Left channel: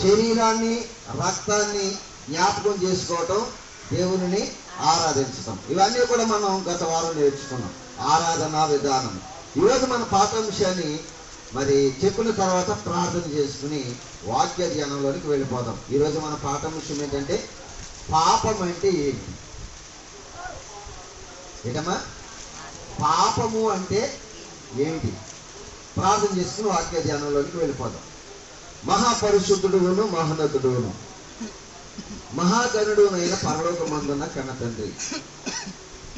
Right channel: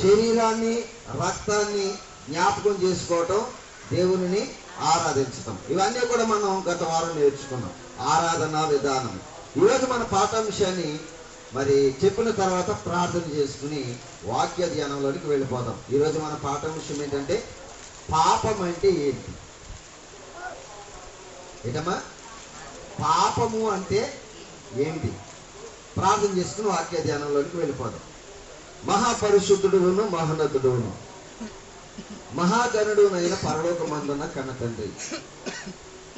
శరీరాన్ని రక్తాన్ని జ్ఞాపకం చేసుకోవటం, దేవునిని ఆరాధించటం, ఇవన్నీ కూడా మనం గత వారం నేర్చుకున్నాం. ఆరాధనా విధానం. ఈరోజు మన పాఠాంశాన్ని మరి చెప్పిన తర్వాత ప్రార్థన చేసుకుని వాక్య ధ్యానంలోనికి వెళ్ళిపోదాం. ఈరోజు మన పాఠాంశం ఏంటంటే పాపం అంటే ఏంటి? ఏంటమ్మా పాపము అంటే ఏమిటి? ప్రార్థన చేసుకుని వాక్య ధ్యానంలోనికి వెళ్ళిపోదాం. మహాపరిశుద్ధుడును మహోన్నతుడును మహాగణుడునైన పరలోకమందున్న కన్న తండ్రి,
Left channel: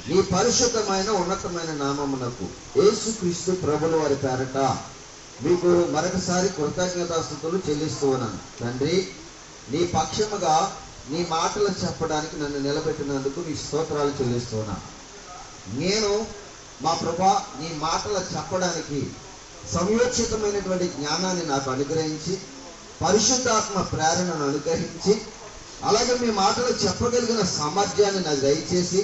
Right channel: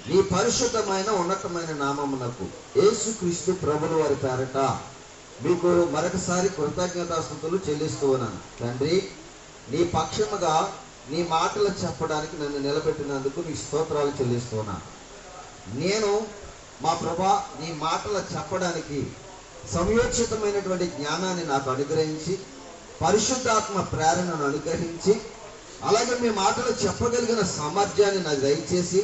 నీ పరిశుద్ధమైన ఉన్నతమైన నామమునకు యేసుక్రీస్తు ప్రభుల వారి పేరట మీకు మరొకసారి కృతజ్ఞతాస్తుతులు చెల్లిస్తూ ఉన్నాను. తండ్రి, నీ పక్షముగా నీ మాటలు చెప్పడానికి నన్ను నిలబెట్టినందుకు నీ స్తోత్రాలు చెల్లిస్తూ ఉన్నాను. నేను మా ప్రభా నీ మాటలు చెప్పడానికి సమయోచితమైనటువంటి జ్ఞానాన్ని నాకు అనుగ్రహించి, పరిశుద్ధాత్మ ప్రేరణను అనుగ్రహించి, అలాగే మీ మాటలు చెప్పగలిగిన సామర్థ్యాన్ని నాకు దయచేసి,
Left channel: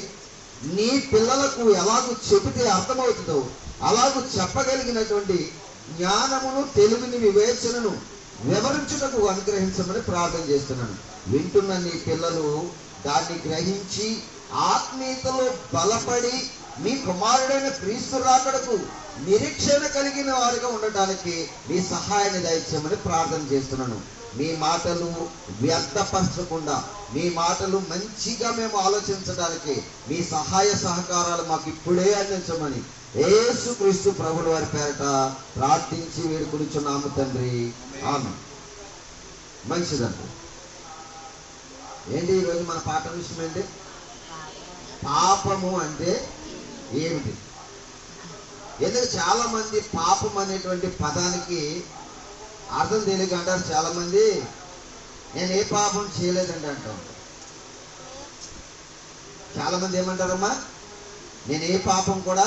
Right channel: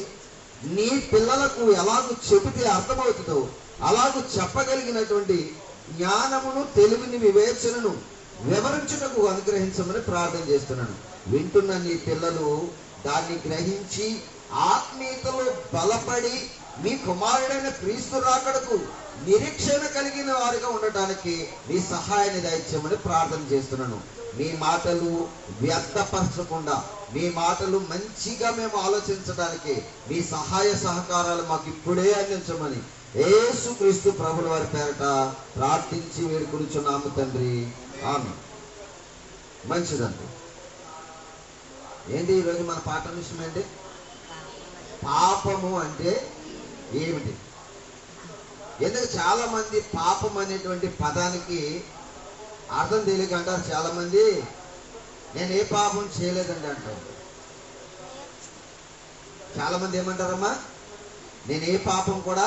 నీ పిల్లలకు ఎలాగూ చెబితే అర్థమవుతుందో అలాగూ చెప్పగలిగినటువంటి జ్ఞానమును, తెలివిని, వివేచనను వివరించుటకు అనుగ్రహించమని ప్రార్థన చేస్తున్నాను. వింటున్న నీ పిల్లలు దాన్ని గ్రహించి ఆత్మీయతలో బలపడి మీ కుమారుడైన క్రీస్తు రాకడకు నిరీక్షణ కలిగిన వారిగా ఉండటానికి మీ సహాయాన్ని దయచేయమని ప్రార్థన చేస్తున్నాను. మీ మాటలు వ్యర్థపరచకుండా, మీ మాటలు మంచిగా మేము ఆలోచించడానికి మీ సహాయ సహకారాలు మాకు ఇప్పుడే అందించమని యేసుక్రీస్తు ప్రభుల వారి పేరట ప్రార్థించి వేడుకొనుచున్నాము తండ్రి, ఆమేన్. మంచిదండి. ఏంటి ఈరోజు మన పాఠం విషయం ఏంటి? పాపము అంటే ఏమిటి? ఎందుకు చాలా మంది పాపం అనేటువంటి పదానికి అర్థం తెలియక అంటారు. చాలా మంది నేను ఏ పాపం చేయలేదండి అంటారు. చాలా మంది ఏమంటారమ్మా, నేను ఏ పాపం కూడా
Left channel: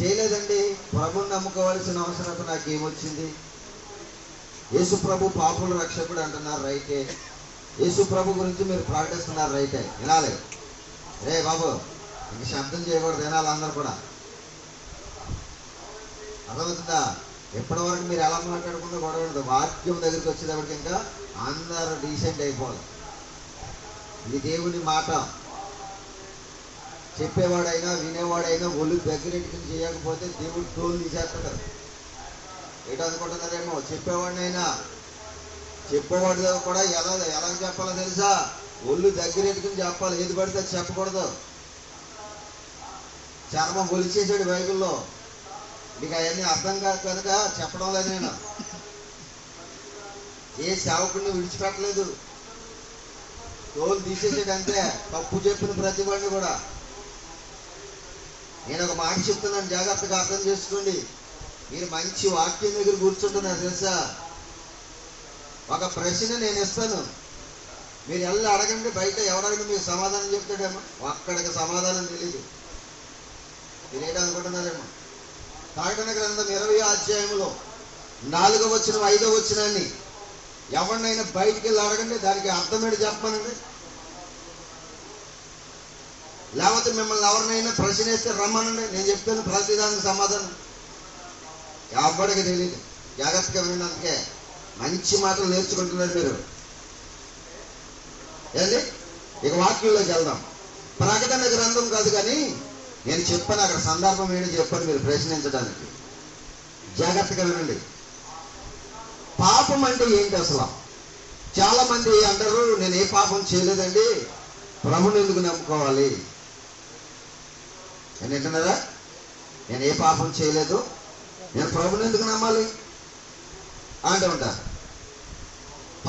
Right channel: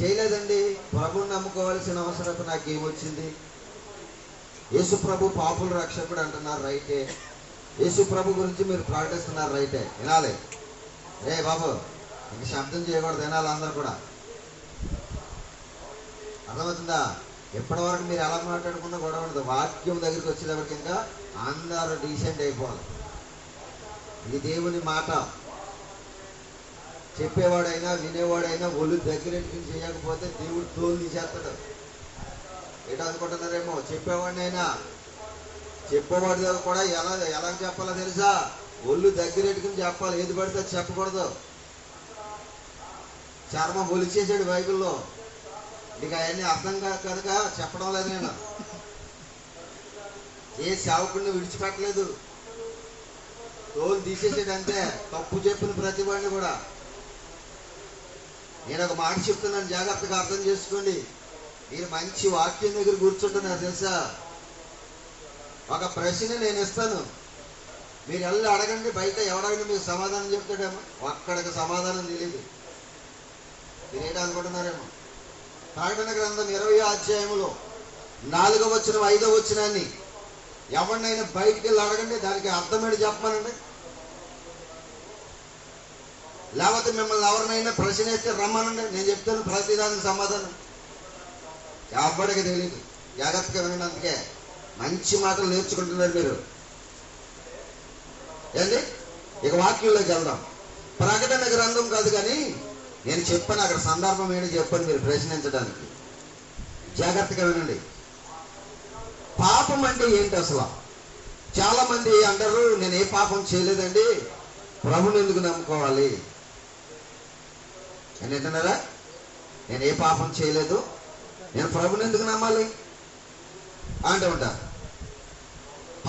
చేయలేదండి, ప్రభుని నమ్ముకోవాల్సిన అవసరం నాకేమొచ్చింది? యేసు ప్రభు పాపుల రక్షకుడు అంటున్నారు, రైటే. యేసు ప్రభు గురించి మీరు ప్రకటిస్తున్నారు, రైటే, వినాలి. రే బాబు, ఇంక శబ్దం చేయకూడదు, వినాలి అందరు కూడా. అర్థమవుతుందా? ఎప్పటి వరకు మీరు ఎలా మాట్లాడకుండా గొడవ ఉండదు. వాక్యం దగ్గరికి వచ్చేటప్పటికి ఇంకా అందరూ డీసెంట్ అయిపోవాలి. ఇది దేవుని మాట. చెప్పేవాడైనా వినేవాడైనా ఒళ్ళు దగ్గరికి చేయకపోతే దేవుడు తోలు తీసేస్తాడు. ఏంటో అనుకుంటున్నారేమో. చెప్పేవాడినైనా చెప్పేవాడి కూడా ఎలా చెప్పాలో తెలుసా? ఒళ్ళు దగ్గరెట్టుకుని చెప్పాలి, ఏది పడితే చెప్పకూడదు. చర్మం ఒలిచేసాడు బైబిల్లో. నీకు అవన్నీ అర్థం కాదు కనుక చెప్పడం లేదు. నేను ఏ సేవకుడిని విడిచిపెట్టలేదు, తోలు తీసేసాడు అంతే. తప్పు చెప్పిన ప్రతి వాడిని కూడా. నేను ఒక మాట చెప్తున్నాను, జాగ్రత్తగా అర్థం చేసుకోండి. మీరు మంచి వాక్యం దగ్గర కూర్చుంటున్నారు తెలుసా? ఒక ప్రశ్న నేను ఇస్తాను, మీరు వెళ్ళి అడగండి. బయట ఎవరైనా మీకు సమాధానం చెప్తాడేమో, అక్కడికి సమాధానం తెలియదు. మీరేటో అనుకుంటున్నారేమో. ప్రకటన గ్రంథం 20వ అధ్యాయంలో 4వ వచనం 5వ వచనాన్ని ఎవరినైనా బయటికి వెళ్ళి అడగండి, దానికి అర్థమేంటి చెప్పమనండి. లేకపోతే మిమ్మల్ని ఎవరినైనా ప్రశ్న వేస్తే రమ్మనండి, నేను చెప్తాను ప్రతిదానికి సమాధానం. ఎవరికి తెలియదు. జాగ్రత్తగా వినండి. అందుకే మంచి మాటలు నేర్చుకుంటున్నారు మీరు. ఏంటి? ఇక వాక్యంలోకి వెళ్దాం. ప్రకటన గ్రంథం కాదు కానీ నేను చెప్పాను, అక్కడ సందర్భం ఏంటి చెప్పండి మీరు ప్రశ్నించడానికి. జాగ్రత్తగా వినండి. పాపం అంటే ఏంటి అసలు? చాలా మంది అంటారు, నేను ఏ పాపం చేయలేదండి, ప్రభుని ఎందుకు నమ్ముకోవాలి అని అంటున్నారా? నేను ఏ పాపం చేయలేదు, నేను ప్రభుని ఎందుకు నమ్మాలి అంటే ఉంటారు.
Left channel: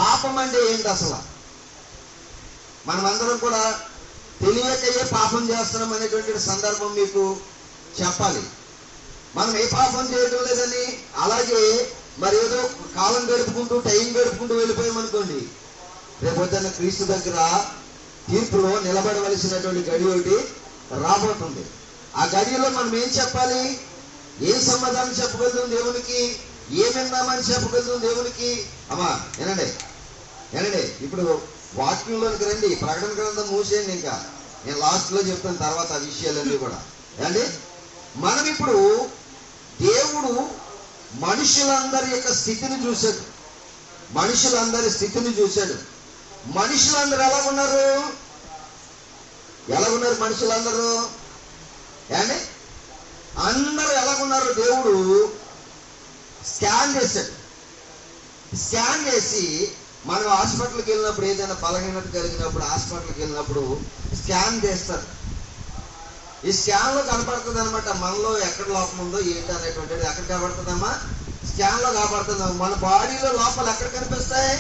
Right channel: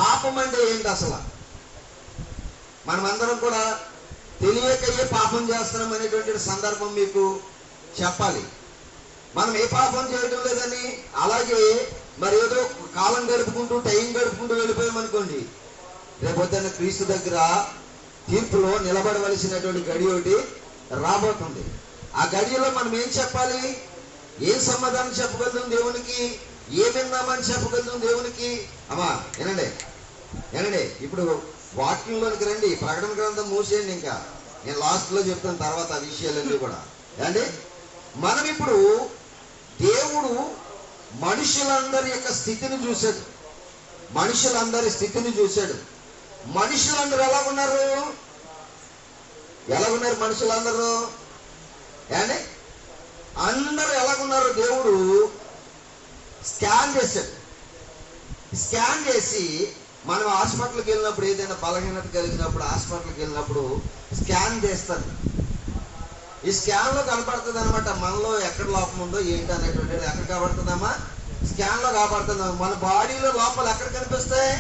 పాపం అంటే ఏంటి అసలు? మనమందరం కూడా తెలియకయే పాపం చేస్తున్నాం అనేటువంటి సందర్భం మీకు చెప్పాలి. మనం ఏ పాపం చేయడం లేదని అలాగే మరి ఏదో కాలం గడుపుకుంటూ టైం గడుపుకుంటూ వెళ్ళిపోయామనుకోండి, రేపొద్దున క్రీస్తు దగ్గర తీర్పులో నిలబడవలసినటువంటి గడి ఒకటి రాబోతుంది. ఆ గడిలో మనం ఏం చెప్పాలి? ఏం సమాధానం చెప్పగలుగుతాం దేవునికి? ఏం విన్నామని చెప్పగలుగుతాం దేవునికి? అమ్మా వినండి, వినండి. ఇప్పుడు వాక్యంలోనికి రండి. ప్రకటన గ్రంథం మూసేయండి. ఇంకా నేను లాస్ట్లో చెప్తాను తర్వాత ఆ విషయాలన్నీ కూడా. అంటే మనం ఇప్పుడు దేవుడు మనుషులందరి యొక్క స్థితిని చూశాడు. మనుషులందరి స్థితిని చూశాడు. మనుషులందరూ ఎలాగున్నారు? మనుషులందరూ ఏండి అందరూ ఎలాగున్నారు? దేవుడు స్కాన్ చేశాడు. స్కాన్ చేసి మనం హాస్పిటల్కి వెళ్ళినప్పుడు, ఏదైనా బలహీనత కలిగినప్పుడు హాస్పిటల్కి వెళ్ళినప్పుడు స్కాన్ చేస్తారు. ఈ స్కాన్ లో కనపడుతుంది అనమాట మనలో ఎక్కడ లోపం ఉందో ఏంటి అనేటువంటిది. ఎక్కడ కనబడుతుందమ్మా? స్కాన్ లో కనబడుతుందమ్మా. మన బాడీలో లోపల ఎక్కడ కనిపిస్తాయి?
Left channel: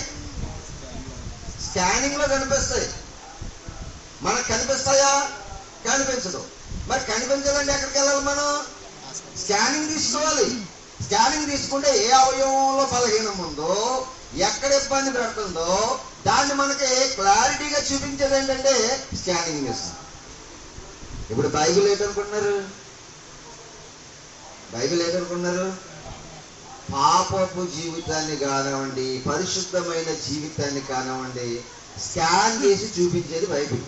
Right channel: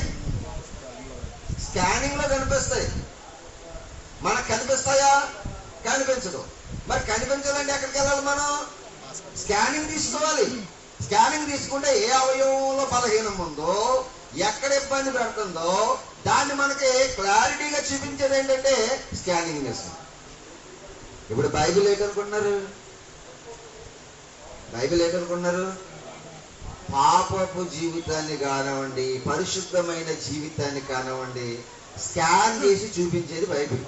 స్కానింగ్ లో కనిపిస్తాయి. మనకు కనిపిస్తాయా? కనిపించదు. మరి కనిపించదండి, ఎక్కడికి వెళ్ళాలి? మనం స్కానింగ్ తీసుకోవాలి. స్కానింగ్ తీసుకుంటే ఏ అవయవంలో బలహీనం ఉందో, ఎక్కడ ఇబ్బంది పెడుతుందో దాన్ని మనకి క్లారిటీగా చూపించేది ఏంటంటే స్కానింగ్ చేస్తుంది. ఇప్పుడు బైబిల్ ఏంటనుకుంటున్నారు? పాపపు జీవితాన్ని కానివ్వండి, పరిశుద్ధమైన జీవితాన్ని కానివ్వండి, స్కాన్ చేసి చూపించేది బైబిల్.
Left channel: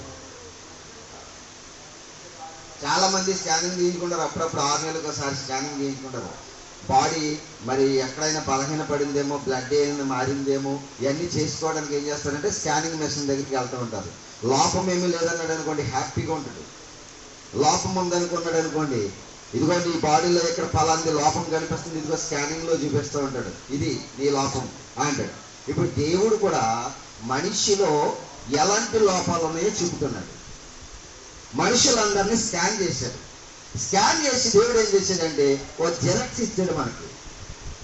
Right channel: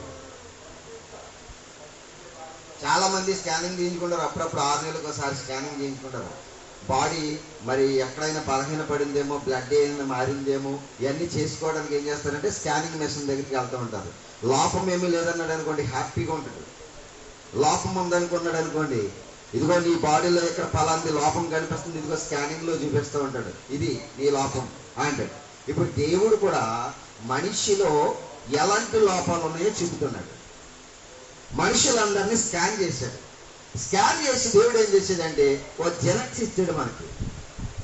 చాలా మంది స్కానింగ్ చేయించుకుంటారు. అప్పుడప్పుడు 6 నెలలకు ఒకసారి స్కానింగ్ చేయించుకుంటారు. బాడీ మరి ఎక్కడైనా బలహీన పడిందేమో, బ్లడ్ ఏమైనా మారిందేమో, ఇవన్నీ చేసుకోవడానికి ఏం చేస్తారంటే స్కానింగ్ మెషిన్ దగ్గరికి వెళ్తూ ఉంటారు. లోపం ఏమీ లేదన్నాడు అనుకోండి, హ్యాపీగా ఉంటుంది. లోపం ఉందనుకున్నాడు అనుకోండి, ఇదిగోండి ఈ బాడీలో ఇక్కడ ఫలాంటి లోపం కనిపిస్తుంది, ఇదిగో స్కానింగ్ లో చూపిస్తూ ఉంటాడు, ఇది నీ లోపం అంటాడు. ఇప్పుడు దేవుడు కూడా మనిషిలో ఎలాంటి లోపాలు ఉన్నాయో చూపుతున్నాడు. మనుషులందరినీ స్కాన్ చేశాడు. స్కాన్ చేసి దేవుడు ఏం చేశాడంటే ఓ జెరాక్స్ ఇచ్చాడు మనకి.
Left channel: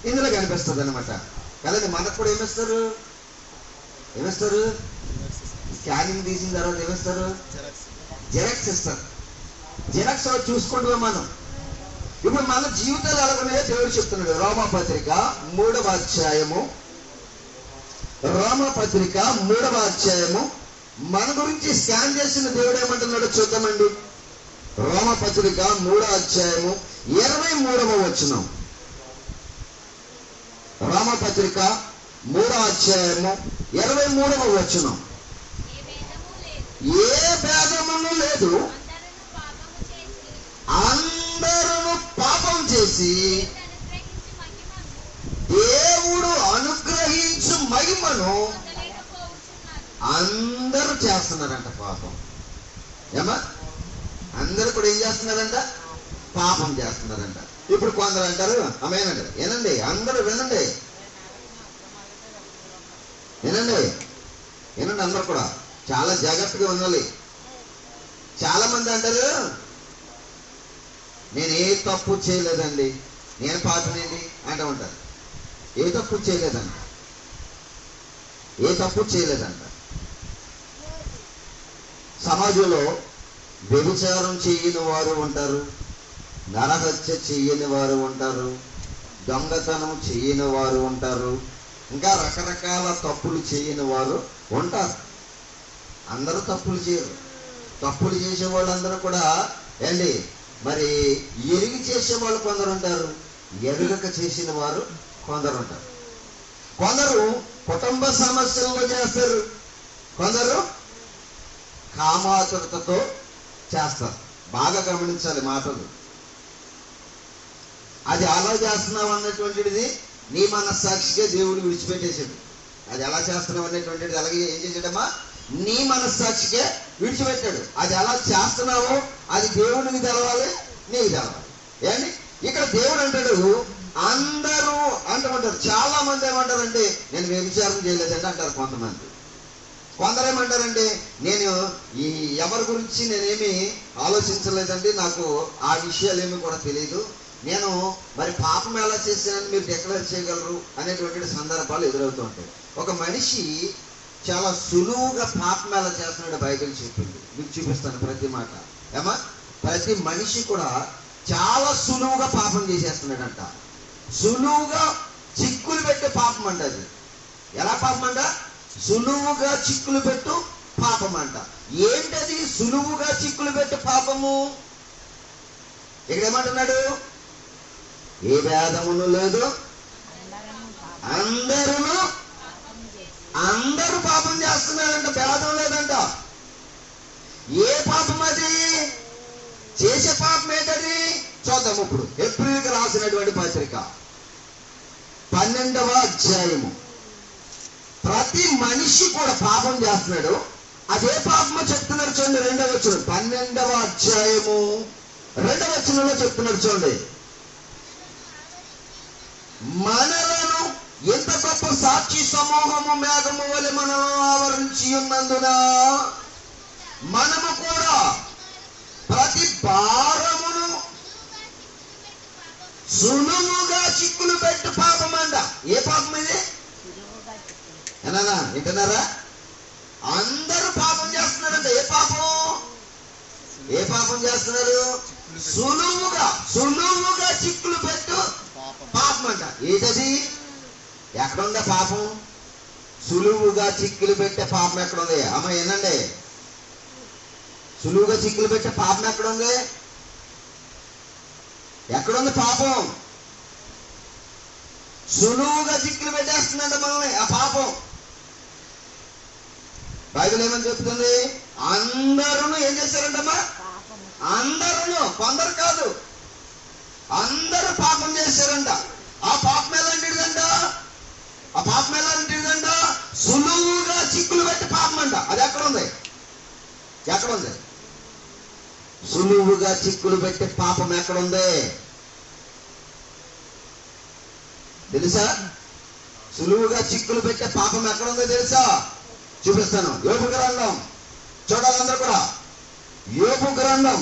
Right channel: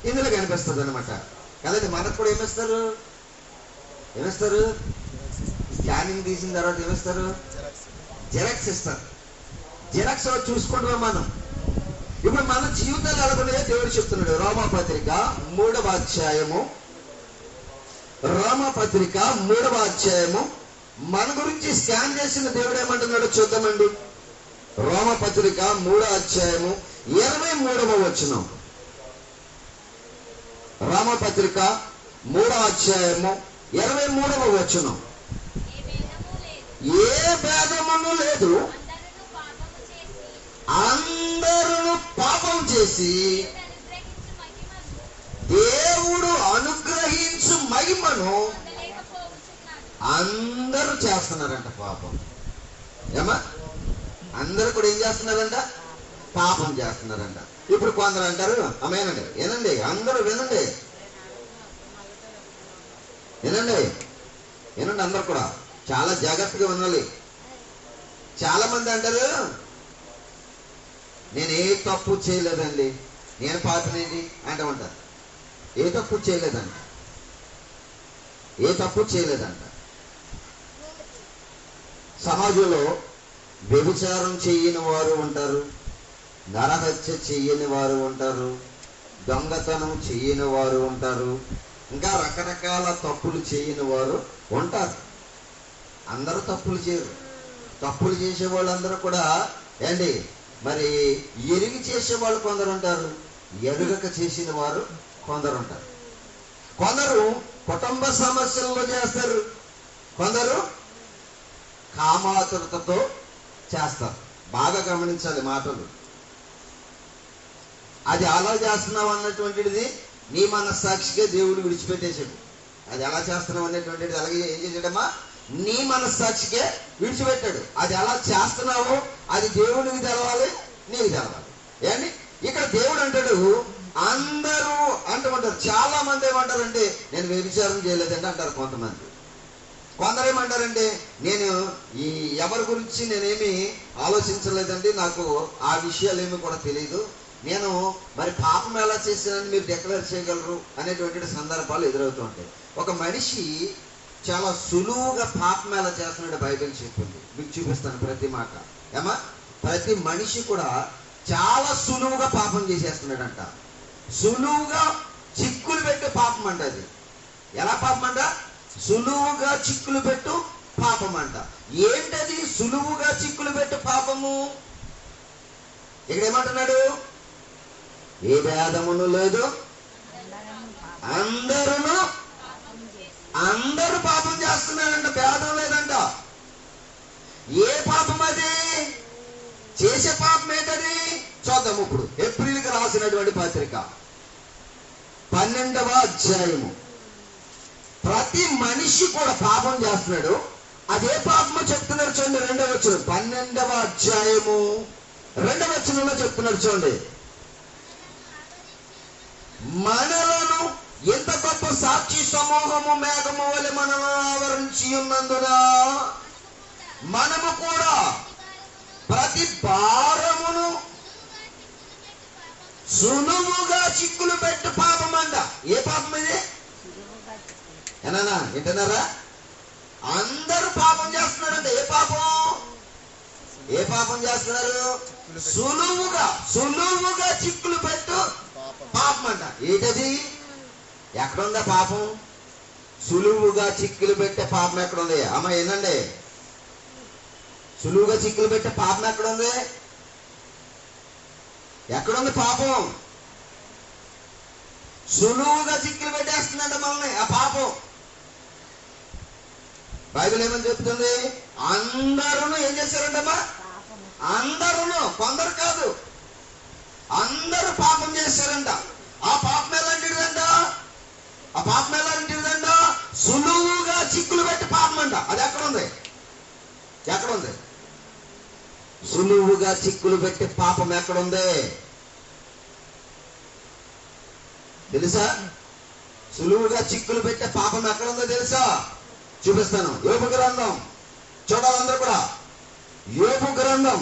ఇందులో కనిపిస్తుంది అనమాట కదండి. మనకు కూడా ఏమిస్తారు? స్కానింగ్ తీసిన తర్వాత ఏమిస్తారు? జెరాక్స్ ఇస్తారు. జెరాక్స్ చూసుకుంటాం మనం. ఇప్పుడు మన జీవితాలు ఎలాగున్నాయో దేవుడు చెప్తున్నాడు. రోమాపత్రిక 3వ అధ్యాయము మన గురించి స్కాన్ చేసిన దేవుడు ఏమంటున్నాడో చూద్దామండి. రోమాపత్రిక 3వ అధ్యాయము 23వ వచనం. రోమాపత్రిక 3వ అధ్యాయము 23వ వచనం. ఏ భేదమును లేదు, అందరూ పాపం చేసి దేవుడు అనుగ్రహించు మహిమను అందరూ చేస్తున్నారంట. పాపం ఏమా? అందరూ కూడా ఏం చేస్తున్నారంట? పాపం చేస్తున్నారంట. ఇప్పుడు కొందరు అంటారు, అమేనండి, ఏనండి, అందరూ వినండి అందరు కూడా చాలా జాగ్రత్తగా ఉండాలి. చాలా మంది అంటారు, నేను ఏ తప్పు చేయలేదండి, నేను పాపినేంటి అంటూ ఉంటారు. ఏ తప్పు చేయలేదంట. సమాజంలో వ్యభిచారం చేయని వారు ఉంటారు, నరహత్య చేయని వారు ఉంటారు, దొంగతనం చేయని వారు ఉంటారు, ఇంకా రకరకాల తప్పులు చేయని వారు ఉంటారు. అందరూ తప్పులు చేయరు. తప్పులు చేసే వాళ్ళందరూ కూడా ఏంటి మరి ఎరిగి చేసే వాళ్ళు కొందరు ఉంటారు, ఎరుగక చేసిన వారు కొందరు ఉంటారు. కొందరు కుటుంబ సమస్యల్లో చేస్తారు, కొందరు కామాతురతతో చేస్తారు. బాగా గమనించాలి మాటలు. అది అలా చేస్తున్నావు అన్నటువంటిది నీ మనస్సాక్షిగా దేవుడు విడిచిపెట్టేసాడు. అది ఎలా చేస్తున్నావు అనేటువంటిది అలాగే ఏం చేసాడమ్మా? నీ మనస్సాక్షికే విడిచిపెట్టాడు. అది ఎలా చేస్తున్నావో అది దేవుడికి తెలవాలి, నీకు తెలవాలి. ఏంటి ఇక్కడ దేవుడు అంటాడు అందరూ అంటారు. చాలా మంది ఏమంటారంటే నేను వ్యభిచారం చేయలేదంటే అంటారు కొంతమంది. కొందరు ఏమంటారంటే నేను ఈ ఎవరి గురించి నేనేమి ఆలోచించలేదండి, నాకు ఆ విషయాలు ఏమి కూడా తెలియదు, నేను మరి పాపం ఎలా చేశానని మీరు డిక్లేర్ చేయగలరు అనేటువంటి సందర్భాలు ఎదురవుతూ ఉంటాయి. ఒక మనిషి చాలా సులువుగా పాపం ఎలా చేస్తున్నాడు బైబిల్ చెప్పింది. మీకు చూపిస్తాను ప్రతి మాట. ఏమా? ప్రతి మనిషి కూడా చాలా సులువుగా పాపం చేసేస్తున్నాడంట. సులువుగా చిక్కులు పెట్టే పాపం అంట. అది ఎలా పాపం అంట? సులువుగా చిక్కులు పెట్టు పాపం అంట. ఏంటది సులువుగా చిక్కులు పెట్టు పాపము? ఇక్కడ ఏమంటున్నాడు? ఏ భేదమును లేదు, అందరూ పాపం చేస్తున్నారంట, భేదం లేదంట. ఏ పాపం అది? చేసే పాపం ఏంటది చూద్దాం. ఇప్పుడు ఏప్రిల్కి రాసినటువంటి పత్రిక 12వ అధ్యాయము ప్రతి మనిషి కూడా పాపం చేస్తున్నాడు. అదే పాపమో చెప్తున్నారు చూడండి. 2వ వచనం 12వ అధ్యాయము 2వ వచనంలో చెప్తున్నారు చూడండి. మనలను ఎంత గొప్ప సాక్షి సమూహము మేఘము వలె మనలను ఆవరించి ఉన్నందున మనము కూడా ప్రతి భారమును సులువుగా చిక్కులు పెట్టు పాపం అంట. ఏ పాపం ఇది? ఏనా వింటున్నారా? అందరూ పాపం చేస్తున్నారంట. ఏ పాపం? ఏ పాపం చేస్తున్నారు? సులువుగా చిక్కులు పెట్టు పాపం అంట. ఏంటది? ఎక్కడుందా పాపం? సులువుగా చిక్కులు పెట్టే పాపం ఎక్కడుంది? అమ్మ ఏనండి, సులువుగా చిక్కులు పెట్టే పాపం ఎక్కడుంది? ఎక్కడుంది పాపం? సులువుగా చిక్కులు పెట్టేస్తుందంట మనల్ని ఆ పాపం. బైబిల్ ఏమని చెప్తుంది? అందరూ ఏం చేశారంటమ్మా? అందరూ, కొందరు కాదు, అందరూ పాపం చేశారంట. ఆ పాపం ఎలాంటిదంట? ఆ పాపం ఎలాంటిదంట? సులువుగా చిక్కులు పెట్టి పాపం అంట. అది ఎక్కడుంది? ఎక్కడుంది? సులువుగా చిక్కులు పెట్టి పాపం ఎక్కడుంది తెలుసా? సులువుగా చిక్కులు పెట్టే పాపం ఎక్కడుందో తెలుసా? చూపిస్తాను. యోబు గ్రంథం చూడాలందరూ కూడా. యోబు గ్రంథం,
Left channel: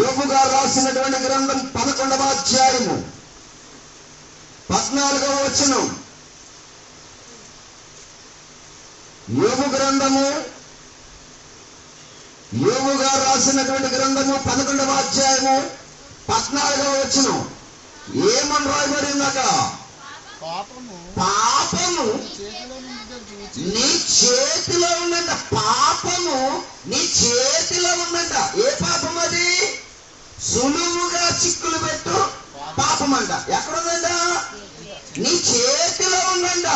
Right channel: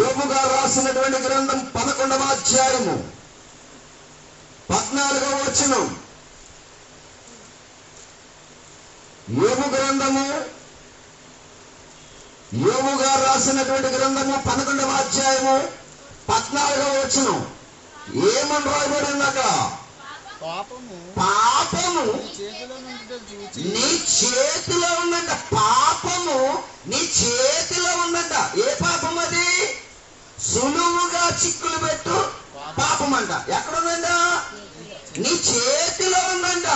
యోబు గారు రాసినటువంటి గ్రంథం 11వ అధ్యాయము 14వ వచనం. యోబు గ్రంథము, యోబు గారు రాసినటువంటి గ్రంథము 11వ అధ్యాయము 14వ వచనం. ఏమని రాయబడింది అక్కడ? పాపము నీ చేతిలో ఉందంట. పాపము నీ చేతిలో ఉందంట. ఏ పాపం అది? సులువుగా చిక్కులు పెట్టు పాపం అంట. ఎక్కడుందంట? నీ చేతిలో ఉందంట.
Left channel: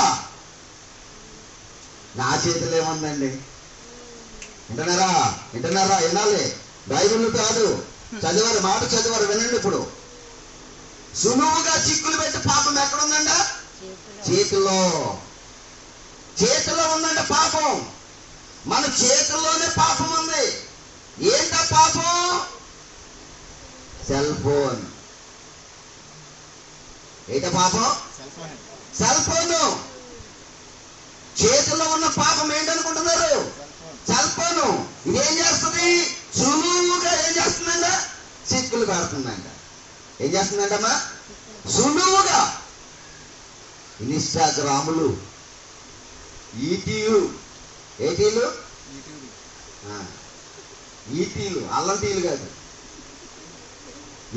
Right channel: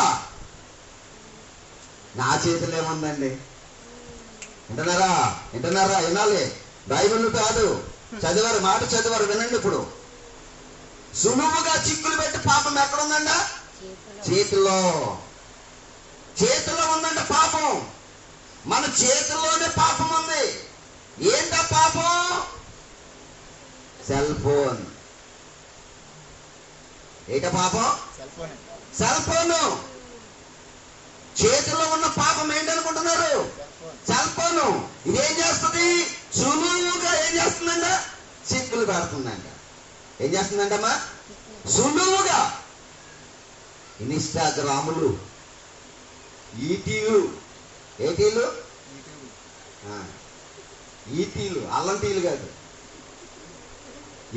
నా చేతిలో ఏముందండి? వింటున్నారా? వింటున్నారా? వినాలి. బైబిల్ కాదు, చదివారు, మాట చదివారు, వినండి. ఇప్పుడు సులువుగా చిక్కులు పెట్టి పాపం ఎక్కడుందంట? చేతిలో. చేతిలో ఉందంట పాపం. మన చేతిలోనే పాపం ఉంది. ఏంటా పాపం? Cell phone. ఏంట పాపం? Cell phone. చేతిలో ఉన్న పాపం ఏంటనుకుంటున్నారు? Cell phone. ఇదేం చేస్తుంది? సులువుగా ఏం చేస్తుందంట? చిక్కులు పెడుతుందంట. ఏం చేస్తుందంటమ్మా? సులువుగా. ఇన్స్టాగ్రాములు, ఈటీలు. ఏటీలు? ఈటీలు, అల్లం టీలు కాదు,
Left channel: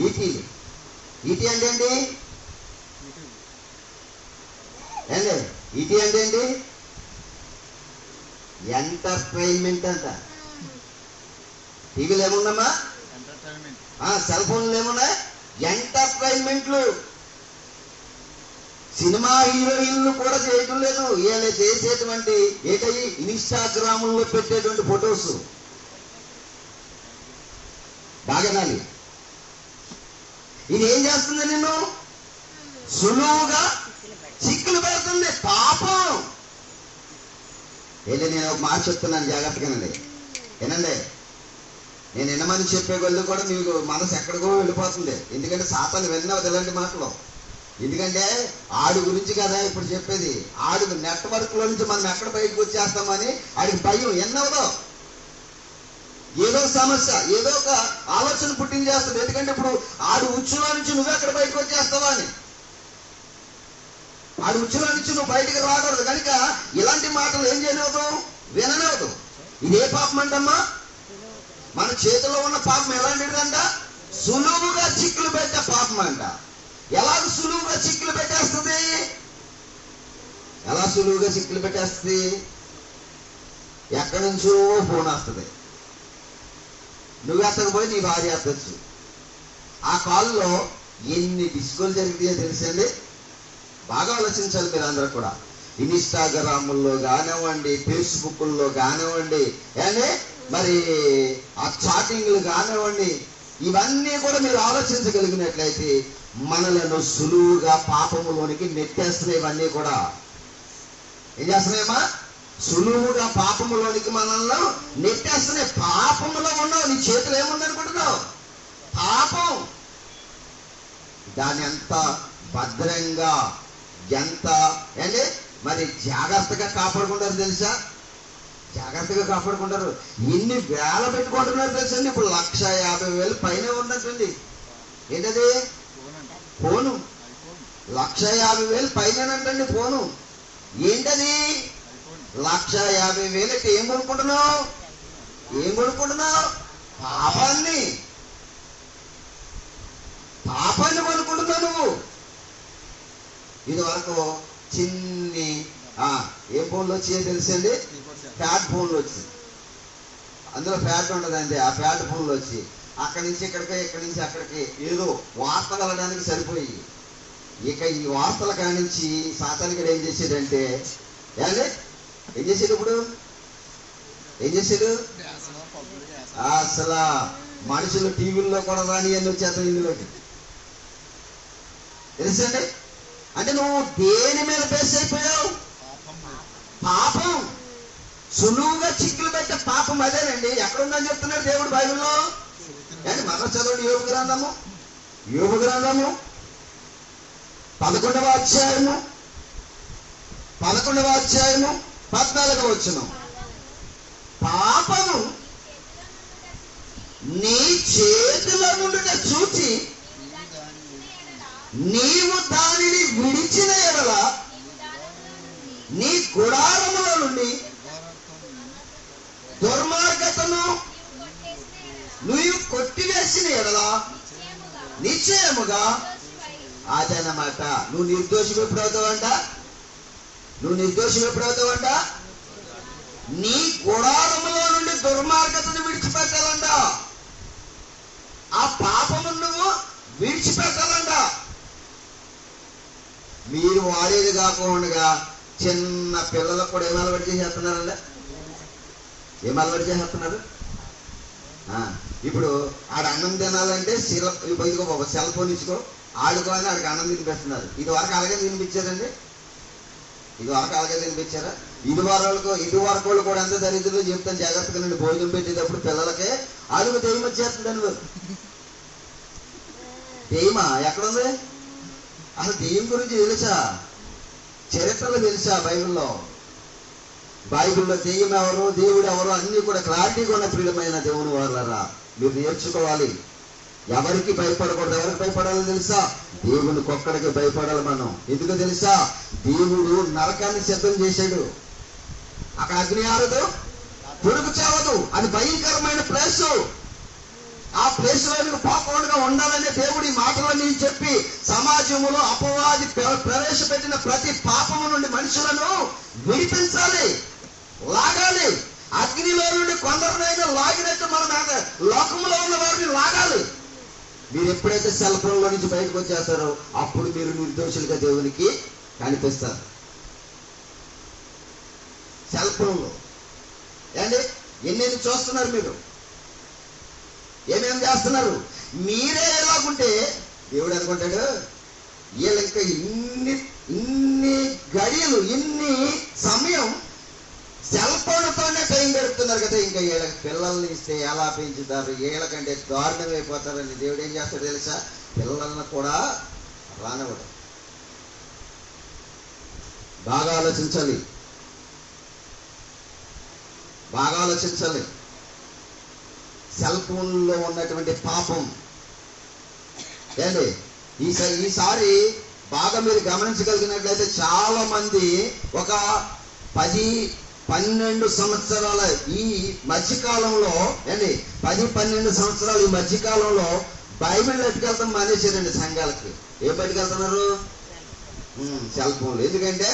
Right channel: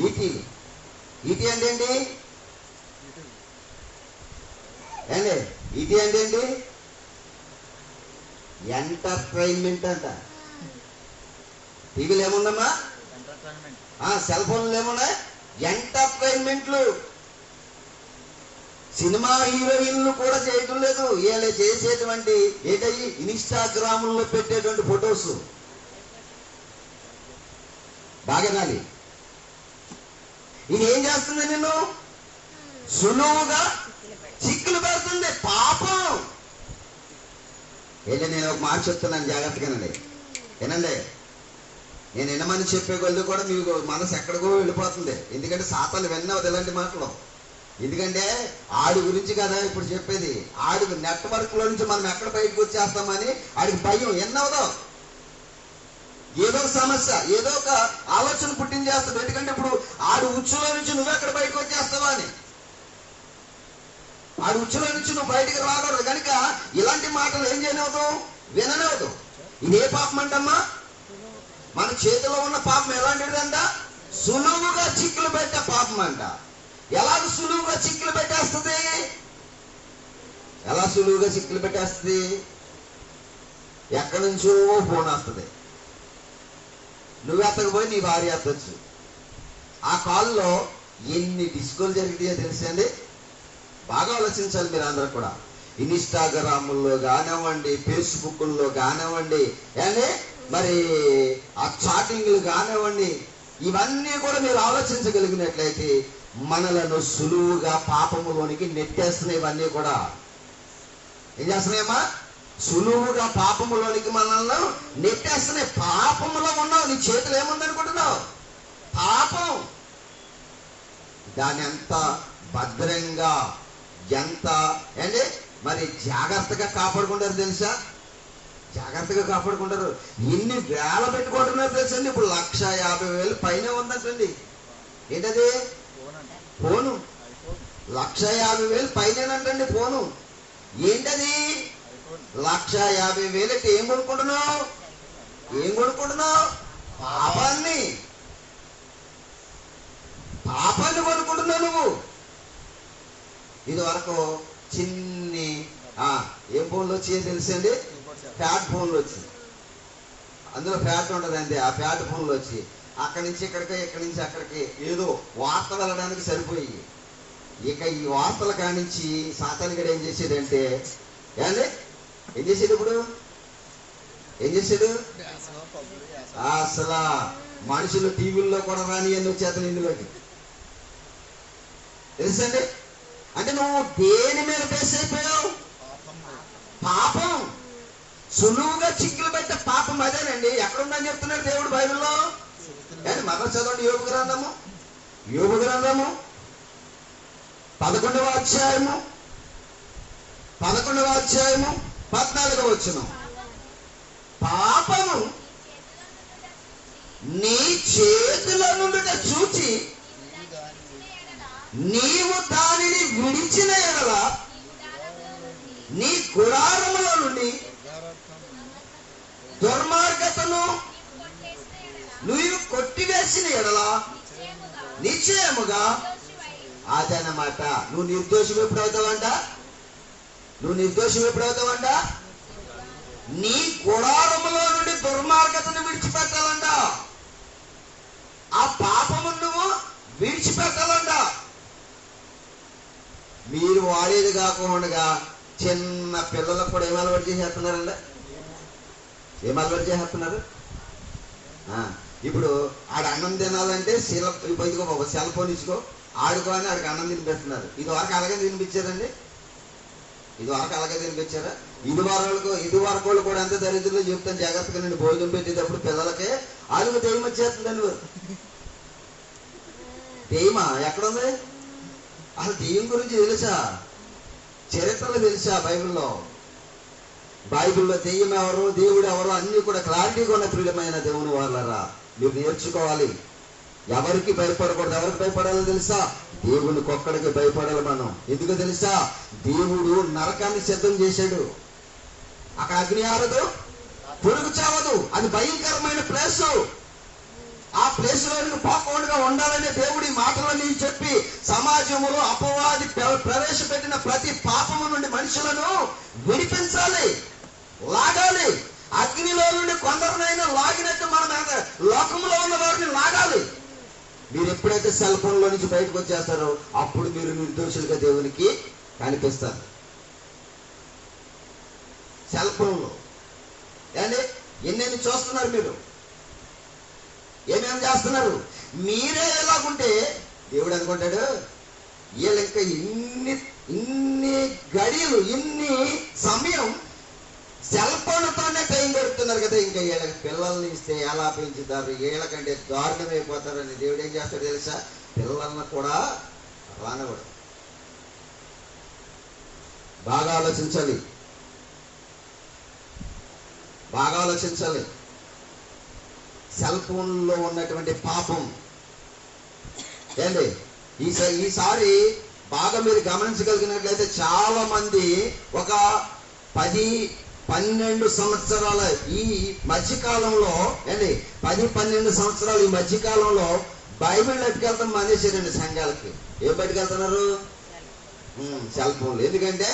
ఈటీలు. ఈటీ అంటే ఏంటి? ఏంటి ఈటీ అంటే ఏంటి? ఎంటర్టైన్మెంట్ అంట. టీవీలు ఏముందమ్మా? సెల్ ఫోన్లు ఏమున్నాయి? ఎంటర్టైన్మెంట్లు. సినిమా హీరోయిన్లు కూడా చేయటం లేదు. వీళ్ళు చేసేటువంటి ఏంటవి? ఇన్స్టాగ్రాముల్లో పెట్టేటువంటి ఫొటోస్. బాగానాలి. ఇది ఏం చేస్తుంది? నిన్ను సులువుగా చిక్కులు పెడుతుంది పాపం. నేను ఒక మాట చెప్తున్నాను, జాగ్రత్తగానండి, వినండి. నేను వినమని చెప్పే కొద్ది కూడా మీకు మనసు ఎక్కడికో వెళ్ళిపోతుంది. ఎందుకంటే సాతాను విన్నవద్దు ఇలాంటి మాటలు. ఎందుకంటే ఆడి గురించి కదా ఇప్పుడు చెప్పేది. ఆడి నెట్వర్క్ లో నుంచి మనం ఎక్కడ బయటకు వచ్చేస్తామని ఆడికి భయం. ఎన్నవదో ఏదో సమస్య, ఏదో ఒక ఆలోచన పుట్టించేస్తుంది. ఎందుకంటే ఇప్పుడు ఆడి ఉచ్చులో నుంచి నువ్వెక్కడ బయటకు వచ్చేస్తావా అని. ఆడి ఉచ్చులో నుంచి నువ్వు బయటకు రాకూడదు కనుక ఇలాంటి మాటలు ఏం చేయనవదు? విననవదు. ఇదే పాపం అంటమ్మా. మన చేతిలో ఉన్న పాపం ఎలాంటిదంట? సులువుగా చిక్కులు పెట్టే పాపం అంట. ఎలాగ సులువుగా చిక్కులు పెట్టేస్తుంది? ఎలా సులువుగా చిక్కులు పెట్టేస్తుంది? ఎక్కడి నుంచో ఫోన్ వస్తుంది. నువ్వు ఎత్తకపోయి నీ భార్య ఎత్తచ్చు. ఆ కాల్లో ఎన్ని డిస్కోలు జరిగినాయో తెలుసండి. బాగా ఆలోచించాలి మీరు అందరూ కూడా. ఇన్స్టాగ్రాముల్లో కానివ్వండి, ఫేస్బుక్లో కానివ్వండి, అంటే మరి ఆ చాటింగ్లు కానివ్వండి, ఇవన్నీ కూడా మీరు ఆలోచించగలిగినట్లయితే మనలను సులువుగా పాపములోనికి నెట్టేస్తున్నాయి. ఇవన్నీ కూడా ఏం చేస్తున్నాయమ్మా? సులువుగా పాపములోనికి మనల్ని నెట్టేస్తున్నాయి. పాపములో ఉన్నావు, నీ చేతులు ఏముందనుకుంటున్నావు? పాపం. దాన్ని ఎంత భద్రంగా, ఎంత అంటే మరి జాగ్రత్తగా కాపాడుకుంటారు తెలుసా? జాగ్రత్తగా కాపాడుకుంటారు. ఎన్ని వేల పెట్టుకుంటున్నారు తెలుసండి. ఇప్పుడు 1,50,000 పైన ఉందంటండి. ఏంటది? ఫోను. 1,50,000 పైనంటండి ఫోను. ఏంటది? 1,50,000 ఏం కొనుక్కుంటున్నావు? ఏం కొనుక్కుంటున్నావు? పాపాన్ని కొనుక్కుంటున్నావు నువ్వు. ఇది వరకు చిన్ని ఏం ఫోన్లు వచ్చాయో తెలుసండి? ఫ్యాట్ ఫోన్లు వచ్చి, అందులో ఫ్యాట్ ఉండదండి. ఆ ఫ్యాట్ ఫోన్లు వచ్చి అక్కడి నుంచి ఇక్కడికి, ఇక్కడి నుంచి అక్కడికి ఏదో వార్తలు వెళ్ళడానికి సరిపోయి, ఇక ఈ వార్తల కానించి సాతానుడు ఏం చేసాడంటే, ఏం చేసాడు? ఇప్పుడు ఏం చేసాడు? అసలు మనుషులు టీవీల్లో కూడా రాని అని వచ్చేస్తాను ఇందులోకి. తెలుసండి? అంటే నువ్వు దేని మీద బేస్ అయిపోయావు? పాపం. సులువుగా చిక్కులు పెట్టే పాపం అదేనండి. ఎక్కడుందని చెప్తున్నాడు దేవుడు బైబిల్లో? కానీ మనం చదవండి. యోబు గ్రంథము 11వ అధ్యాయము 14వ వచనం. పాపము నీ చేతిలో నుండి చూచి నీవు దానిని విడిచిన ఎడల నీ గుడారములో నుండి దుర్మార్గతను నువ్వు కొట్టివేసిన ఎడల నిశ్చయముగా అదన్నమాట. నువ్వు నిర్దోషం ఎప్పుడవుతావంట? నీ గుడారములో నుండి దుర్మార్గతను విడిచిపెట్టాలంట. ఆ పాపము నువ్వు విడిచిపెట్టాలంట. మీరు వాడేది కాకుండా చిన్న పిల్లలకు కూడా ఏం అలవాటు చేసేస్తున్నారండి? ఇప్పుడు ఆడ అన్నం తినాలంటే సెల్ ఫోన్ ఇచ్చుకో, ఆడుకోని ఆడికి అన్నం తినిపిస్తున్నారు. ఇది వరకు అలాగే తినిపించారండి? ఇది వరకు కూడా అంతే దరిద్రులు చెప్తాను. జాగ్రత్తగా నేను భోజనం పెట్టేటప్పుడు పిల్లలకే అడుగు దెయ్యం వచ్చేస్తుందండి. దెయ్యమా? ఎక్కడుంది? అసలు దెయ్యం గురించి తెలుసా? చరిత్రలో తెలుసా? బైబిల్లో దెయ్యం ఎవరు, దేవుడు ఎవరు అన్ని కూడా క్లారిటీగా ఉన్న ప్రియమైన దేవుని వాళ్ళరా మీరు నేర్చుకోవాలి. ఎవరికి భయపడకూడదు. ఎవరికి భయపడాలో తెలుసా? దేవునికి ఒక్కడికి భయపడాలి మనం. ఎందుకు తెలుసా? దేవుడు నరకాన్ని సిద్ధం చేశాడు. అక్కడ అగ్ని ఆరదు, పురుగు చావదు. అది భయంకరమైన ప్లేస్. ఆ ప్లేస్ లో నీకు పోకుండా ఉండాలనే దేవుడు ఈ మాటలన్నీ చెప్పి సమాజంలో అపవాది ప్రవేశపెట్టిన ప్రతి పాపము నుండి మనుషులను విడిపించాలి, లాగాలి. అగ్నిలో నుండి కొందరినైనా లాగినట్టు మనం లోకంలో ఉన్న వారిని లాగాలి. మీరు ఎప్పుడైతే సెల్ ఫోన్ లో నుంచి బయటకు వచ్చేస్తారో అప్పుడు మీరు నిర్దోషులుగా దేవునికి కనిపిస్తారు. సెల్ ఫోన్ లో ఎన్నెన్ని చూస్తున్నారు మీరు? ఏమేమి చేస్తున్నారు? మీరే ఎలాగుంటే దేవుడు అనుకుంటాడు, వీళ్ళ ఇంకా ఇన్ని గడియలు, ఇన్ని సమయం సెల్ ఫోన్తోనే టైం గడుపుతున్నారు కదా, ఇంకా వీళ్ళకి పిల్లల్ని ఇస్తే ఎలా పెంచుతారు, వీళ్ళకంటే దారుణం అయిపోతారని దేవుడు ఏం చేస్తాడు తెలుసా? పిల్లలను కూడా రానివ్వడు. బాగా ఆలోచించాలి. సెల్ ఫోన్లో ఉన్నటువంటి పాపం ఈసారి బాగా మీరు గమనించగలిగినట్లయితే చాలా మంది ఒక 10-12 సంవత్సరాల ఈ మధ్యకాలంలో 10-12 సంవత్సరాలు ఈ మధ్యకాలంలో బైబిల్ ఎట్టుకెళ్తాం మానేశారండి సంఘాలకి. ఏం పట్టుకెళ్తున్నారు? సెల్ ఫోన్లు. ఎందుకంటే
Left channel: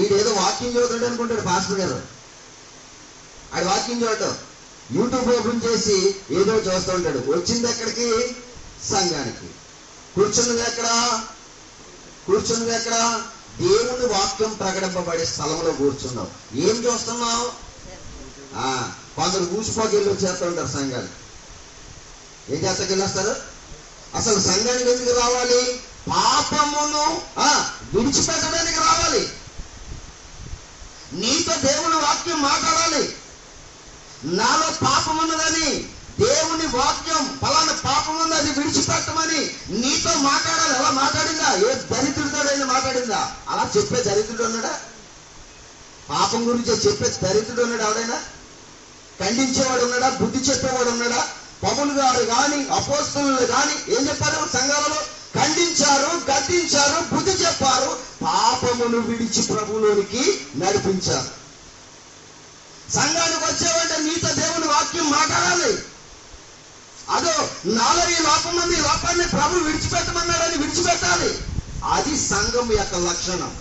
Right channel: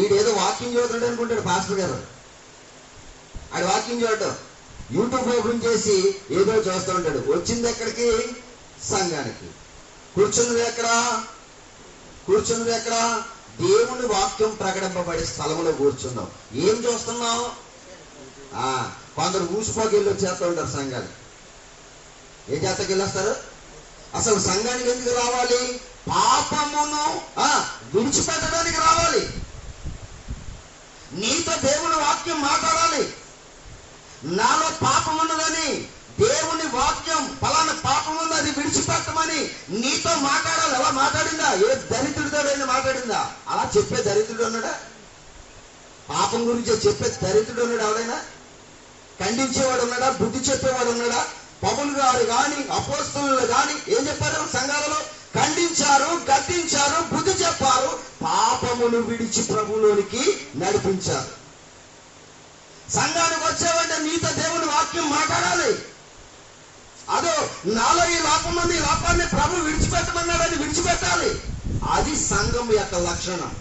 ఈడేదో వాకింగ్ చదువుతాడు అనుకుంటాడు పాస్టర్ గారు. ఆడు వాకింగ్ చూడటం యూట్యూబ్ ఓపెన్ చేసి ఏదో చూస్తూ ఉంటాడు. వచ్చింది ఎక్కడికి? సంఘానికి. కూర్చున్నది ఎక్కడ? దేవుని వాక్యం ప్రకటింపబడే స్థలంలో కూర్చున్నావు. ఏం చూస్తున్నావు? కొందరు ఊసిపోకి వెళ్ళి వచ్చేస్తూ ఉంటారు సంఘాలు. ఏం చేస్తాకి వెళ్ళొస్తారు? అసలు సంఘానికి ఎందుకు రావాలి? పాపమును విడిచిపెట్టడానికి రావాలి. నీతో దేవుని వాక్యం మాట్లాడాలి. నాలో పాపం ఉన్నదని దేవుని వాక్యం ఫలానా పాపం ఉంది, అది విడిచిపెట్టమని నీతో మాట్లాడాలి. అలా మాట్లాడిందా? ఏ దరిద్రుడితోడైనా మాట్లాడిందా? అలా చెప్పే దరిద్రుడు ఉన్నాడా? పాపం గురించి చెప్పే దరిద్రుడు ఉన్నాడు ఎవడైనా? ఖండించేవాడు ఉన్నాడా? బుద్ధి చెప్పేవాడు ఉన్నాడా? పౌలు గారు కానీ అపోస్తలులు కానీ ఏం చెప్పారు? సంఘాలలో ఖండించారు, గద్దించారు, బుద్ధి చెప్పారు, పాపమును విడిచి ప్రభువులోనికి నడిపించారు. సంఘానికి వచ్చేవంటే నీతో దేవుని వాక్యం మాట్లాడాలి. అదో నాలో ఈ లోపం ఉంది, ఈ లోపాన్ని ప్రభు విడిచిపెట్టమన్నాడని విడిచిపెట్టాలి. అది సంఘం యొక్క లక్షణం.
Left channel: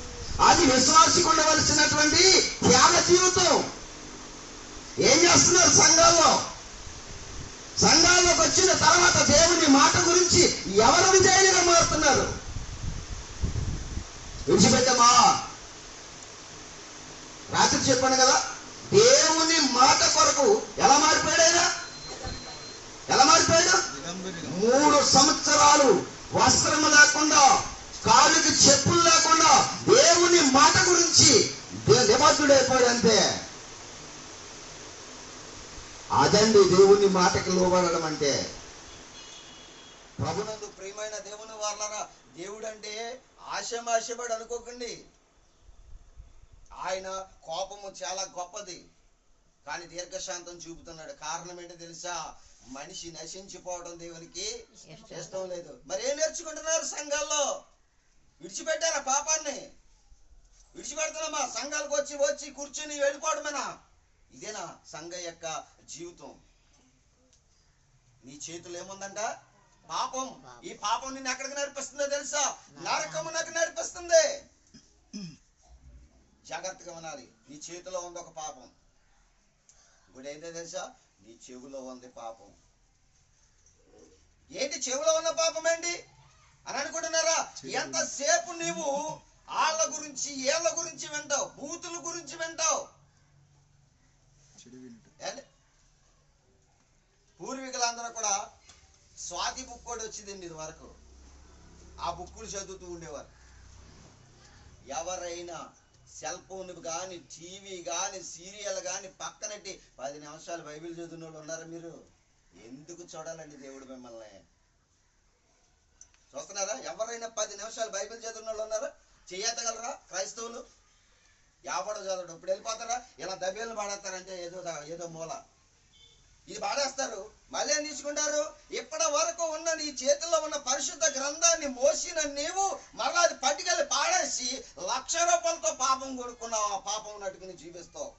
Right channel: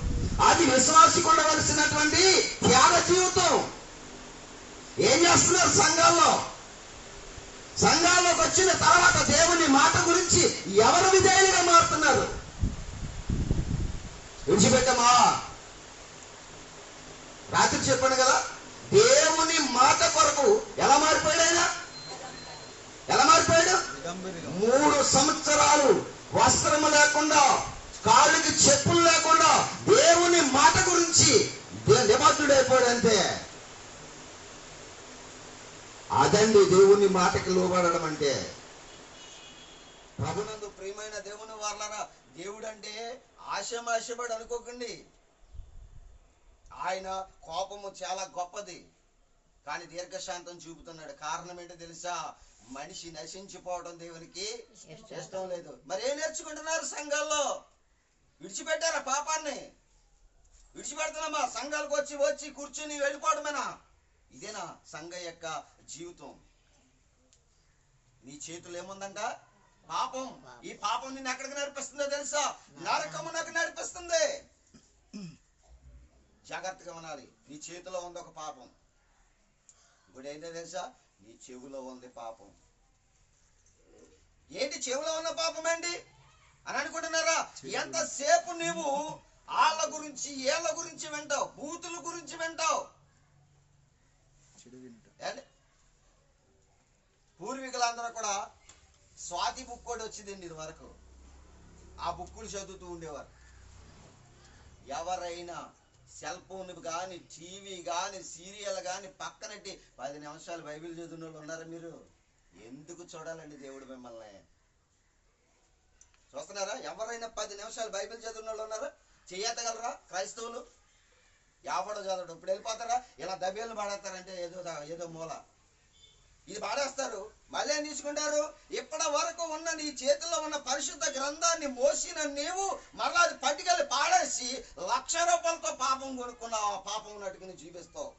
అది విశ్వాసికి ఉండవలసినటువంటి త్యాగ జీవితం. ఏం చేస్తున్నారు సంఘాల్లో? సంఘాల్లోకి వచ్చిన తర్వాత దేవుని మాట గురించి ఎవరు విధేయులుగా మారుతున్నారు? విడిచిపెట్టమా? రాత్రి చెప్పాను కదా, దేవుని మాట కొరకు ఎలా మారిపోయాడు ఆయన? ఎలా మారిపోయాడు? 3 సంవత్సరాలు వస్త్రము లేకుండా, కాళ్ళకి చెప్పులు లేకుండా దేవుని మాట గురించి నిబద్ధుడైపోయాడు. అంతే. అదండి దేవుని మాటకి లోబడడం అంటే. ప్రభునందు ప్రియమైన దేవుని వాళ్ళరా, దేవుడు అంటే ఆశమాశపడి అనుకోకండి. ఆయన కోపము చాలా గొప్పది, కానీ దీర్ఘశాంతం చూపుతున్నాడు. కారణం ఏంటో తెలుసా? మనిషి నశించిపోవడం దేవునికి ఇష్టం లేదు. మరి ఏం నేర్చుకుంటున్నారు సంఘాల్లో? విడిచిపెట్టారా పాపాన్ని? విడిచిపెడుతున్నామా? సంఘాలకు వచ్చి కూర్చుని వెళ్ళిపోవడమేనా? ఇదేనా సంఘ యొక్క జీవితం? నీ చేతులు ఏముందంట? పాపం. ఈ పాపం నిన్ను ఎక్కడికి నడిపిస్తుందో తెలుసా? నరకమునకు నడిపిస్తుంది. జాగ్రత్తగా వినాలి. నీ చేతిలో ఉంది ఒక పాపం. ఇప్పుడు ఏంటో తెలుసా? నీ చెవులో ఉంది పాపం. ఏంటి చెవులో ఉన్న పాపం ఏంటి అని అనుకుంటున్నారా? ఎంతసేపు నీవు వాళ్ళ గురించి ఏళ్ళ గురించి వింటావు, బూతుల గురించి వింటావు. పూర్వీకులందరూ కూడా స్వాతి బుక్ కూడా వచ్చిందండి ఇది వరకు. ఆ బుక్కులు చదువుతూ ఉండేవారు. ఎవరైనా సెల్ ఫోన్ కానీ, టీవీ కానీ, సీరియల్ కానీ పక్కనట్టి 10 నిమిషాలు బైబిల్ చదివిన వాళ్ళు ఉన్నారా? మీరు ఎందుకు చూడాలండి దేవుడు మిమ్మల్ని? చూస్తున్నారా? ఎవరైనా 10 నిమిషాలు బైబిల్ చదివిన వాళ్ళు ఉన్నారా? చేయగలరా క్రైస్తవులు? ఎవడో చదవడం. ఇప్పుడు వెళ్ళిపోతారా? ఇలా దబేలు పాడేస్తారంటే ఏదో మూల ఇది పాడేస్తారు. మళ్ళీ ఏం తీసుకుంటారు? ఇప్పటి వరకు ఉన్న నీ చేతిలో ఉన్న పరిశుద్ధ గ్రంథాన్ని మోసిన నీవు మరలా అది పట్టుకెళ్ళి పాడేసి ₹1,00,000 పాపం కొనుక్కున్నావు. ఆ పాపం నటుకుని జీవిస్తావు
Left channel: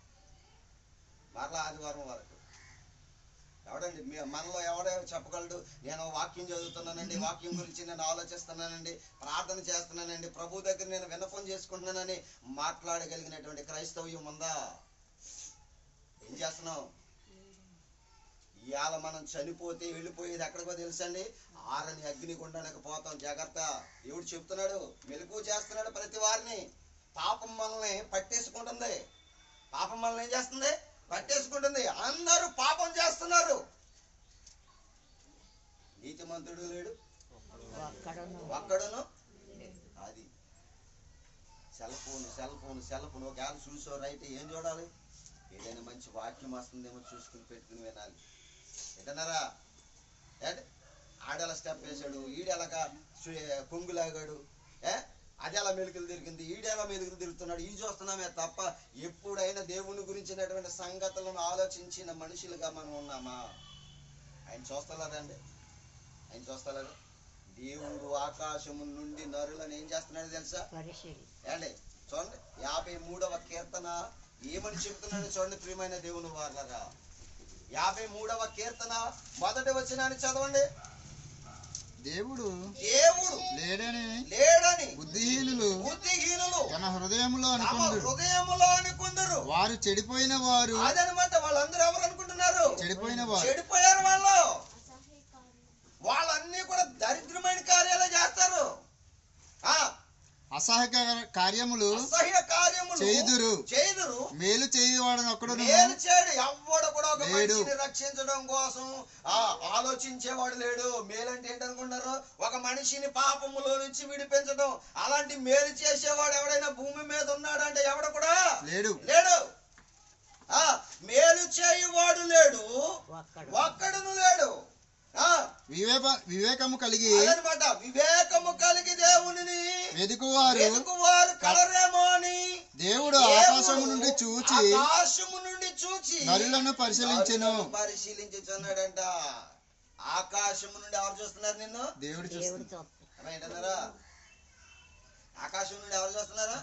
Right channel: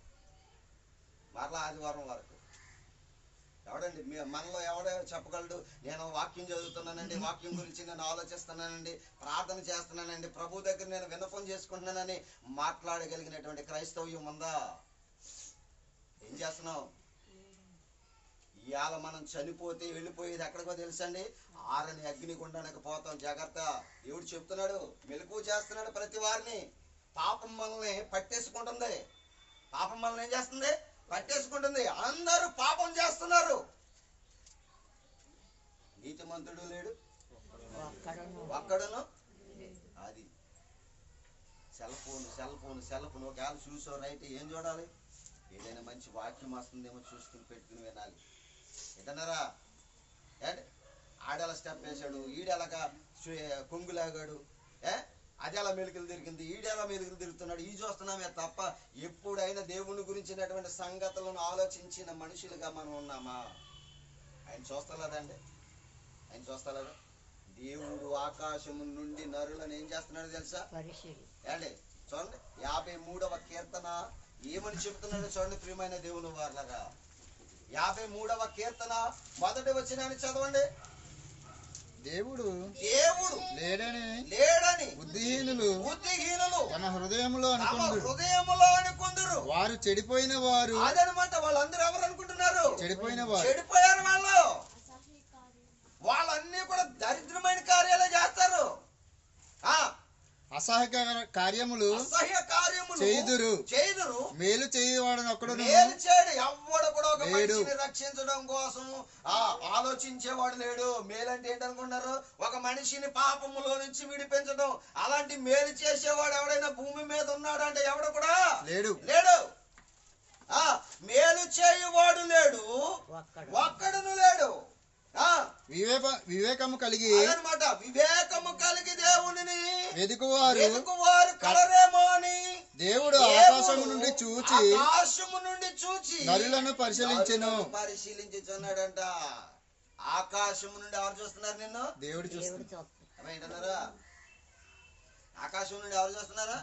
మరలా ఆదివారం వరకు. ఎవడండి మనలో ఎవడో చెప్పగలడు? నేను వాక్యం చదువుతున్నానండి, వాక్యం గురించి నేను ఆలోచిస్తున్నానండి, ప్రార్థన చేస్తున్నానండి, ప్రభు దగ్గర నేను విన్నపం చేసుకుంటున్నానని మాట్లాడగలిగినటువంటి క్రైస్తవ్యం ఉందా? ఏం చేస్తున్నావు? ఇవాళ మనం చనిపోతే వెళ్ళిపోయేది ఎక్కడికో తెలుసండి? ఆరని అగ్నిగుండానికి పోతాం. జాగ్రత్త. దేవుడు చెప్తున్నాడు, మెలకువ చేస్తున్నాడు ప్రతి వారిని. పాపం మనల్ని పట్టేసుకుంటుంది. పాపం మనల్ని ఏం చేస్తుంది? పట్టేసుకుంటుంది. అందరూ పాపం చేస్తున్నారు. నీతిమంతుడు లేడు, ఒక్కడును. అది సెల్ ఫోన్ ఒకవేళ చూసో రైట్ ఏం చూడాలి? ఏదైనా మంచి వాక్యం వస్తుందేమో చూసుకుని పెట్టుకుని వినాలి. ఏంటన్నారా? ఆడెలా స్టెప్ వేసాడు, ఈడెలాగా కొంగులాగాడు, అది ఎలా మెలుకలు తిరిగింది, ఈడెలా మెలుకలు తిరుగుతున్నాడు, ఈ చూస్తున్నామే తప్ప ఎప్పుడైనా దేవుని గురించినటువంటి సంగతులను ఆలోచించిన మనుషులుగా మనం ఉన్నామా? ఆయన చూస్తలేదండి. ఆయన చూస్తలేదా? దేవుడు ఆకాశము నుండి నరులను ఏం చేస్తున్నాడు తెలుసా? ఏండి చూడండి, 53వ కీర్తన ఏమని చెప్తున్నాడు చూడండి ప్రియమైన దేవుని వారలారా. 53వ కీర్తన 1వ వచనాన్ని చదవండి. దేవుడు లేడని బుద్ధిహీనులు తన హృదయములో అనుకుందరు. వారు చెడిపోయిన వారు. అదనమాట. వాళ్ళందరూ ఎవరు అనుకుంటున్నారు? చెడిపోయారు వాళ్ళు. వాళ్ళన్నీ కూడా దరిద్రమైన కార్యాలే చేస్తారు. అసహ్య కార్యములు చేయుదురు. మేలు చేయవాడని ఒక్కడు మేలు చేయడు. ఎవడు కూడా ఒక మనిషిని రక్షించడం కోసం ఆలోచించేవాడు లేడు. మేలంటే ఏంటనుకున్నారు? ఒక మనిషిని పాపములో నుంచి విడిపించడం. అలాంటి మేలు చేసేవాడు ఎవడైనా భూమి మీద ఉన్నాడంటే ఎవడు కూడా లేడు. మేలు చేయువాడు లేడు, ఒక్కడును లేడు. వివేకము కలిగి అదనమాట. వివేకము కలిగి దేవుని వెదుకువారు కలరేమో అని దేవుడు ఆకాశము నుండి చూచి నరులను పరిశీలించున్నాడంట. ఆకాశము నుండి ఎవరు చూస్తున్నారు? నిన్ను దేవుడు చూస్తున్నారా? ఆకాశం నుండి ఎవరు చూస్తున్నారా?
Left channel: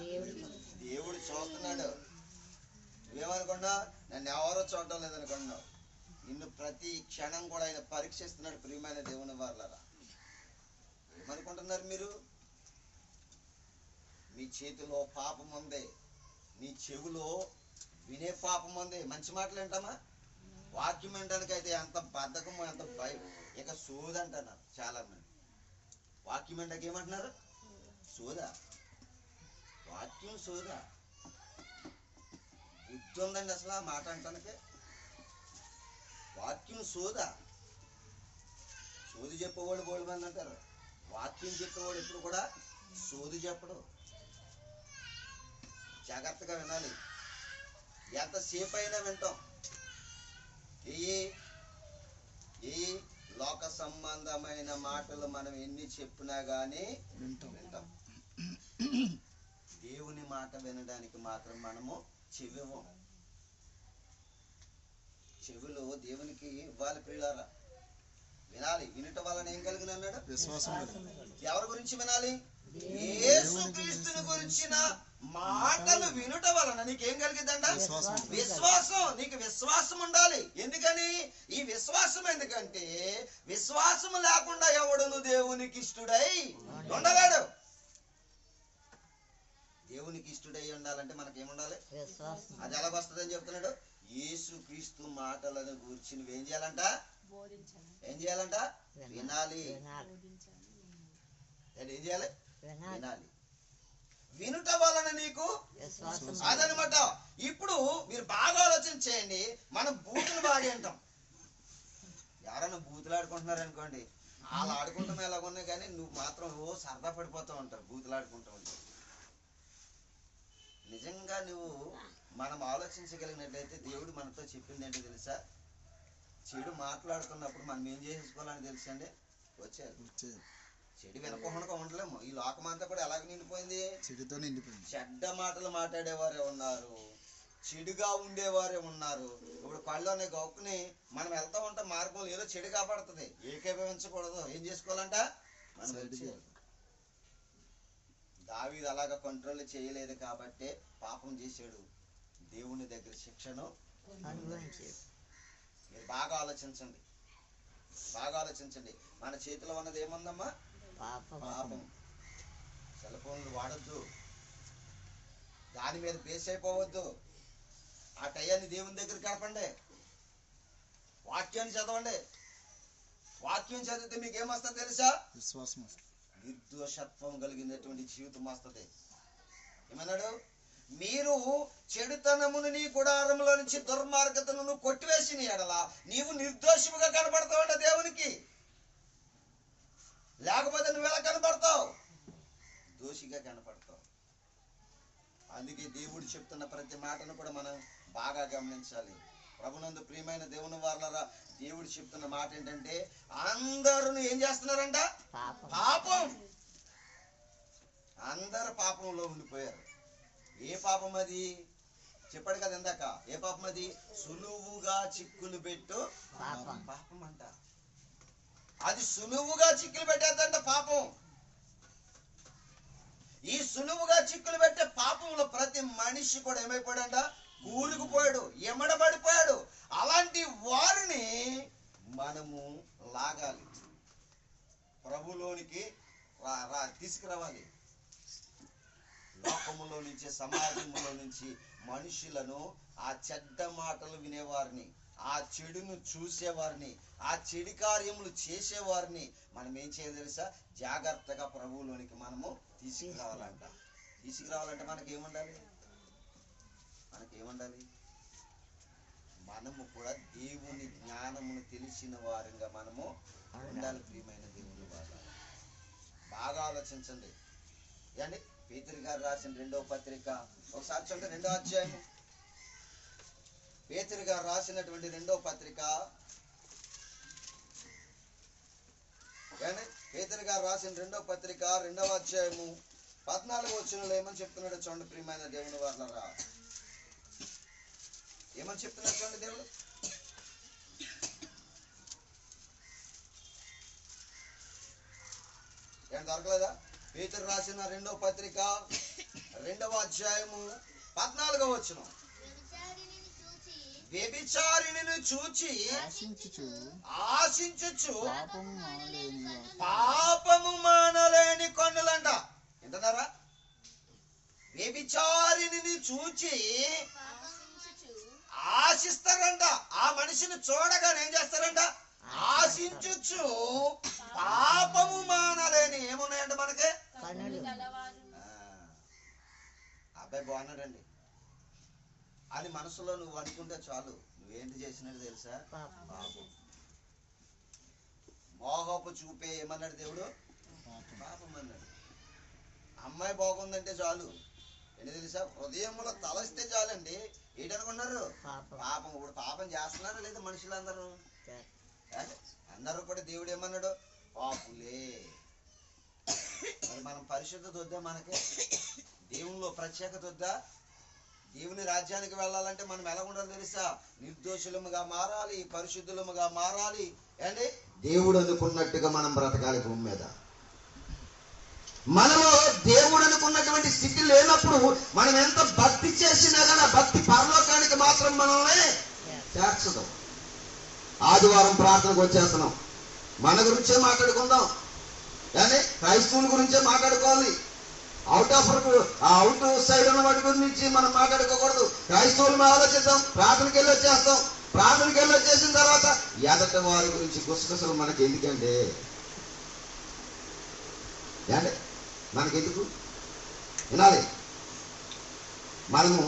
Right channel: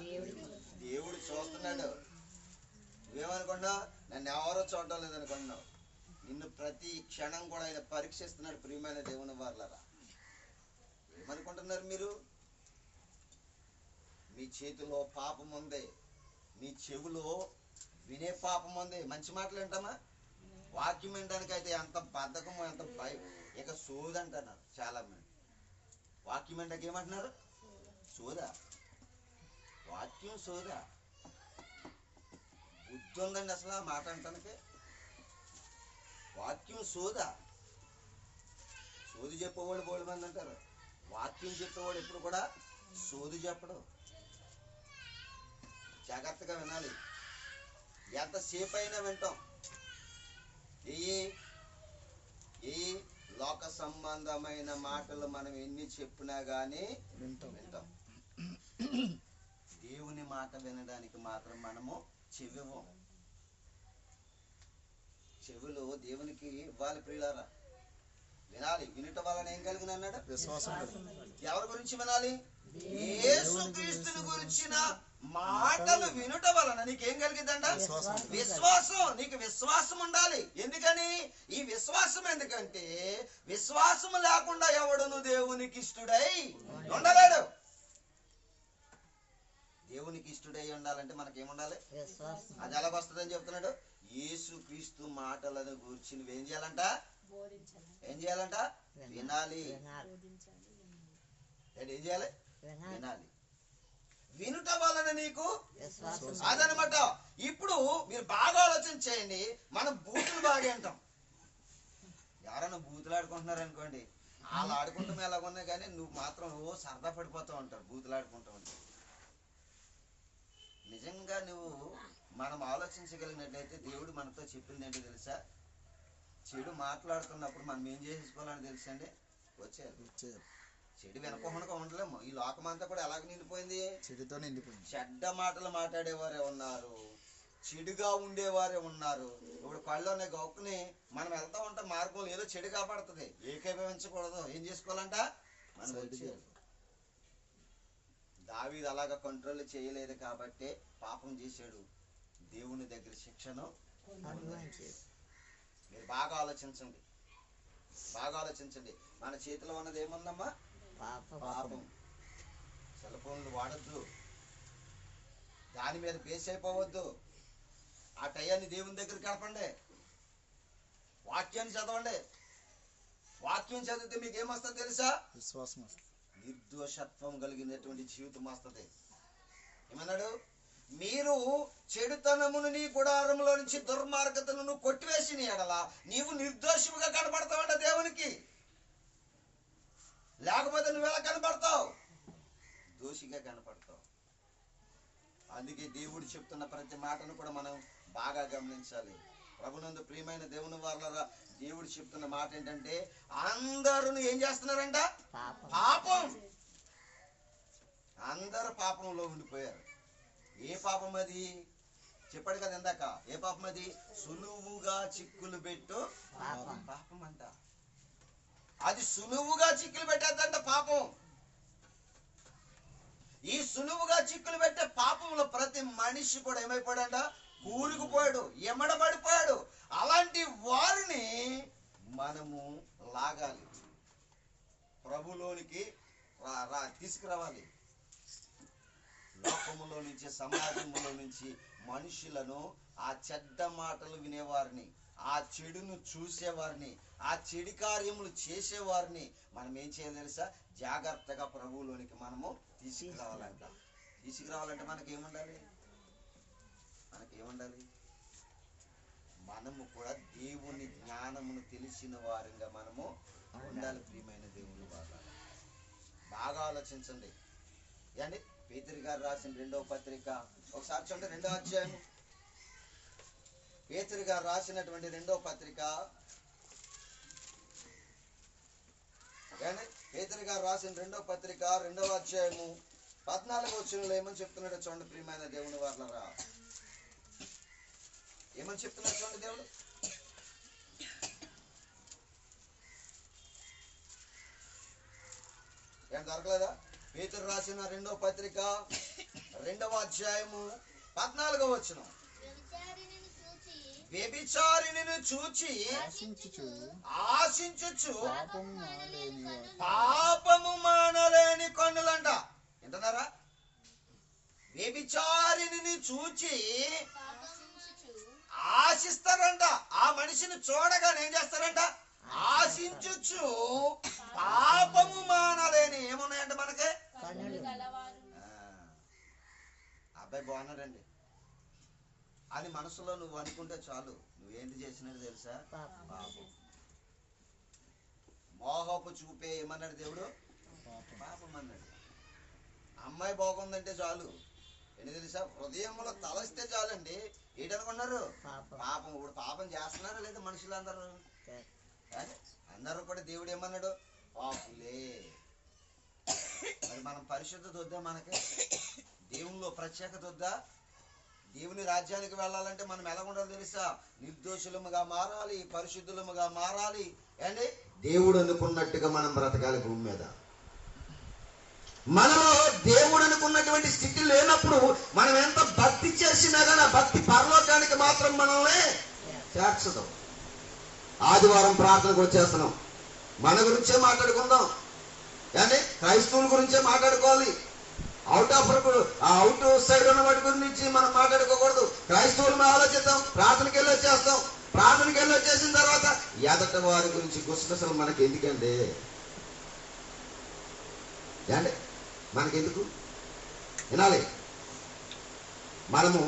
దేవుడు చూస్తున్నాడు. నువ్వేమనుకున్నావు? నన్ను ఎవరో చూడటం లేదనుకున్నావు. నిన్ను ప్రతి క్షణం కూడా ఆయన పరీక్షిస్తున్నాడు. ప్రియమైన దేవుని వారలారా, ఏమనుకుంటున్నారు మీరు? మీ చేతిలో పాపం ఉంది, మీ చెవులో వినే పాపం ఉంది. మంచి మాటలు ఏంటమ్మా? వాక్యం వినడానికి అయితే ఎంత బద్ధకమో, ఎంత భయం. ఇక సోది అంటున్నారు చాలా మంది. వాక్యం అంటే ఏమంటున్నారు? సోదా. వాక్యం సోదా. బుద్ధి ఉందండి అసలు ఆ మాట అంటానికి? వాక్యం సోదా. సోది చెప్పేవాళ్ళు బోళ్ళు మంది అంటారు. వాక్యం చెప్పేవాడు ఎప్పుడు కూడా సోది చెప్పడు. జాగ్రత్తగా వినాలి. ఎంతసేపు అయినా వింటాం. ఈ లోక సంబంధమైన మాటలు మనం ఎన్ని చెప్పినా గానీ వింటాం. దేవుని మాట వినడానికి మాత్రం మనము చెవివ్వం. చెవులు దేవునికి ఇవ్వాలి ప్రియులారా. వినాలి. వినటం వలన ఏం కలిగిన అన్నాడు? విశ్వాసం. ఎవరి గురించి వినాలి? యేసుక్రీస్తుని గురించిన మాటలు వినుట వలన నీకేం కలిగిద్దంట? విశ్వాసం. నీకు విశ్వాసం ఉండాలి. ఎందుకని ఈ విశ్వాసం? ఎందుకంటే విశ్వాసం లేకుండా ఎవడును దేవునికి ఇష్టడై ఉండలేడు. దేవునికి ఇష్టడై ఉండాలంటే మనకేముండాలి? అది ఎలాగొస్తుందని చెప్తున్నాడు. యేసుక్రీస్తు మాటలను గురించి నువ్వేం చేయాలంట? ఏం చేయాలంట? వినాలి. ఏం చేయాలి? వినాలి. వినుట వలన నీకు అదనమాట. ఇప్పుడు మీరు బాగా ఆలోచన చేయండి. మనం బూతులు బాగా వింటాం. ఎవరైనా బూతులు ఆడుకుంటున్నారు అనుకోండి, వాళ్ళు ఆడుకుంటాం ఎలాగున్నా కానీ నువ్వు మాత్రం సరదా పడిపోతూ ఉంటారు బూతులు ఆడుకుంటూ ఉంటావు. నిజంగా నువ్వు మనం ఆలోచించగలిగినట్లయితే దేవుడు మనతో చెప్పింది ఏంటో తెలుసా? చెడు మాట్లాడుతున్నప్పుడు మనం ఏం చేసుకోవాలని తెలుసండి? వచ్చేది. చెడు వెనకుండా ఉండలేము. ఈ లోకమంతా కూడా ఎలాగ నిండిపోయింది? చెడుతో నిండిపోయింది. చెడ్డ మాటలు మాట్లాడేవారే ఉన్నారు, చెడుగా ఉండేవారే ఉన్నారు. ఇప్పుడు కళ్ళలోనే గొక్కుని మనం వెళ్తా ఉంటాం, మార్గంలో ఏదో చెడు కాపాడుతుంది. ఏకీభవించకూడదు. ఏం చేసుకోవాలంట? మనం దావీదు అలాగా కంట్రోల్ చేయలేదు కాబట్టి పాపం చేశాడు. దేవుని దగ్గర శిక్షను. మీరు బాగా ఆలోచించండి. మన చేతిలో ఉన్నది ఏముందమ్మా? పాపం. సెల్ ఫోన్లు వాడద్దు. దాని మీద బేస్ అయిపోవద్దు. ఆ టయాన్ని దేవుని దగ్గర గడపండి. వాక్యాన్ని చదవండి. వాక్యం చదివితే మీకు ఏమొస్తుంది తెలుసా? విశ్వాసం. నిర్దోషత్వం కలిగినటువంటి జీవితం వస్తుంది. ఏమన్నాడు? మీరు చెడుతనమును నీ గుడారంలో నుంచి దుర్మార్గతను కొట్టివేసిన ఎడల నీవు నిర్దోషిగా కనబడతావంట దేవునికి. లేకపోతే నువ్వు ఎలా కనబడతావు? దోషిగా కనపడతావు. అందుకే దేవుడు చెప్తున్న ప్రతి మాటను కూడా మనం బాగా గమనించాలి. ప్రభునందు ప్రియమైన దేవుని వారలారా, దేవుడు చెప్తున్న మాట ఏంటంటే అందరూ ఏం చేస్తున్నారంట? పాపం. అందరు పాపంలో ఉండిపోయారు. ఏ పాపం అది? చెప్పాడు కదా ఇందాక. ఏ పాపం అది? సులువుగా చిక్కులు పెట్టు పాపం అంట. అది సులువుగా చిక్కులు పెట్టేద్దంట పాపం. ఈ సులువుగా చిక్కులు పెట్టే పాపంలో ప్రతి మనిషి కూడా ఏమైపోయాడంట? కూరుకుపోయాడు, ఎమడబడిపోయాడు. అలాంటి వారిని మనము లాగాలి, ప్రభులోనికి తీసుకురావాలి. లోకములో నుంచి, సమాజంలో నుంచి మనుషులను, ఆ చెడ్డ మాటలు వినేవారిని, ఆ చెడును చూసేవారిని, ఆ చెడు కార్యములు చేసేవారిని మనం ఏం చేయాలి తెలుసా? జాగ్రత్తగా ప్రభువులోనికి మనము తీసుకురావాలంట. తీసుకురావాలంటే మనకేముండాలి? మనము కూడా దేవుని జ్ఞానమును తెలిసిన వారిగా మనము ఉండాలి. ప్రియమైన దేవుని వాళ్ళ బాగా ఆలోచించండి. ఏండి పేతురు గారు రాసిన 2వ పత్రిక ఒకసారి చూడండి. 2వ అధ్యాయం పేతురు గారు రాసినటువంటి 2వ పత్రిక. పేతురు గారు రాసిన 2వ పత్రిక 2వ అధ్యాయము 14వ వచనంలో ఏమని చెప్తున్నాడో చూడండి. ప్రియమైన దేవుని వాళ్ళరా ఏమని చెప్తున్నాడు చూడండి. దేవుడు ఏం దొరకలేదా? పేతురు రాసిన 2వ పత్రిక 2వ అధ్యాయము 14వ వచనం. వ్యభిచారిణిని చూచి ఆశించుచు పాపము మానలేని కన్నులంట. వింటున్నారా? వ్యభిచారిణిని చూచి ఆశిస్తారంట. ఆ మనిషిని చూడగానే ఏం చేస్తారంట? ఆశించుచు పాపము మానలేని ఏమున్నాయంట మనకి? అబ్బాయి బాగున్నాడండి అని మనసులో నువ్వు అనుకుంటే చాలు. నువ్వేంటి చేసినట్టు తెలుసా? పాపం. మోహపు చూపే ఏమన్నాడు దేవుడు? పాపం అన్నాడు. అమ్మాయి బాగుందంటే చాలు. ఏంటి తెలుసా? హృదయంలో తలస్తే చాలండి. ఏంటనుకున్నారు? పాపం. ఇప్పుడు పాపం చేస్తున్నారా లేదా మనుషులందరూ? అందరూ కూడా దేవుడు ఏమన్నాడు? పాపులే. మరి మనం పరిశుద్ధత వద్దా? మనకి దేవునిలో ప్రత్యేకత వద్దా? దేవుని రాజ్యానికి వెళ్ళాలంటే మనం ఎలా ఉండాలి తెలుసా? నిర్దోషులముగా మారాలి, పరిశుద్ధులముగా మారాలి. అండి దేవుడు అనుకున్నట్టుగా మనం బ్రతకాలి భూమి మీద. మనలో దేవుడు అనుకున్నటువంటి స్థితి లేనప్పుడు మనం ఎంత భక్తి చేసినా కానీ ఆ భక్తి పరలోకానికి మాత్రం మనల్ని చేర్చదు. ఆదివారం ప్రార్థనకు వచ్చేస్తున్నాం. మన గురించే మాట్లాడుకుందాం. కానీ క్రైస్తవుల గురించే మాట్లాడుకోవాలి. అవుట్ సైడ్ ఉన్న వాటి గురించి మనం మాట్లాడుకోకూడదు. క్రైస్తవులు ఆలోచిద్దాం. ప్రార్థనకి వెళ్ళి వచ్చేస్తాం. ప్రార్థనకి వెళ్ళి వచ్చేసిన తర్వాత ఎదట వారి గురించి గుసగుసలు మనకి ఎందుకండి? అంటే మనకెందుకు? వినాలి. మనము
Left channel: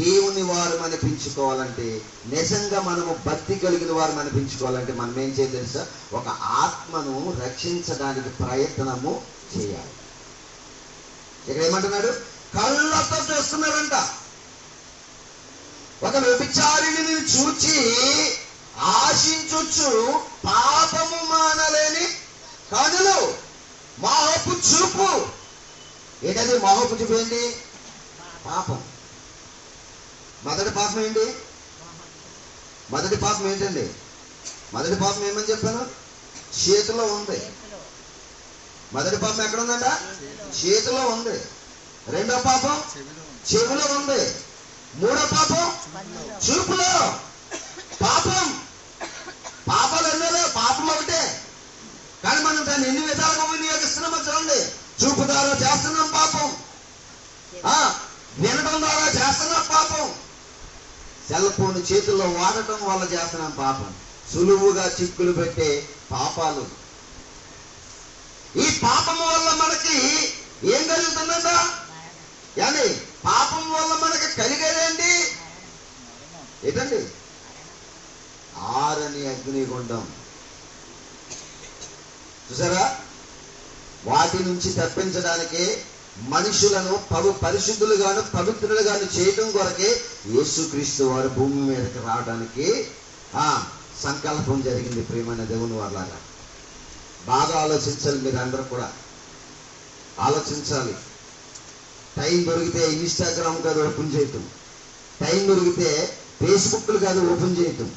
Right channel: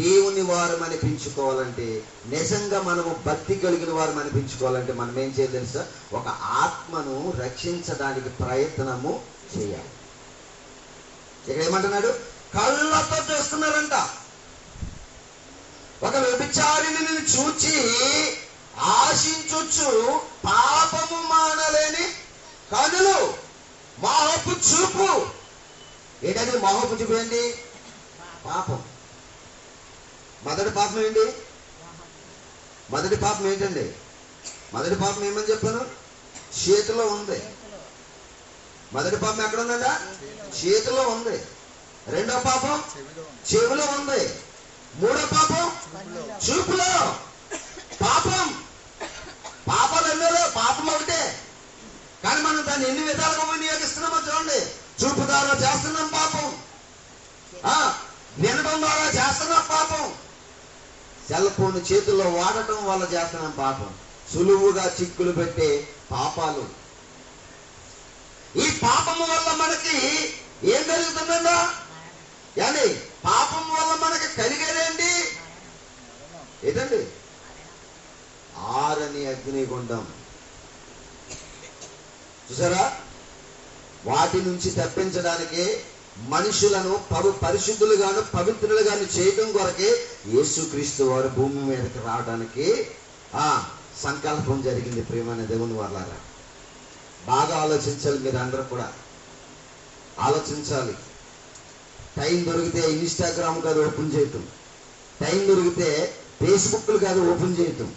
దేవుని వారు అనిపించుకోవాలంటే, నిజంగా మనము భక్తి కలిగిన వారు అనిపించుకోవాలంటే మనం ఏం చేయాలి తెలుసా? ఒక ఆత్మను రక్షించడానికి ప్రయత్నము చేయాలి. ఇక్కడ ఏమంటున్నాడు? కళ్ళతో చూస్తున్నారంట. ఒక వ్యభిచారిణిని చూచి ఆశించుచు పాపము మానలేని కనులు. మోహపు చూపు. ఏంటది మోహపు చూపు? ఏంటి? పాపం. మొదటి పాపం ఏంటి? మొదటి పాపం ఏంటండి? మొదటి పాపం ఏమని చెప్పాను? చేతిలో ఉంది. మొదటి పాపం ఎక్కడ ఉందంట? చేతిలో ఉంది. రెండో పాపం చెవిలో ఉంది. మూడో పాపం చూపులో. పాపం. పాపాలు ఎన్నోలో పాపం ఒకటే. కానీ మనం దాన్ని ఎన్ని విధాలుగా వినియోగిస్తున్నామో చూడండి. చూపు ద్వారా చేస్తున్నాం పాపం. వినడం ద్వారా చేస్తున్నాం పాపం. సెల్ ఫోన్ చేతుల్లో వాడటం వల్ల చేస్తున్నాం పాపం. సులువుగా చిక్కులు పెట్టే పాపాలు. ఈ పాపము వల్ల మనకి ఏం కలుగుతుందంట? yani పాపం వల్ల మనకి కలిగేదేంటి? ఏంటండి? ఆరని అగ్నిగుండం. చూసారా? వాటి నుంచి తప్పించడానికి మనుషులను పరిశుద్ధులుగాను పవిత్రులుగాను చేయడం కొరకే యేసుక్రీస్తు వారు భూమి మీదకి రావడానికి సంకల్పం జరిగింది. ప్రియమైన దేవుని వాళ్ళగా బాగా ఆలోచించాలి. మీరు అందరూ కూడా ఆలోచించాలి. టైం దొరికితే ఇన్స్టాగ్రామ్ కాదు ఓపెన్ చేయటం, టైం దొరికితే ఫేస్బుక్లు కాదు ఓపెన్ చేయటం,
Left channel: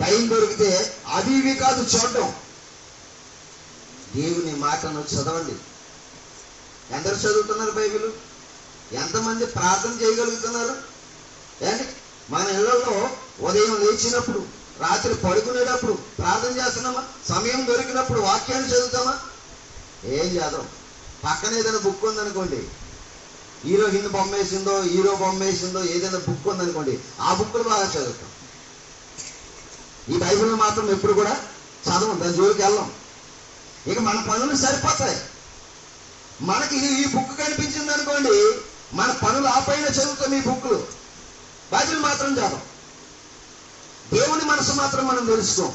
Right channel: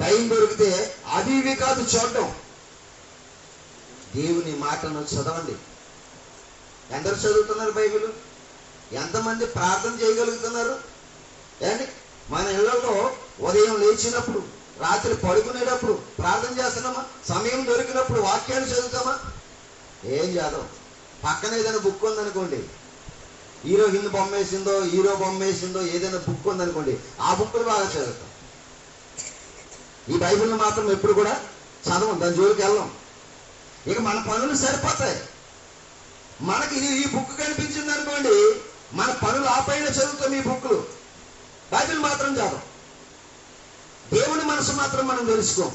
టైం దొరికితే అవి ఇవి కాదు చూడటం. దేవుని మాటను చదవండి. ఎందరు చదువుతున్నారు బైబిల్? ఎంతమంది ప్రార్థన చేయగలుగుతున్నారు? ఏంటి మన ఇళ్లలో ఉదయం లేచినప్పుడు, రాత్రి పడుకునేటప్పుడు ప్రార్థన చేస్తున్నామా? సమయం దొరికినప్పుడు వాక్యాన్ని చదువుతామా? ఏం చదవం. పక్కన ఏదైనా బుక్ ఉందనుకోండి, హీరోయిన్ బొమ్మ వేసిందో, హీరో బొమ్మ వేసిందో ఏదైనా బుక్ ఉందనుకోండి, ఆ బుక్లు బాగా చదువుతాం. ఈ బైబిల్ని మాత్రం ఎప్పుడు కూడా చదవం, దాని జోలికి వెళ్ళాం. ఇక మన పనులు సరిపోతాయి. మనకి ఈ బుక్ కనిపించింది అనుకోండి, మన పనులు ఆపైన చదువుతాం ఈ బుక్లు, బైబిల్ మాత్రం చదవం. దేవుని మనసు మాత్రం మనం తెలుసుకోం.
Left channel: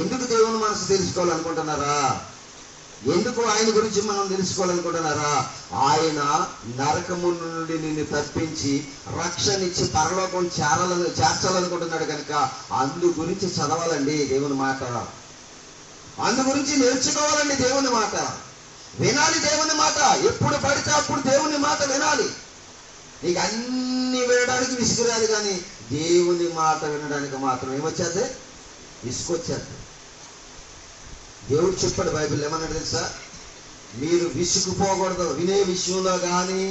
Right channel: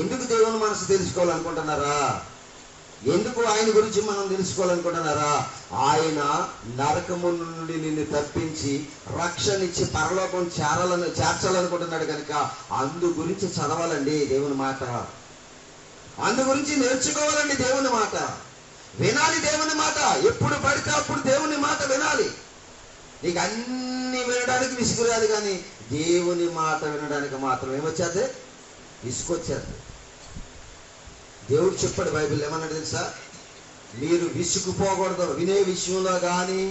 ఎందుకు దేవుని మనసు తెలుసుకోవాలనుకుంటున్నారా? ఎందుకు ఆయన గురించి మనం తెలుసుకోవాలనుకుంటున్నారా? ఆయన నరకము నుండి నిన్ను తప్పించి రక్షణిచ్చి పరలోకం చేర్చాలనుకుంటున్నాడు కనుక అందు గురించి చదవాలండి దేవుని మాట. అందు గురించి నేర్చుకోవాలండి దేవుని మాట. వినాలి దేవుని మాట. ఎప్పుడు పడితే అప్పుడు దేవుని మాట వినాలి. నీకు అన్ని వినడానికి విసుగురాదు, కానీ దేవుని మాట వినడానికి మాత్రం ఏమొచ్చేది? విసుకొచ్చేది. దేవుడు చెప్పాడు బైబిల్ ఏమన్నాడు తెలుసా? మీరు విసుగుపోకూడదు. వినే విషయంలో కానీ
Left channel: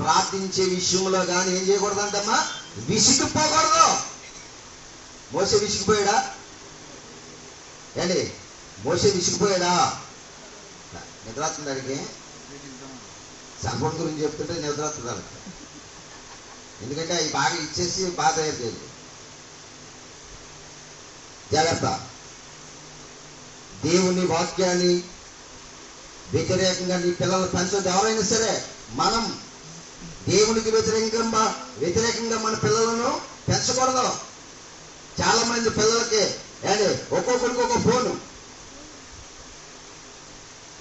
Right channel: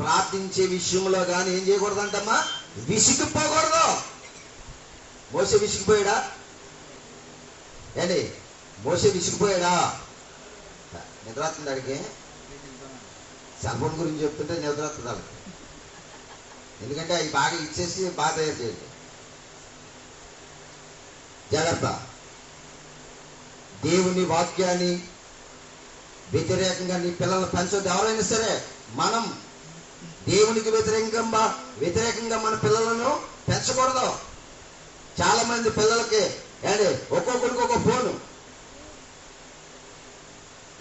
ప్రార్థించే విషయంలో కానీ ఏం చేయకూడదంటమ్మా? విసుగుపోకూడదు. మోసే విసిగిపోయాడా? ఏంటి మోసే విసిగిపోయాడా? నిద్ర వస్తుంది అడిగి. సెల్ఫోన్ గురించి చెప్తుంటే నిద్ర వస్తుంది. ఎందుకంటే అవి బాగా ఇచ్చేసి బాగా తయారు చేయాలి. జాగ్రత్త. దేవుని వాక్యాన్ని వ్యతిరేకంగా నీ పిల్లలు పెంచొద్దు. ఎవరైనా సరే మనం దేవునికి వ్యతిరేకంగా మన పిల్లలను పెంచకూడదు. చాలా మంది పిల్లలకి ఒక్కొక్కరికి ఒక ఫోను.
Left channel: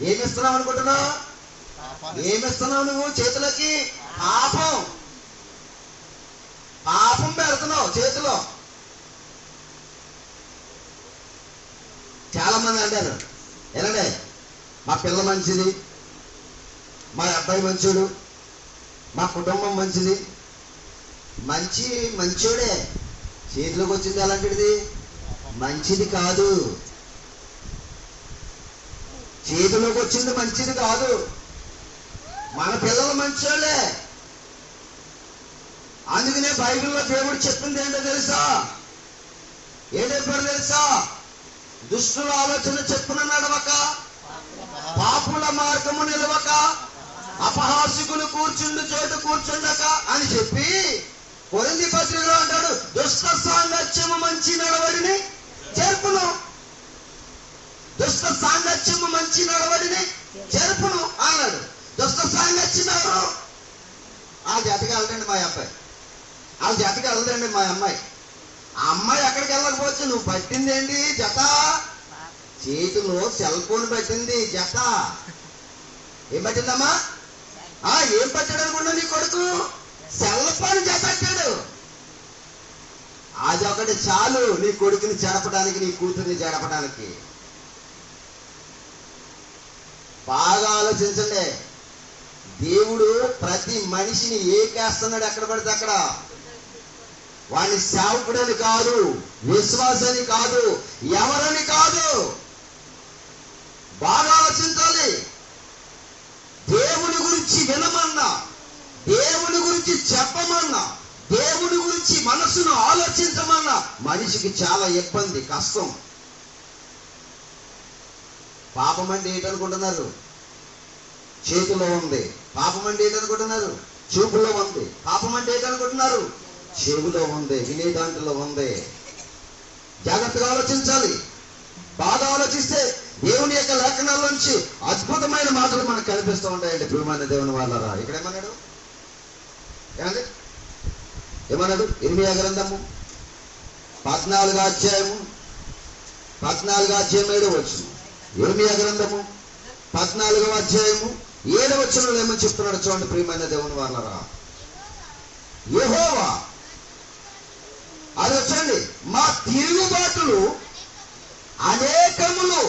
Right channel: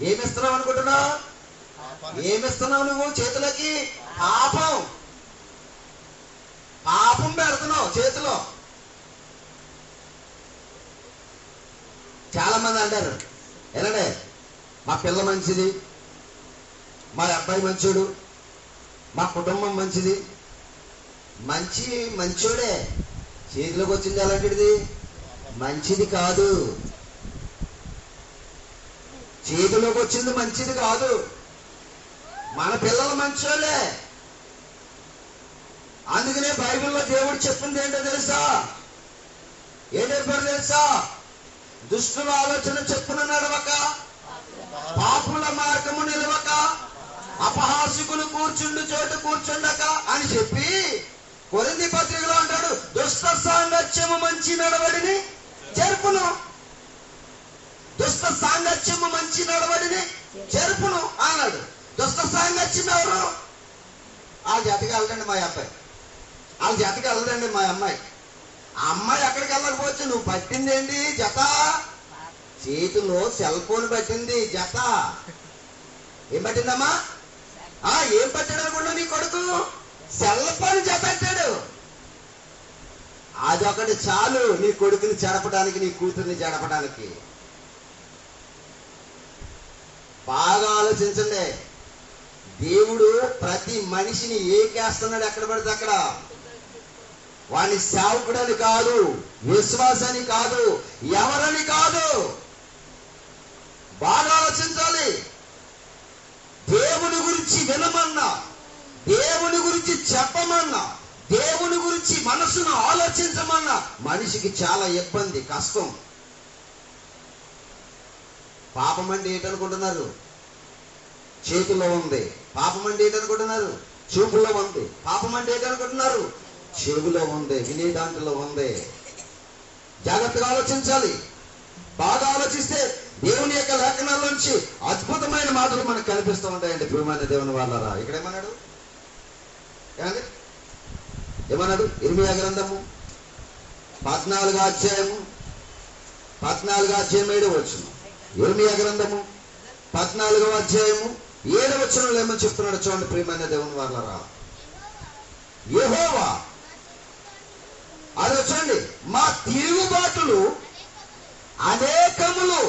ఏమిస్తున్నావు అనుకుంటున్నావు? ఏమిస్తున్నావు నువ్వు చేతులకి? పాపం పెడుతున్నావు చేతిలో. చాలా మంది అంటారు, ఎలానే మా పిల్ల మంచిది, మా అబ్బాయి మంచోడు, మా కుటుంబం మంచిది. మంచోడే, చేతిలోకి వచ్చింది అలాంటిది మంచిది కాదు. చేతిలోకి వచ్చింది మంచిది కాదు. మన పిల్లలు మంచోళ్ళే. అందుకనే బైబిల్లో దేవుడు చెప్పింది ఏంటో తెలుసా? ఏం చెప్పాడు తెలుసా? దుష్టుల ఆలోచన చెప్పున నడవక, పాపుల మార్గము నిలవక, అపహాసికులు కూర్చుండు చోటు కూర్చుండక అని చెప్పి కొరింథీ పత్రికలో అంటాడు, దుష్ట సాంగత్యము మంచి నడవడిని చెరుపును. దుష్ట సాంగత్యము మంచి నడవడిని చెరుపును అన్నాడు. దుష్ట సాంగత్యం ఎవరు? ఆ జతకి వెళ్ళండి మా అబ్బాయి, ఆ జతకి వెళ్ళదండి మా అమ్మాయి. ఆ అమ్మాయి ఎక్కడికి వెళ్ళకపోవచ్చు, నువ్వు పట్టిందేంటి జత? చేతిలో సెల్ ఫోన్ పట్టింది జత. ఏం పట్టిందమ్మా? ఏం పట్టాడు అనుకున్నా నీ కొడుకు? సెల్ ఫోన్ జత అంటాడు. అదొకటి చాలు నీ కొడుకుని చెడపడానికి, నీ కూతుర్ని చెడపడానికి. బాగా ఆలోచించండి. దేవుడు ప్రతి మనిషిని ఏకేస్తున్నాడు ఎక్కడ పడితే అక్కడ. వాడిని సేవకుడని కాదు, విశ్వాసాన్ని కాదు, ఎవరని కాదు. బాగా ఆలోచించాలి. దేవుని గురించి వినమన్నా, దేవుని గురించి చెప్పమన్నా, దేవుని గురించి మనసును ఆలోచించమన్నా మనిషికి చాలా ఇబ్బంది, కష్టం. పాపం అంటే ఏంటనుకుంటున్నారు? చేతిలో ఉంది. పాపం అంటే ఏంటనుకుంటున్నారు? చూపులో ఉంది. పాపం అంటే ఏంటనుకుంటున్నారు? చెవులో ఉంది, వినే దాంట్లో ఉంది. జాగ్రత్తగా ఆలోచించాలి. బాగా ఆలోచిస్తే దేవుని యొక్క లేఖనాల్లోంచి అద్భుతమైన మాటలు మనకు కనిపిస్తూ ఉంటాయండి. ప్రియమైన దేవుని వాళ్ళరా, ఇక్కడ ఏమన్నాడు? ఏమన్నాడు? ఇర్మియా గ్రంథము 14వ అధ్యాయము 7వ వచనం. ఇర్మియా గ్రంథము 14వ అధ్యాయము 7వ వచనంలో ఏమని చెప్తున్నాడు చూడండి ప్రియమైన దేవుని వాళ్ళరా. యెహోవా, అది వచ్చండి, మా తిరుగుబాటులు అనేకములు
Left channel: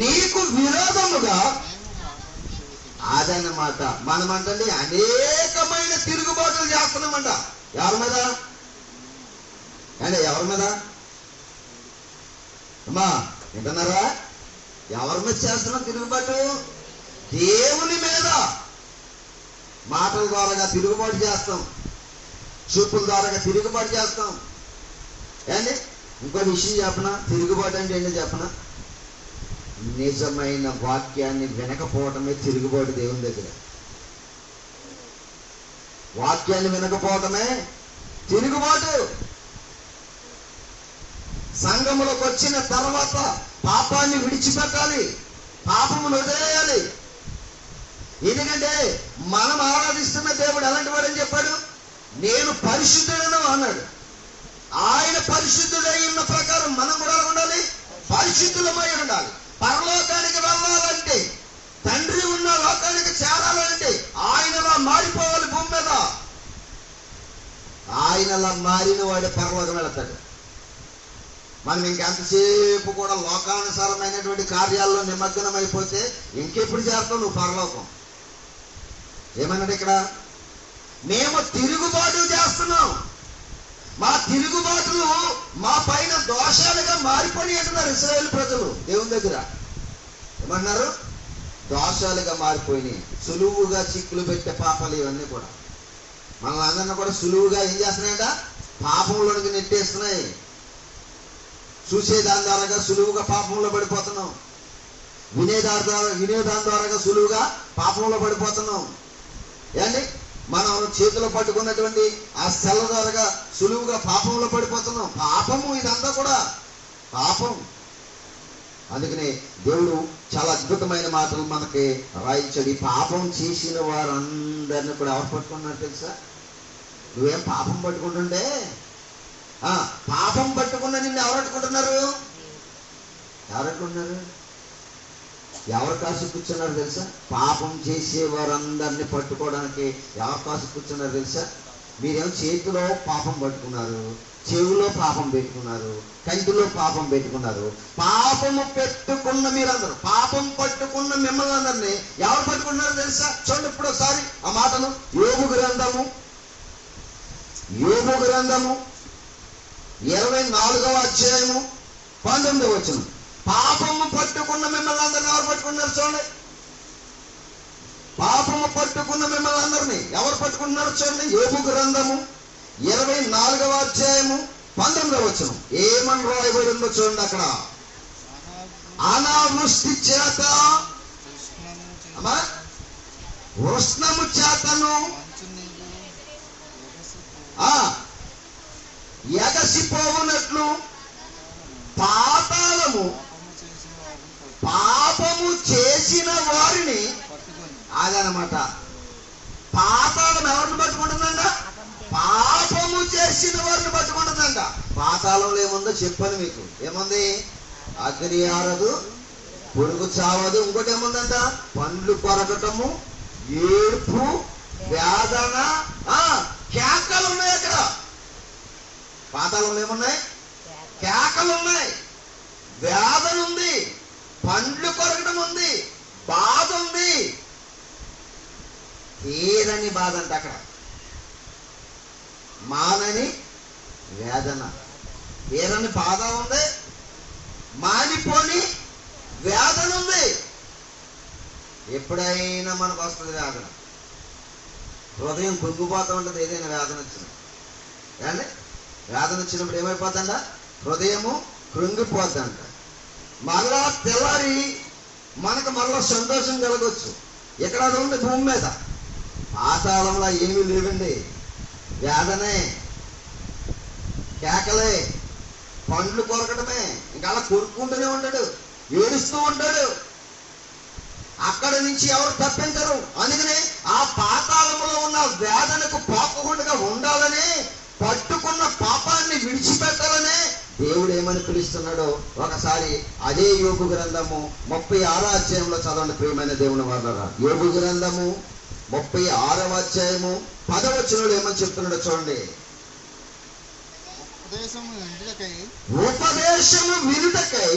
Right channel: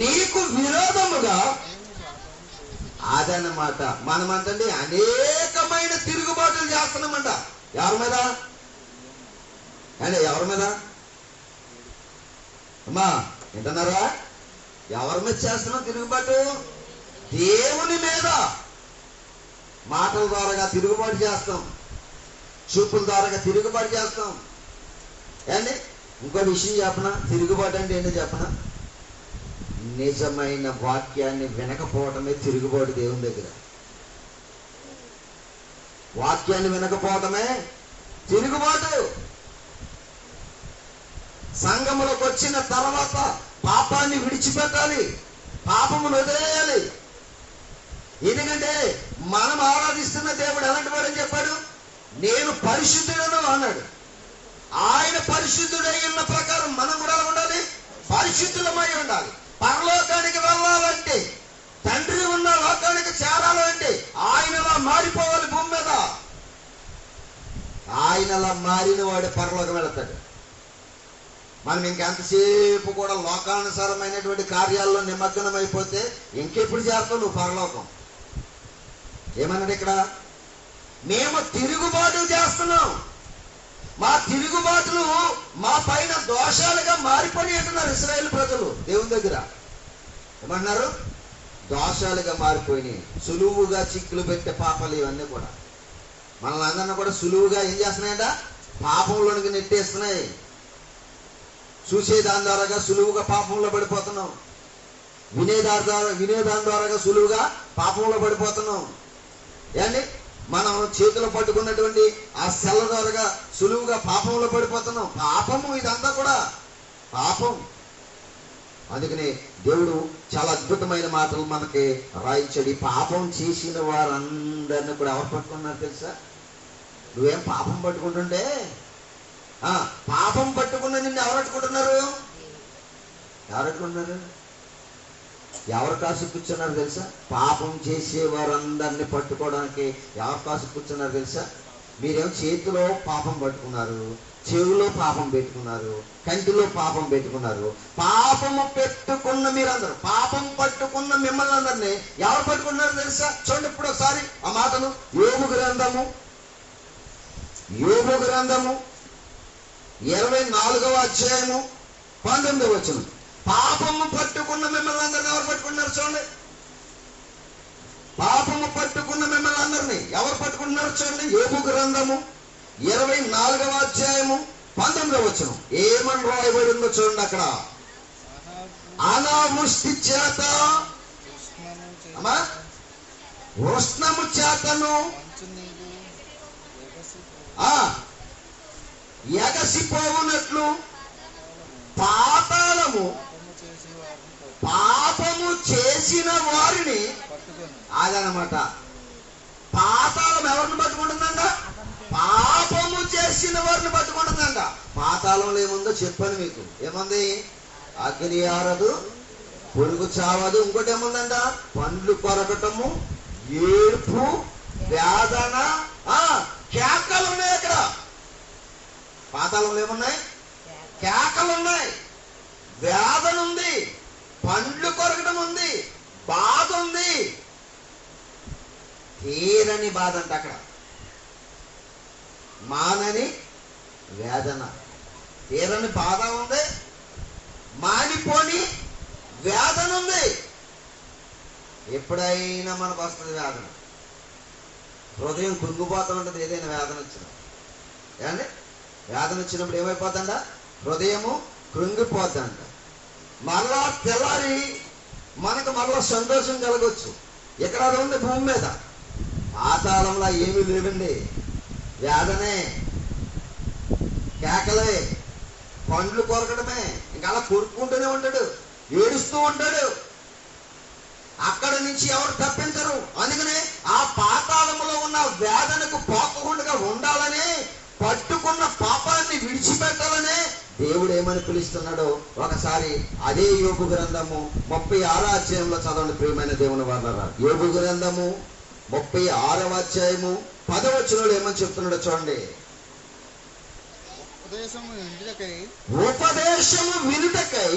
నీకు విరోధముగా. అదన్నమాట. మనమంటండి అనేకమైన తిరుగుబాటులు చేస్తున్నామంట. ఎవరి మీద? ఎవరి మీద అమ్మా వింటున్నారా? ఎవరి మీద చేస్తున్నాం తిరుగుబాటు? దేవుని మీద. మాటల ద్వారా తిరుగుబాటు చేస్తాం, చూపుల ద్వారా తిరుగుబాటు చేస్తాం. ఇంకో విషయం చెప్పనా? తిరుగుబాటు అంటే ఏంటో చెప్పనా? నిజమైన వాక్యాన్ని వినకపోవటమే తిరుగుబాటు దేవుని దగ్గర. వాక్యాన్ని వినకపోవటమే తిరుగుబాటు. సంఘములకు వచ్చిన తర్వాత పాపాన్ని విడిచిపెట్టాలి, పాపమును వదిలేయాలి. ఎందుకంటే మనం ఆరాధిస్తున్న దేవుడు ఎలాంటి వాడని చెప్పాడు? నేను పరిశుద్ధుడను అన్నాడు. ఆయన పరిశుద్ధుడై ఉన్న ప్రకారం మనం కూడా ఎలా ఉండాలి? పరిశుద్ధులమై ఉండాలి. పరలోకానికి వెళ్ళాలంటే, తండ్రి ఉన్న లోకానికి చేరాలంటే ఆయనలా మారిపోవాలి. భూమి మీద ఆయనలా మారిన వాడే పరలోకం వెళతాడు. మనం ఇంకెంతసేపు కూడా లోకానుసారమైనటువంటి కార్యాల్లో నిమగ్నం అయిపోతే ఇంకెప్పుడు చేస్తావు నువ్వు పరలోకం? ఏమన్నాడు ఇక్కడ? మేము తిరుగుబాటు చేస్తున్నాం, మా తిరుగుబాటులు మా పైన దోషాలుగా మారిపోయి అంటున్నారు ఇశ్రాయేలు ప్రజలు. దేవుని దగ్గర ఏమన్నారు? దోషాలుగా మారిపోయినాయి. సులువుగా చిక్కులు పెట్టే పాపాలు ఇవన్నీ కూడా మనల్ని అందరినీ కూడా సులువుగా ఏం చేస్తున్నాయంట? పాపంలోనికి నెట్టేస్తున్నాయి. చూసేదాని ద్వారాగా సులువుగా పాపంలో పడిపోతున్నాం. వినేదాని ద్వారాగా సులువుగా పాపంలో పడిపోతున్నాం. ఏండి, మనం చేతిలో పట్టుకున్నటువంటి ఆ సెల్ల ద్వారాగా సులువుగా పాపంలో పడిపోతున్నాం. పాపము ఇదంతా కూడా పాపం. అందుకని దేవుడు చాలా అద్భుతమైన మాటలు మనకి రాయించాడు. ఈ పాపం చేసిన వారందరినీ కూడా ఎవరు పట్టుకున్నారు తెలుసా? నువ్వేం పాపం పట్టుకుంటుంటే పాపం పట్టుకున్న నిన్ను ఎవరు పట్టుకుంటున్నారు? ఎవరు పట్టుకుంటున్నారు? ఎవరు కాసు కూర్చున్నారు తెలుసా? పాపం చేసే వారందరినీ పట్టుకోవడానికి ఎవరు కాసు కూర్చున్నారు తెలుసా? మీరేమో చేతిలో పాపం పట్టుకున్నారు, చెవులో పాపం పెట్టుకున్నారు, కంటిలో పాపం పెట్టుకున్నారు. పాపము పెట్టుకున్న మీరందరూ, పాపం పట్టుకున్న మిమ్మల్ని అందరినీ ఎవరు పట్టుకున్నారు తెలుసా? చూడండి ఇప్పుడు ఒకసారి ఆ మాటలు. యోబు గ్రంథము 24వ అధ్యాయము 19వ వచనం. పాపము పట్టుకున్న మిమ్మల్ని అందరినీ ఎవరు పట్టుకున్నారు? చూడండి, పాపము పట్టుకున్న మిమ్మల్ని అందరినీ ఎవరు పట్టుకుంటున్నారు? చూడండి, యోబు గ్రంథము 24వ అధ్యాయము 19వ వచనం. ఏమని రాయబడిందో చూడండి అక్కడ. అనావృష్టి చేత, ఉష్ణము చేతను ఎగసిపోవునట్లు పాతాళము పాపము చేసిన వారిని, అదనమాట. పాతాళం ఎవరిని పట్టుకుంటుందంట? పాపము చేసిన వారిని పట్టుకుంటుందంట. పాతాళంలో ఏముందో చెప్పాను మీకు. ఏముంది? అగ్ని ఆరదు, పొడుగు చావదు. ఇంకోటి ఏముందంట? పండ్లు కొరకటము, ఏడుపు, వేదన, కేకలు ఉన్నాయి అక్కడ. పాతాళంలో ఏమున్నాయి? కేకలు ఉన్నాయి, వేదన ఉంది, పండ్లు కొరకడం ఉంది, బాధ ఉంది. తీరని బాధ అంట అక్కడ. మానని వేదన. తీరని బాధ ఉంది, మానిపోని వేదన ఉంది. ఎప్పుడైనా మనకు వస్తుంది వేదన. హృదయం కృంగిపోతూ ఉంటుంది ఏదైనా వేదన వచ్చింది. ఏమండి, వేదన వచ్చినప్పుడు ఏమైపోతుందంట? హృదయము కృంగిపోతుందంట. మరలా తెల్లారి మనకు మరలా సంతోషం కలగొచ్చు. ఎక్కడ అది ఉంది? భూమి మీద. పాతాళంలో ఏమీ లేవండి. వేదనే, కేకలే, పండ్లు కొరకడమే. ఇంకా అలా కొరుక్కుంటూనే ఉంటాడు, ఏడుస్తూ ఉంటాడు. అక్కడి నుంచి ఎవరు తప్పించరు. అందుకనే ఆ పాతాళములో ఉన్న వేదనకు పోకుండా ఉండాలని, పట్టుకున్న పాపాన్ని విడిచిపెట్టాలనే దేవుడు ఏమని పిలుస్తున్నాడో ఒకసారి అదే యోబు గ్రంథము 36వ అధ్యాయంలో చదవండి ప్రియమైన దేవుని వారలారా. యోబు గ్రంథము 36వ అధ్యాయము 10వ వచనంలో ఏమని చెప్తున్నాడో చూడండి. ఉపదేశము వినుటకై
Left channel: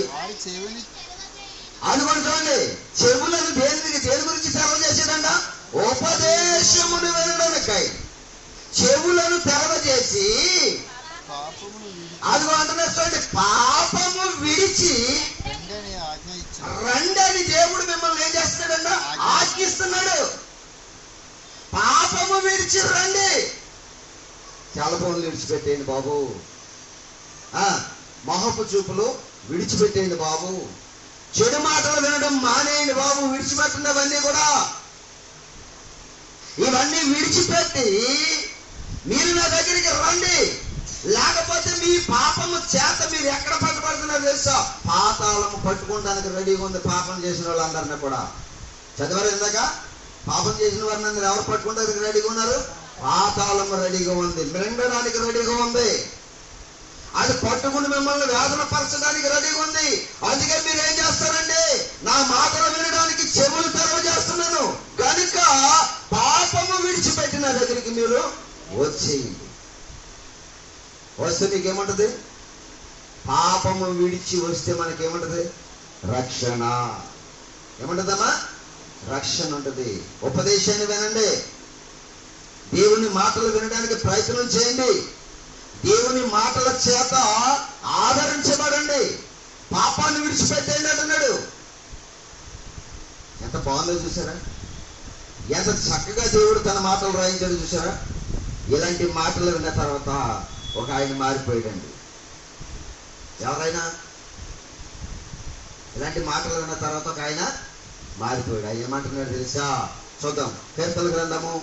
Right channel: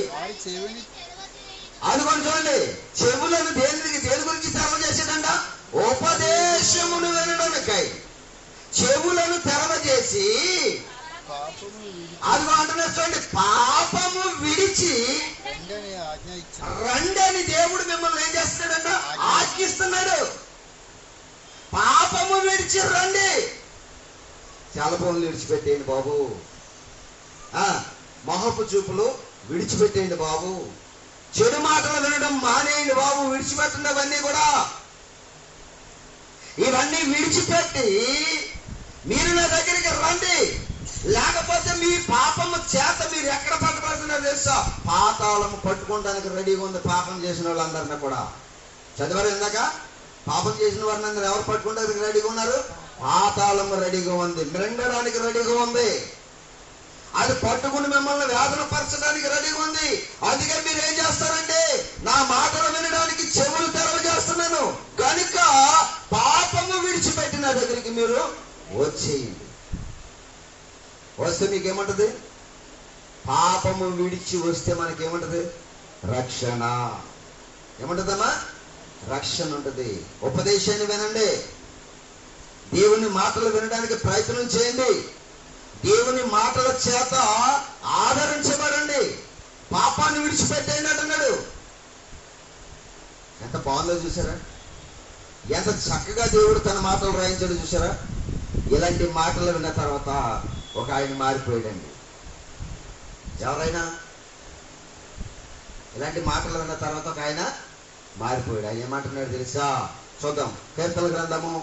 అనుకోండి. చూడండి, చెవులను దేని గురించి తెరవ చేశాడంట? ఉపదేశమును వినడానికై చెవులను తెరవ చేసి, అదిగో అంటున్నారు చూడండి, పాపము విడిచి రండి అని దేవుడు మిమ్మల్ని ఏం చేస్తున్నాడంట? ఆజ్ఞిస్తున్నాడు. పాపము విడిచి రండి. చాలా పనులు విడిచిపెట్టేయండి బాబు. మొహపు చూపులు విడిచిపెట్టేయండి బాబు. చెడు మాటలు వినడం మానేయండి బాబు. విడిచిపెట్టండి అవన్నీ కూడా. ఇవన్నీ విడిచిపెట్టి మీరు నా దగ్గరికి రండి. లేకపోతే మీ పాపము చేత మీరు ఎక్కడ పట్టుబడుతున్నారో తెలుసా? పాతాళము పట్టుకోవడానికి రెడీగా ఉంది పాపం చేసిన వాళ్ళందరినీ కూడా. చదివారు ఇందాక? పాపం చేసిన వారిని అందరూ ఎవరు పట్టుకోవడానికి రెడీగా ఉన్నారు? పాతాళము రెడీగా ఉంది, మింగడానికి రెడీగా ఉంది. అది పట్టుకుని మిమ్మల్ని వేదన పరచడానికి రెడీగా ఉంది. అందుకే మీరు ఏం చేస్తారంటే, నా మాటలు వినడానికి చెవులు తెరవజేస్తున్నాను కనుక పాపము విడిచిపెట్టిన దగ్గరికి మీరు వచ్చేయండి. వస్తే మీకేముంటది? పాపము విడిచి వస్తే మనకేముంటది? రక్షణ. ఏముంటదమ్మా? రక్షణ ఉంటుంది. ఉపదేశాన్ని వినండి, దేవుని మాటలు వినడానికి ప్రయత్నం చేయండి, దేవుని మాటల చేత ఆదరించబడండి, పాపాన్ని విడిచిపెట్టండి అంటున్నాడు. ఎంత బాగుందో చూసారా? ఎంత చక్కగా దేవుడు తన మాటలు రాయించాడు చూసారా? ఇలాంటి మాటలు విన్న తర్వాత ఒక ఆయన మారిపోయాడండి. ఎవరైనా ఇలాంటి మాటలు విన్న తర్వాత ఒక ఆయన మారిపోయాడు. ఆయన ఏమంటున్నాడు తెలుసా? చూద్దాం. కీర్తన గ్రంథము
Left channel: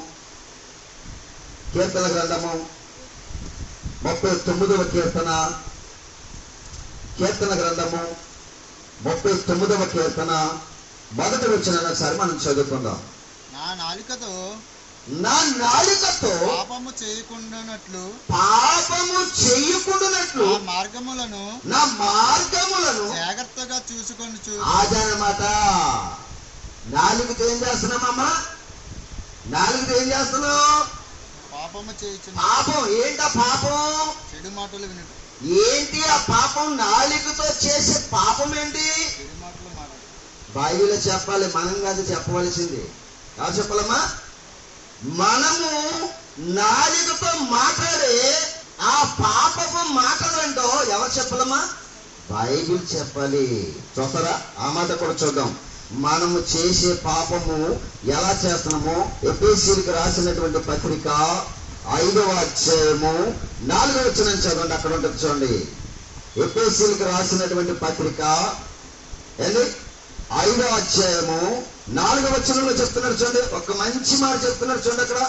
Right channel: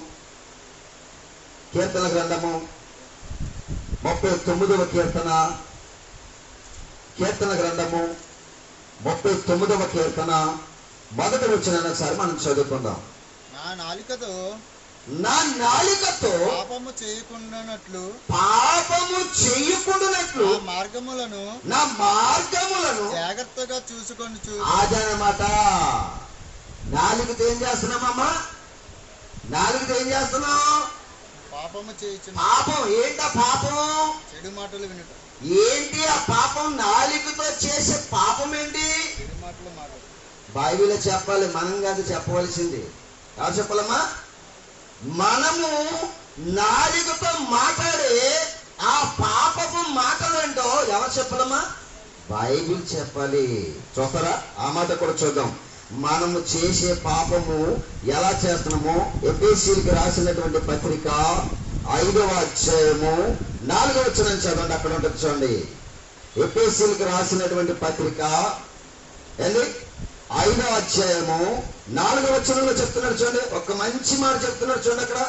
39వ కీర్తన. కీర్తన గ్రంథము 39వ కీర్తన మొదటి వచనాన్ని ఒకసారి మనం చదువుకుందాం. నా నాలుకతో పాపము చేయకుండానట్లు నా మార్గములను జాగ్రత్తగా చూసుకొని అదనమాట. నాలుగుతో ఏం చేస్తున్నామమ్మా? నాలుగుతో ఏం చేస్తున్నావు? పాపము చేయుచున్న పాపం. ఏంటా పాపం? చెడు మాటలు వినటం. ఏంటి ఆ పాపం? నాలుగుతో చేసే పాపం ఏంటి? చెడు మాటలు మాట్లాడు. బైబిల్లో చెప్పాలి, మనం కాదు చెప్పవలసింది. ఎవరు చెప్పాలమ్మా? మనము నాలుగుతో మాట్లాడే ఆ పాపపు మాటలంటో ఎవరు చెప్పాలమ్మా? బైబిల్ చెప్పాలి. చూస్తారా? ఆ మాట కూడా చూద్దాం. మనము చేసే పాపము ఎలా చేస్తున్నామో ఎఫెసీయులకు రాసినటువంటి పత్రిక 5వ అధ్యాయము 4వ వచనం చదవండి. అక్కడ ఉంటుంది చూడండి. ఎఫెసీయులకు రాసినటువంటి పత్రిక 5వ అధ్యాయము 4వ వచనంలో చెప్తున్నాడు చూడండి. ఒక మంచి మాట చెప్తున్నాడు చూడండి. అక్కడ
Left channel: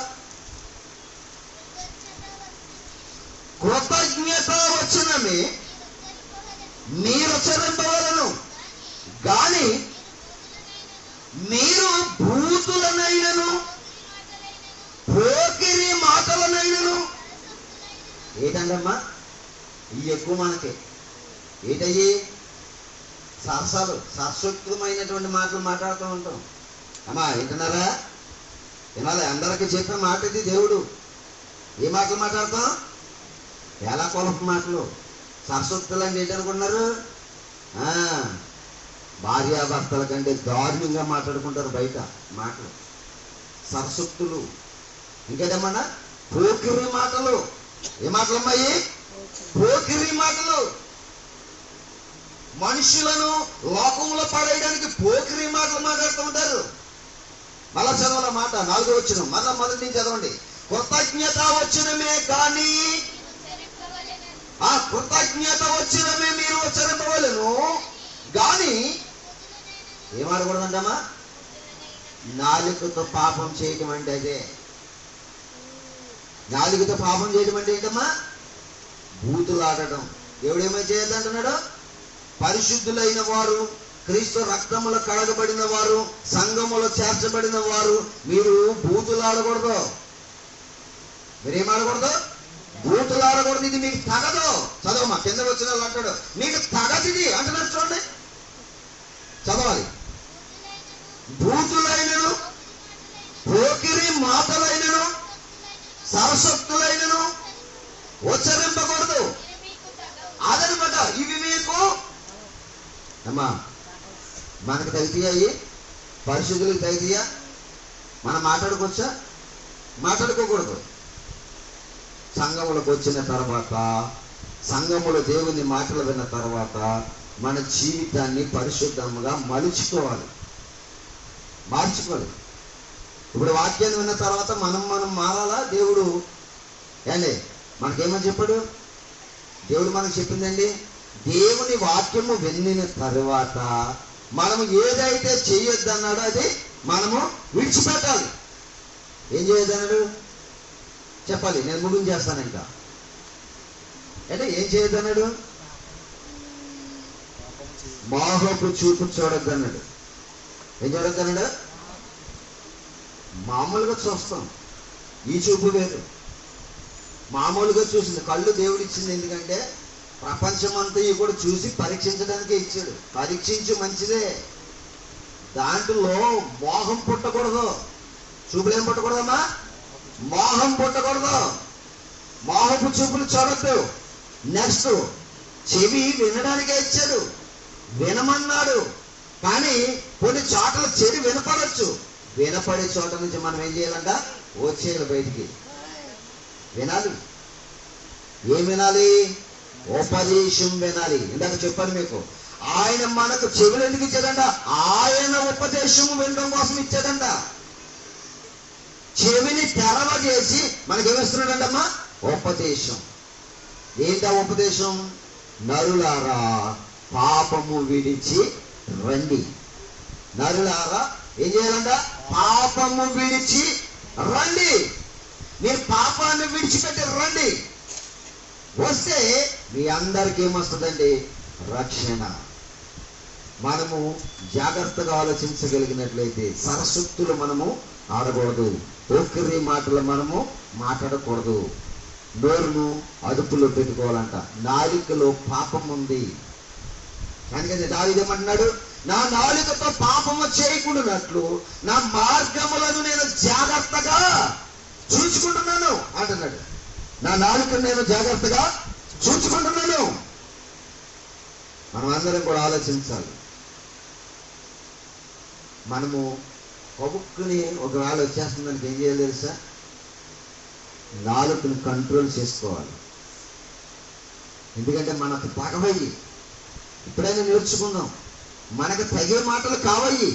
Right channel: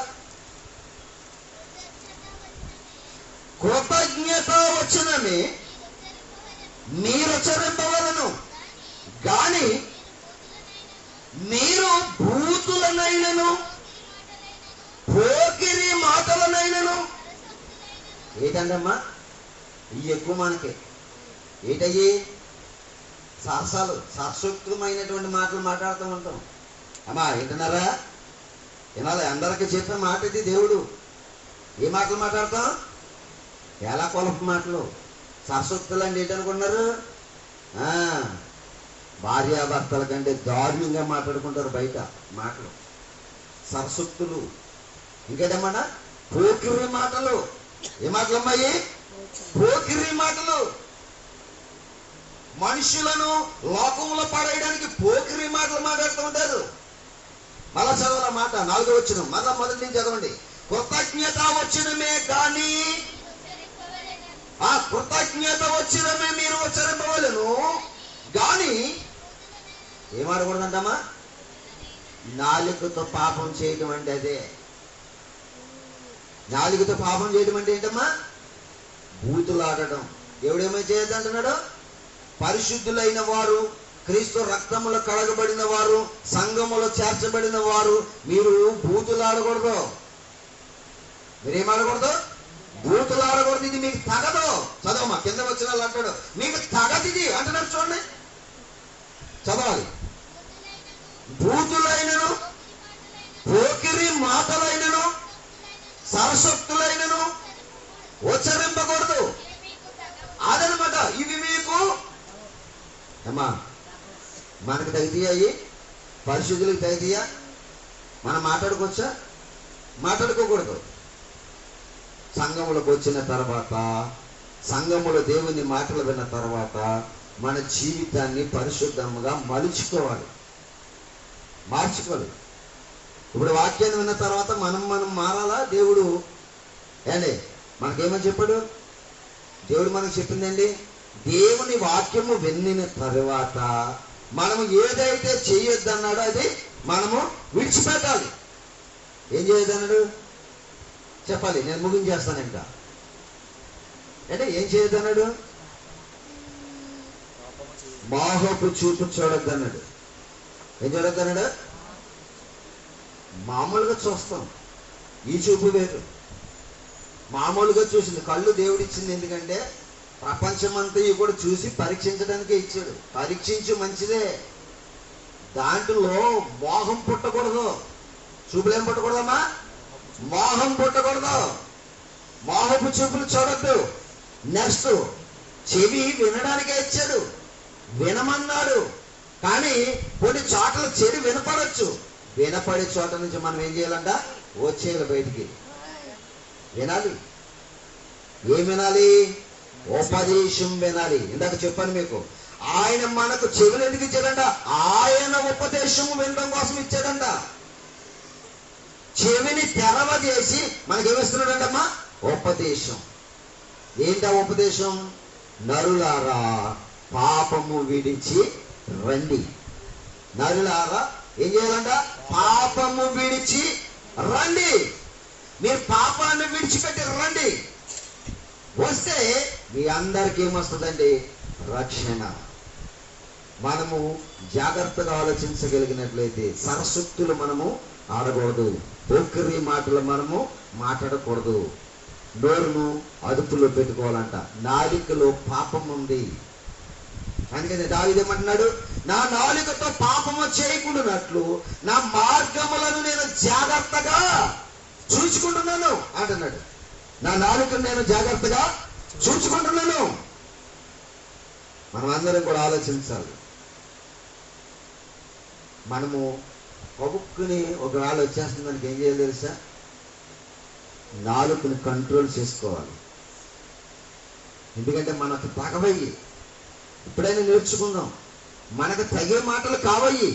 కృతజ్ఞత వచనమే మీరుచ్చరింపవలను, గాని మీరు భూతులనైనను పోకిరి మాటలనైనను. ఏంటండమ్మా ఇవి ఎక్కువ మనకి? ఏంటయ్యి? సరసాలు, సరస్వత్వమైనటువంటి మాటలు మాట్లాడుతూ ఉంటాం. అమ్మా ఏంటన్నారా? వినాలి. అందరికీ చెప్పే మాట ఇది. దేవుడు ఏ మాటలు మాట్లాడతాం? ఎలా కొలపు మాటలు. సరస్వత్తులు అంటే ఏంటనుకున్నారు? భార్యాభర్తల కంటే దారుణంగా మాట్లాడుకుంటారు బయట మాటలు, సరస్వత్తులు. ఇంకేటమ్మా? పోకిరి మాటలు. ఏ మాటలు అమ్మాయి? పోకిరి మాటలు. మనుషులను లోకంలో పడేయడానికి పోకిరి మాటలు మాట్లాడుతూ ఉంటారు. మళ్ళా చదవాల మాట 4వ వచనం మళ్ళా మొదటి నుంచి చదవండి. కృతజ్ఞత వచనమే కానీ ఆ కృతజ్ఞత వచనమే మీరు ఉచ్చరింపవలెను, గాని ఏమాడకూడదంటమ్మా? నాలుకతో పాపం చేయటం అంటే అదే. నాలుగుతో పాపం చేయటం అంటే ఏంటమ్మా? బూతులాడటం. దేవుడేమో చేయొద్దంటున్నాడు? పరిశుద్ధులైన వారు, క్రీస్తు రక్తములో కడగబడిన వారు, సంఘములో చేర్చబడిన వారు మీరు బూతులాడకూడదు. మీరేమాడకూడదు? బూతులాడకూడదు. ఇది మీకు తగదు. చదవమ్మా. కింద వచ్చిన వాళ్ళు అంటాడు మీకు తగదు ఇది అంటున్నారు చూడండి. చదవాలి. భూతులైనను పోకిరి మాటలైనను సరస్వత్తులైనను ఉచ్చరింపకూడదు. అదనమాట. ఇవి మీకు అమ్మా మనకు తగ్గితాయి, పరిశుద్ధులకు తగ్గితీయా? మనం మాట్లాడుకోవచ్చా? మాట్లాడుకోకూడదు. సంఘములకు వచ్చిన తర్వాత, సంఘములో దేవుని మాటలు విన్న తర్వాత మన జీవితాన్ని పరిశుద్ధంగా మార్చుకోవాలి. ఇప్పుడు వాక్యాన్ని విన్న తర్వాత మనం మారాలా? దేవుడు ఏండి మనకేమని చెప్పాడు? దేవుడు మనకు చెప్పిందండి, దేవుని వాక్యము విన్న తర్వాత మనము ఏదైతే చేయొద్దన్నాడో అది మనము విడిచిపెట్టాలి. ఏం చేయొద్దన్నాడు చెప్పాలి. నేను ముగించేస్తాను. ఇంకా అంటే ఏం చేయొద్దన్నాడు? మోహపు చూపు చూడొద్దు అన్నాడు. ఏం చూడొద్దు అన్నాడు? మామూలుగా చూస్తాం, ఈ చూపు వేరు. మామూలుగా చూసింది కళ్ళు దేవుడిచ్చింది ఎందుకంటే ప్రపంచమంతా ఇవి కూడా చూసి పరీక్షించడానికే ఇచ్చాడు. పరీక్షించు మంచిదే, దాంట్లో మోహం పుట్టకూడదు. చూపులేం పుట్టకూడదమ్మా? మోహం పుట్టకూడదు. మోహపు చూపులు చూడద్దు. నెక్స్ట్ చెవి వినడానికే ఇచ్చాడు, వినమన్నాడు. కానీ కొన్ని చోట్ల చెడు వినపడచ్చు. వినపడే చోట నుంచి మనం ఏం చేయాలంట? వచ్చేయాలి బయటికి. వినాలి. ఏం వినాలి? ఉపదేశం వినాలి. ఇందాక చెప్పాను మీకు, ఆయన మనకు చెవులు ఎందుకు ఇచ్చాడంట? ఆయన ఉపదేశం వినడం కోసం ఇచ్చాడంట. చెవిని తెరవజేసి మనకేమిస్తున్నాడంటమ్మా? ఉపదేశం. ఏంటా ఉపదేశం? నరులారా పాపము విడిచి రండి. నరులారా ఏం చేయాలంట? పాపము విడిచి రండి. మీరు పాపాన్ని విడిచిపెట్టి రండి. వస్తే మీ అందరికీ ఏమొస్తుందండి? రక్షణ. మనము జాగ్రత్తగా ఆలోచించగలిగినట్లయితే సరస్వత్తులు మనము ఆడకూడదు, పోకిరి మాటలు మనము మాట్లాడకూడదు, నోరును అదుపులో పెట్టుకోవాలంట. నాలికలో పాపం ఉంది. అందుకని దావీదేమంటున్నాడు? నా నాలుకతో పాపము చేయకుండానట్లు నా మార్గములను నేను జాగ్రత్తగా చూసుకుంటున్నాను అంటున్నాడు. నా నాలుకను నేను జాగ్రత్తగా చూసుకుంటున్నాను. మనం అందరం కూడా ఆలోచించాలి. మనము కొడుకుని ఒకవేళ వచ్చేస్తుందానికి ఏం చేయాలి తెలుసా? నాలుకను కంట్రోల్ చేసుకోవాలి. ఎందుకంటే మనకు తగవయ్యి ఇప్పుడైనా నేర్చుకుందాం. మనకు తగే మాటలు కావయ్యి,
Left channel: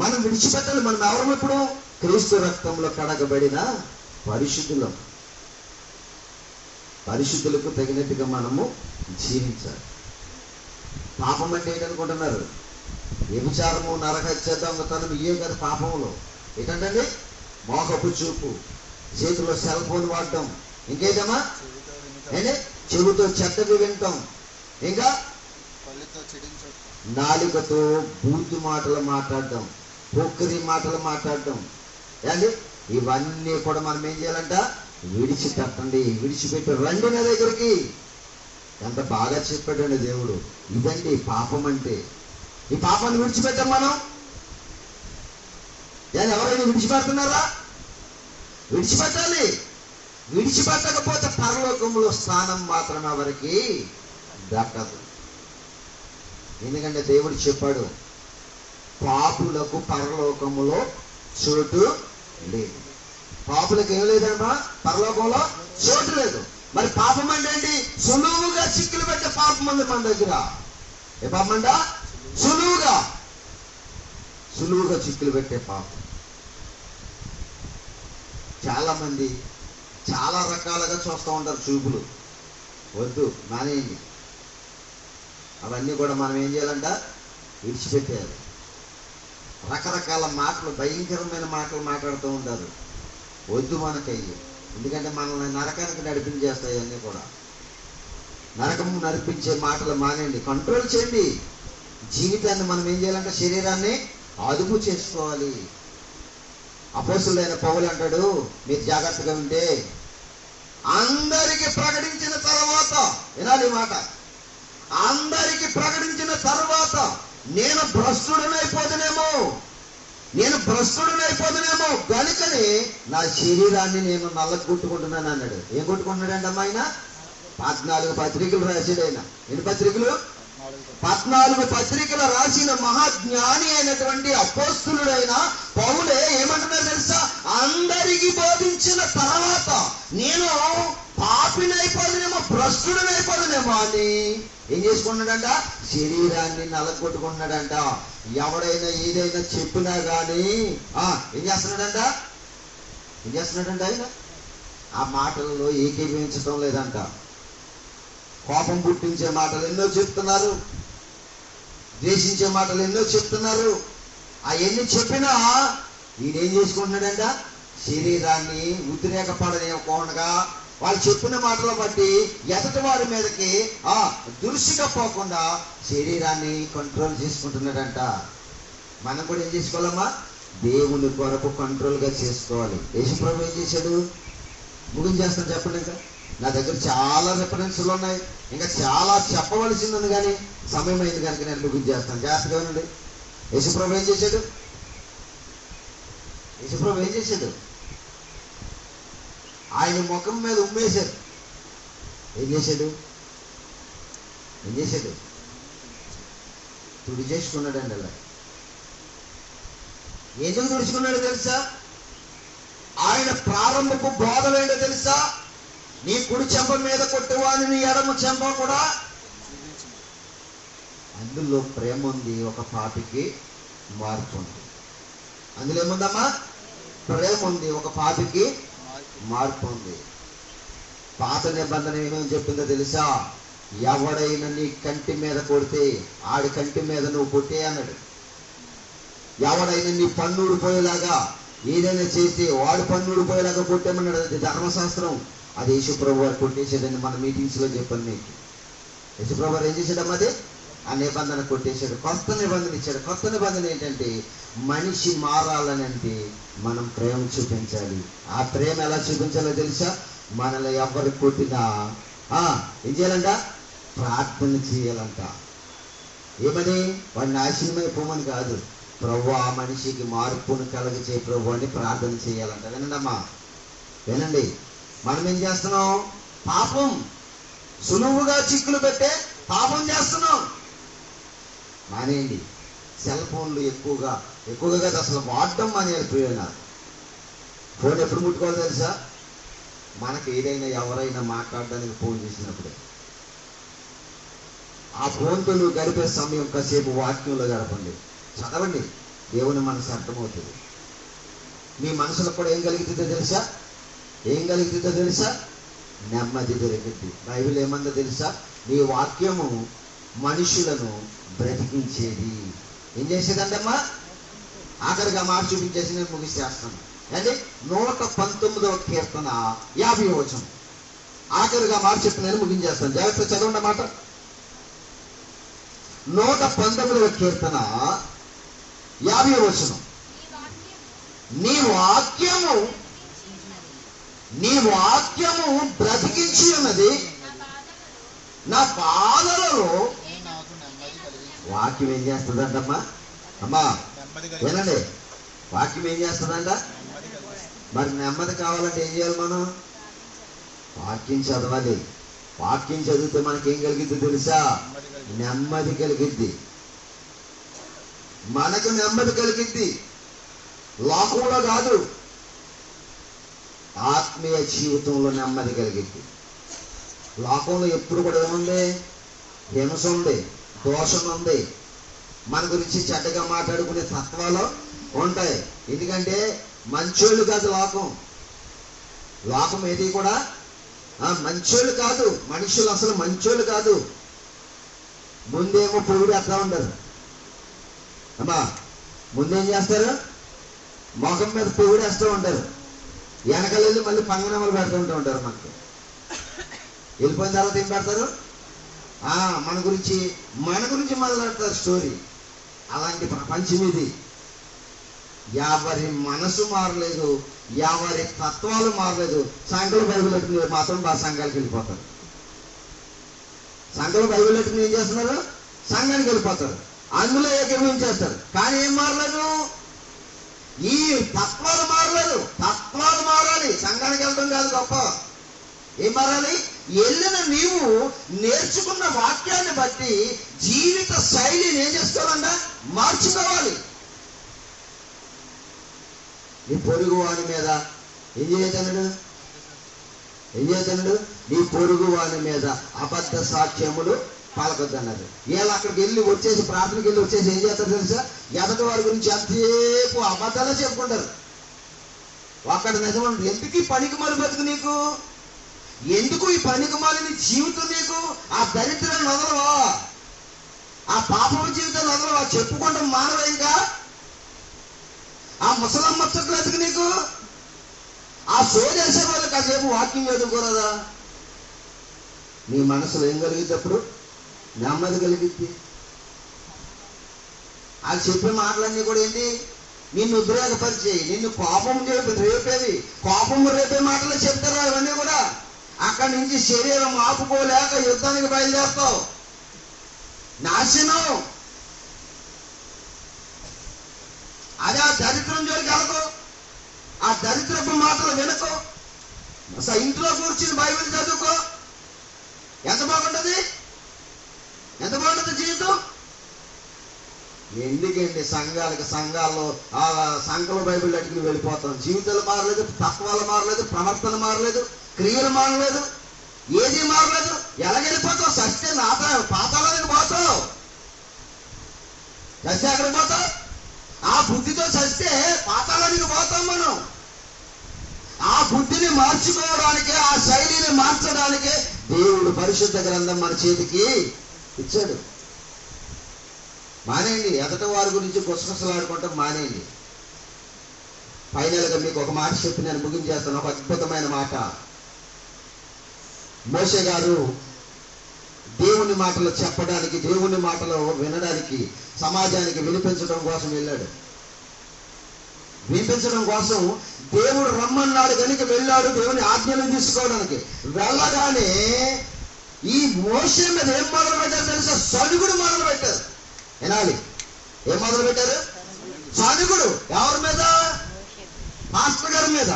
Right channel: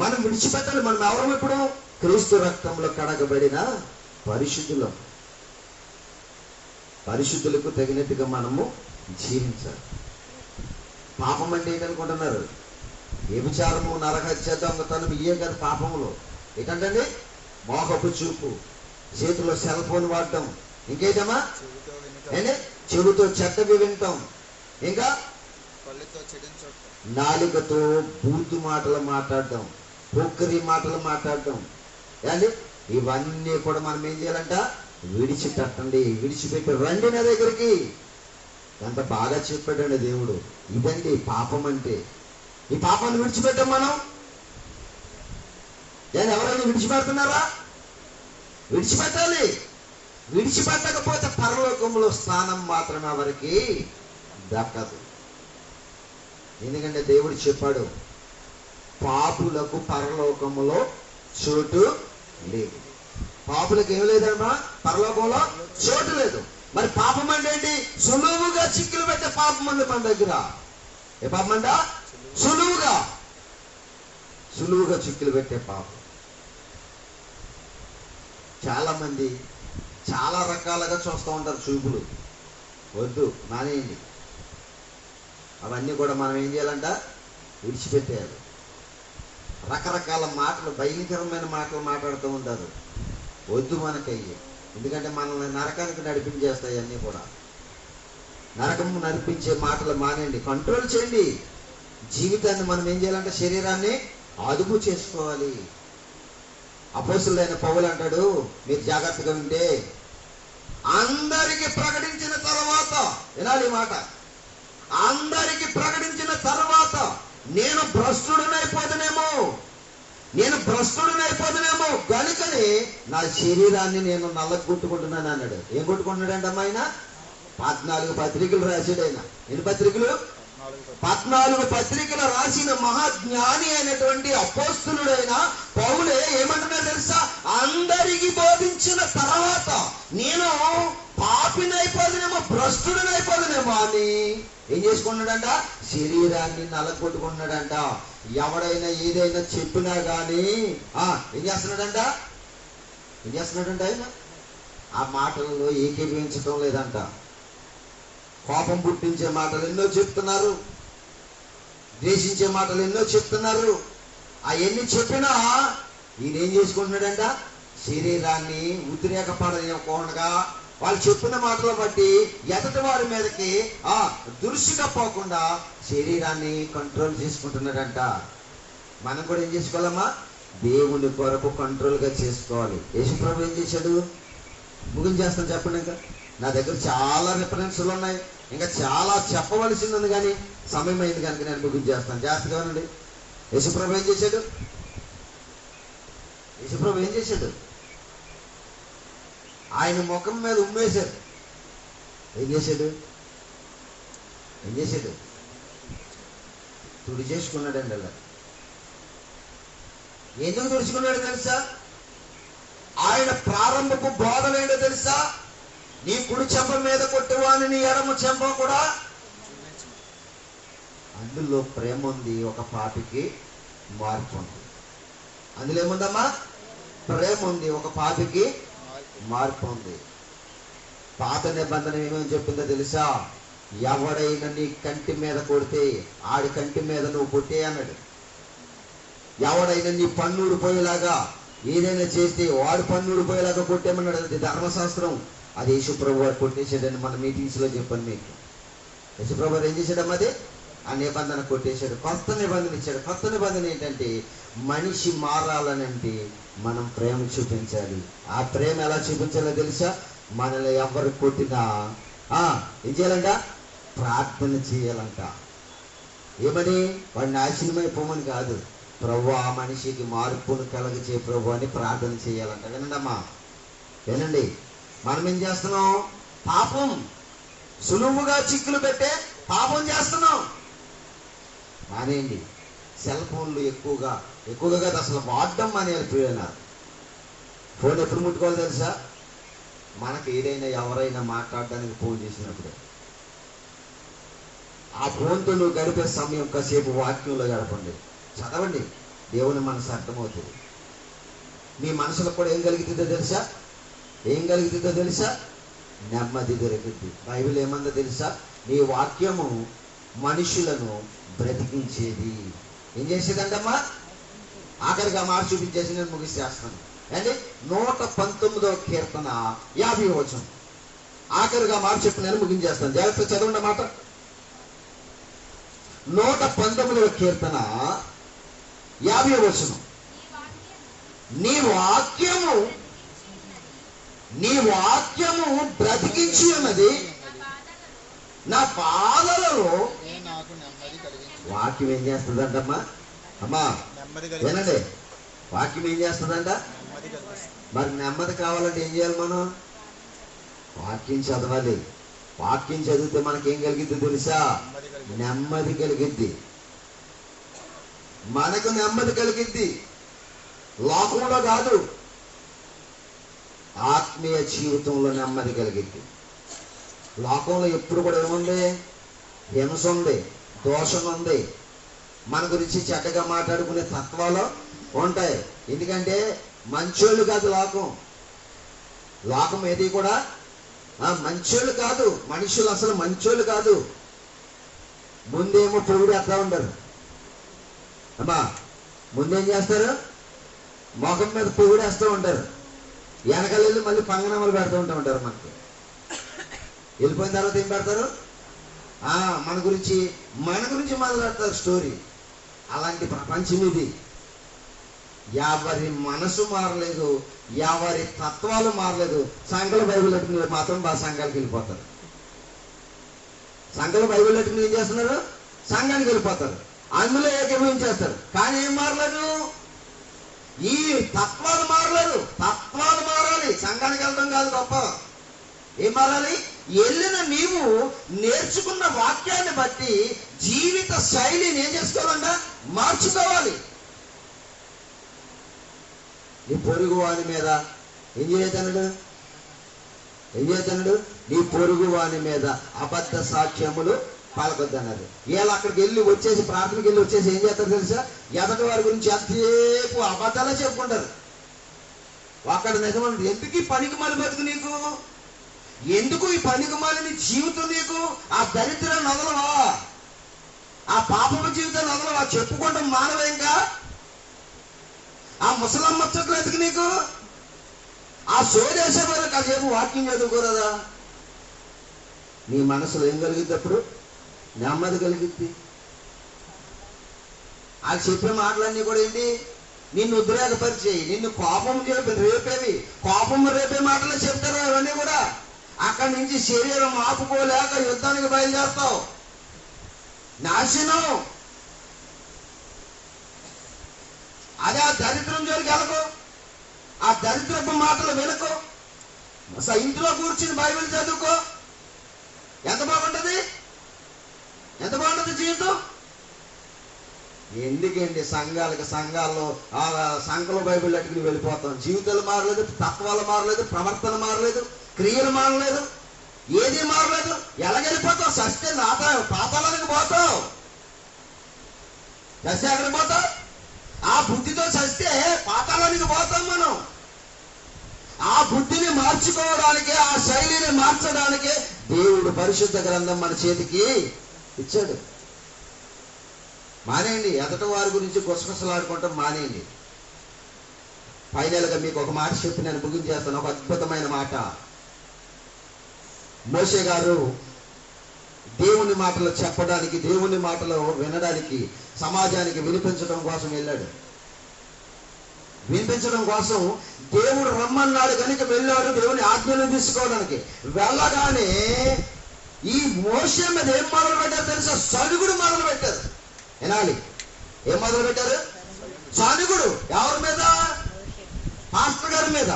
మనం విడిచిపెట్టాలి. మనం ఎవరు? ఇప్పుడు క్రీస్తు రక్తంలో కడగబడిన పరిశుద్ధులం. పరిశుద్ధులకు తగినట్టుగా మనము జీవించాలి. పాపం అంటే ఏంటనుకుంటున్నారు? వ్యభిచారము, నరహత్య, దొంగతనం ఇవే కాదు పాపములో. ఏంటంటే మోహపు చూపు, చేతిలో సెల్ ఫోన్ వాడటం, ఇంకేదమ్మా? చెవుతో చెడ్డవి వింటాం, ఇంకా నాలుకతో బూతు మాటలు మాట్లాడటం, పొక్కరి మాటలు మాట్లాడటం. ఏంటి? ఇవన్నీ కూడా మనం ఏం చేయాలంట? విడిచిపెట్టండి. విడిచిపెట్టి రండి నా దగ్గరికి. ఎంత బాగా చెప్పాడండి దేవుడు. ఇదండి పాపం అంటే. ఈ పాపాన్ని విడిచిపెట్టాం మనం. ఎవరైనా విడిచిపెడుతున్నారా? విడిచిపెట్టాలి. విడిచిపెట్టకపోతే పరలోకంలో స్థానం మాత్రమే ఎవరికి దక్కదు. ఎందుకంటే దేవుడు చెప్పాడు, పాపులకు పరలోకములో చోటు లేదు. పాపులకు ఏం లేదమ్మా? పరలోకంలో చోటు లేదు. మరి పాపం అంటే ఏంటి? సులువుగా చిక్కులు పెట్టే పాపం ఉంది మన దగ్గర. ఏ పాపం అంట? సులువుగా చిక్కులు పెట్టే పాపం. చాలా మంది చాలా రకాలుగా చూస్తూ ఉంటారు చూపులు. వద్దు, మానేయండి. అవన్నీ కూడా మనం ఏం చేయాలంట? విడిచిపెట్టేయాలి. రకరకాల మాటలు, భయంకరమైన మాటలు మాట్లాడుతూ ఉంటారు. వద్దు మనకయ్యి. ఎందుకంటే మనల్ని నరకానికి నడిపించేస్తాయి. అన్నీ కూడా నరకము నడిపించే మాటలు మానేయండి. కంట్రోల్ చేయండి. జీవితాన్ని మనం ఏం చేయాలంటే శరీరాన్ని అదుపు చేసుకోవాలి. అపోస్తులైన పౌలు అంటాడు, మీరు జాగ్రత్తగా ఉంటే అందరికి ప్రకటించిన తర్వాత, వినాలి మాట, అందరికి ప్రకటించిన తర్వాత నేను భ్రష్టుడనైపోదునేమో కనుకని నా శరీరాన్ని నేను నల్లగొట్టుకుంటున్నాను అన్నాడు. ఏం కొట్టుకుంటున్నాడు అంటే ఆయన 14 పత్రికలు రాశాడు. ఆయన ఎన్ని పత్రికలు? 14 పత్రికలు రాసిన మహాజ్ఞాని అయినటువంటి అపోస్తులుడైన పౌలే ఏమంటున్నాడు తెలుసా? అందరికి బోధించిన తర్వాత నేను పాపినైపోదునేమో, భ్రష్టుడనైపోదునేమో అని ఏం చేసుకున్నాడంట? శరీరాన్ని నలగొట్టుకున్నాడంట. ఎవడైనా ఏదైనా చెప్పినా గానీ ఏం చేస్తున్నాడంట? ఆయన ఆ మాటలలో ఏకీభవించడం లేదంట. కోపం పుట్టించే మాటలు ఎన్నో చెప్తున్నారు, ద్వేషించే మాటలు ఎన్నో చెప్తున్నారు. అవన్నీ చెప్పినా ఈయన ఏం చేసుకుంటున్నాడంట? శరీరాన్ని ఉద్రేకపడనివ్వకుండా వాళ్ళు చెప్పిన మాటలు బట్టి ఎదటి వారి మీదకి దురుసుగా పోకుండా శరీరాన్ని కంట్రోల్ చేసుకుంటున్నాడంట. మనం కూడా ఏం చేసుకోవాలమ్మా? దేవుని కొరకు కంట్రోల్గా చేసుకోవాలి. యేసుప్రభు ఏం చేశాడు? ముగించేస్తాను చెప్పండి. ఇంకా నా దగ్గర చాలా రిఫరెన్స్లు ఉన్నాయి, ఇంకా చాలా చెప్పవలసింది ఉంది, కానీ సమయం అయింది కనుక నేను ముగించేస్తాను. జాగ్రత్తగా ఉండండి. యేసుప్రభు ఏం చేశాడు? యేసుప్రభు ఏం చేశాడు? ఆయన ముఖం మీద ఉమ్మేశాడు. ఏం చేశాడు? తుడి చేసుకున్నాడండి. అలా ఎందుకు తుడుచుకున్నాడు తెలుసా? ఆయన ప్రారంభపు బోధలేంటో తెలుసా? నీ కుడి చెంప మీద కొట్టువాని నీ ఎడమ చెంప కూడా. అందులో ప్రేమ ఉంది, ఒక పాపికి మార్పు ఉంది. అందులో ఏముందమ్మా? ప్రేమ ఉంది, ఒక పాపికి మార్పు ఉంది. పాత నిబంధన ఏమని చెప్పిందో తెలుసా? ఎవడైనా నీ కంటి మీద కొడితే ఆడి కంటి మీద నువ్వు కొట్టే అన్నాడు. ఎవడైనా నీ పన్ను ఊడిపోయేలాగా ఏదైనా చేస్తే వాడు పన్ను ఊడిపోయేలాగా కొట్టేమన్నాడు. అది ధర్మశాస్త్రం. అది యేసుప్రభు వారు కొట్టేశాడని మన మీటింగ్స్లో చెప్పాను మీకు. యేసుప్రభు వారు ఏం చేశాడమ్మా? అది ఆ నిబంధన కొట్టేశాడు, కొత్త నిబంధన ఇచ్చాడు. కొత్త నిబంధన ఏంటంటే మనిషి మారాలనంటే మనం ప్రేమ చూపించాలి. ఆ ప్రేమ ఎలా చూపించాలో తెలుసా? మనల్ని ఎవరు కొట్టినా ఏం చేయాలంట? ప్రార్థన చేయాలంట. ఏమని? వాడిని నాశనమైపోమని కాదు, ప్రభు ఆ మనిషికి మార్పును కలగచే ప్రభు అని ప్రార్థన చేయాలంట. వినండి అమ్మా, వినండి. మనం ఏం చేస్తున్నాం? పాపం సులువుగా చిక్కులు పెట్టే పాపం చేస్తున్నాం. మానేయండి. సెల్ ఫోన్లు ఎక్కువగా కాదు, అసలు వాడడం మానేయాలి. ప్రియులైన ఫోన్ ఎప్పుడు ముట్టుకోవాలి తెలుసా? మనకి ఏదైనా ఎవరైనా మాట్లాడడానికి ఫోన్ చేసినప్పుడే. ఆ ఫోన్తో నువ్వు గడిపే సమయం కాసేపు వాక్యంలో గడపండి, చదవండి. దేవుని మనసు అర్థమవుతుంది. మీ మనసులో కూడా ఏం కలుగుతుందో తెలుసా? నెమ్మది దొరికింది. బైబిల్ ఏమందో తెలుసా? నీ వాక్యము మనుషులను బ్రతికించేది. ఏం చేసేదంటమ్మా? ఆఖరిగా మాట చూపించేసి నేను ముగిసేస్తాను. అంటే 119వ కీర్తన 50వ వచనం ఆఖరిగా మాట చెప్పి నేను ముగించేస్తాను. జాగ్రత్త చదవండి మాట. 119వ కీర్తన 50వ వచనం. నీ వాక్యము బ్రతికించి ఉన్నది నా పాదలలో. వాక్యం ఏం చేస్తుందంటమ్మా? అమ్మా వినండి, వాక్యం ఏం చేస్తుందంట? మరి నెమ్మది కావాలంటే ఏం చేయాలి? మనం వాక్యం చదవాలి. వాక్యం చదివితే మనకేం కలిగిద్ది తెలుసా? నెమ్మది కలిగిద్ది. మనకు నెమ్మది కలిగిద్ది. లోకంలో కాదు, ఆత్మీయ జీవితంలో నెమ్మది కలిగిద్ది. లోకంలో ఎప్పుడు కూడా ఏముంది? హింస ఉంది, దోషం ఉంది, మన గురించి చెడ్డగా మాట్లాడుకునే తత్వాలు ఉంటాయి. ఎందుకంటే మంచోళ్ళు కాదు లోకం ఏది కూడా మంచోళ్ళు కాదు. మనుషులు అసలు మంచోళ్ళు కాదు. ముందేమో పొగిడేస్తా ఉండరు అమ్మా. ముందేం చేస్తారు? మొఖం మీద పొగిడేస్తూ ఉంటారు. వెనకాల మళ్ళీ పంగనమ్మలు పెడుతూ ఉంటారు. మనకు వెళ్ళిపోయిన తర్వాత ఏం పెడతారు? మన గురించి మొదలెడతారు స్టోరీ. అలాంటి ప్రపంచం ఇది. ఎవరి మనసు మారలేదు, ఎవరి తత్వాలు మారలేదు. సంఘాలు బైబిల్ ఎట్టుకుని మాత్రం సంఘాలకు వెళ్ళిపోతారు. సంఘాలు బైబిల్ ఎట్టుకుని ఏం చేస్తున్నారు? సంఘానికి వెళ్ళిపోతారు. అందులో ఏకీభవించేస్తారు. కానీ ఏం మారలేదు? ఈ తత్వాలు మారలేదు. తత్వాలు మారాలి. సంఘానికి వెళ్ళడం కాదు గొప్ప. ఏం మారాలి? వెళ్ళిన నీవు నేర్చుకున్న వాక్యాన్ని బట్టి జీవిత శైలిని ఏం చేసుకోవాలంట? మార్చుకోవాలి. నీ పొరుగు వాని మీద ఏం చేయతన్నాడు? నీ పొరుగు వాని మీద అబద్ధ సాక్ష్యములు పలకొద్దన్నారు. వీళ్ళు అక్కడికి వెళ్ళి వచ్చేసి ప్రార్థనకి వెళ్ళి వచ్చేసి ఏం చేస్తారు తెలుసా? ఎదటి వారి గురించి ఎంతసేపు అబద్ధాలే చెప్పుకుంటారు. అక్కడ నిజమంటారు. ఎందుకు ఈ పనికి మాలి బతుకు నీకు? ఎందుకు ఈ పనికి మాలిన జీవితం నీకు? ఆ దరిద్రాన్ని వదలవా? ఆ పాపం జీవితాన్ని వదలవా? చెప్పుకుంటాం మానవ. ఇంకా ఆ ముసలమ్మ ముచ్చట్లు ఎందుకు నీకు? ఆ సోదేసే వాళ్ళు కాసేపు వాక్యం చదువుకోరాదా? నీ మనసులో ఏం కలిగినప్పుడు నెమ్మది కలిగిద్ది. ఆ చెప్పే మాటలన్నీ కూడా ఏంటి? నిన్ను ఉద్రేకపరిచేయి, నిన్ను కోపం రేపేవి, కోపం రేపే మాటలు చెప్తారా ఇవన్నీ కూడా. అక్కడి నుంచి శరీరం ఆపుకోలేక యుద్ధానికి బయలుదేరుతావు, నాశనం. అదే ఆ దరిద్రం జోలికి వెళ్ళకు, ఆ దరిద్రపు మాటలు వినకు. ఇంట్లో కూర్చుని బైబిల్ చదువుకో, ఎంత బాగుంటది, ఎంత బాగుంటుంది జీవితం. ఎందుకండి సంఘాల్లో ఆ సంఘంలో బైబిల్ అడిగి వెళ్ళిపోతాం. జీవితాలు మారలేదు, తత్వాలు మారలేదు, ప్రవర్తన మారలేదు, క్రియలు మారలేదు, ఏది మారలేదు. ఎలాగెళ్ళిపోతావు? సస్తే పాతాళానికి పోతావు. సస్తే ఎక్కడికి పోతావు? ఆ బుద్ధితో చస్తే పాతాళానికి పోతాం మనం. ఆ బుద్ధిని మార్చుకోవడానికి, ఆ శైలిని మార్చడానికి దేవుడు పరిశుద్ధ గ్రంథం మన చేతికి ఇచ్చాడు. మానేయండి, ఎదట వారి గురించి గుసగుసలాడుకుంటాం మానేయండి. ఫైనల్గా మీకు ఒక మాట చెప్పి నేను ముగించేస్తాను, ఒక అద్భుతమైన మాట. మోషే గారు దేవుని మాటలు చెప్పడానికి, దేవుని మాటలు వినడానికి, సమాజానికి వినిపించడం కోసం వెళ్ళాడు. వినిపించడం కోసం దేవుడు రమ్మన్నాడు కనుక వెళ్ళాడు, దేవుని ఆజ్ఞలు తీసుకోవడానికి. వెళ్ళగానే ఈ మోషే మీద ఏం మొదలు పెట్టారు తెలుసా? సనుగుడు మొదలు పెట్టారు. వినాలి, ఏం మొదలు పెట్టారు? సనుగుడు. ఎవరి మీద? పాస్టర్ గారి మీద.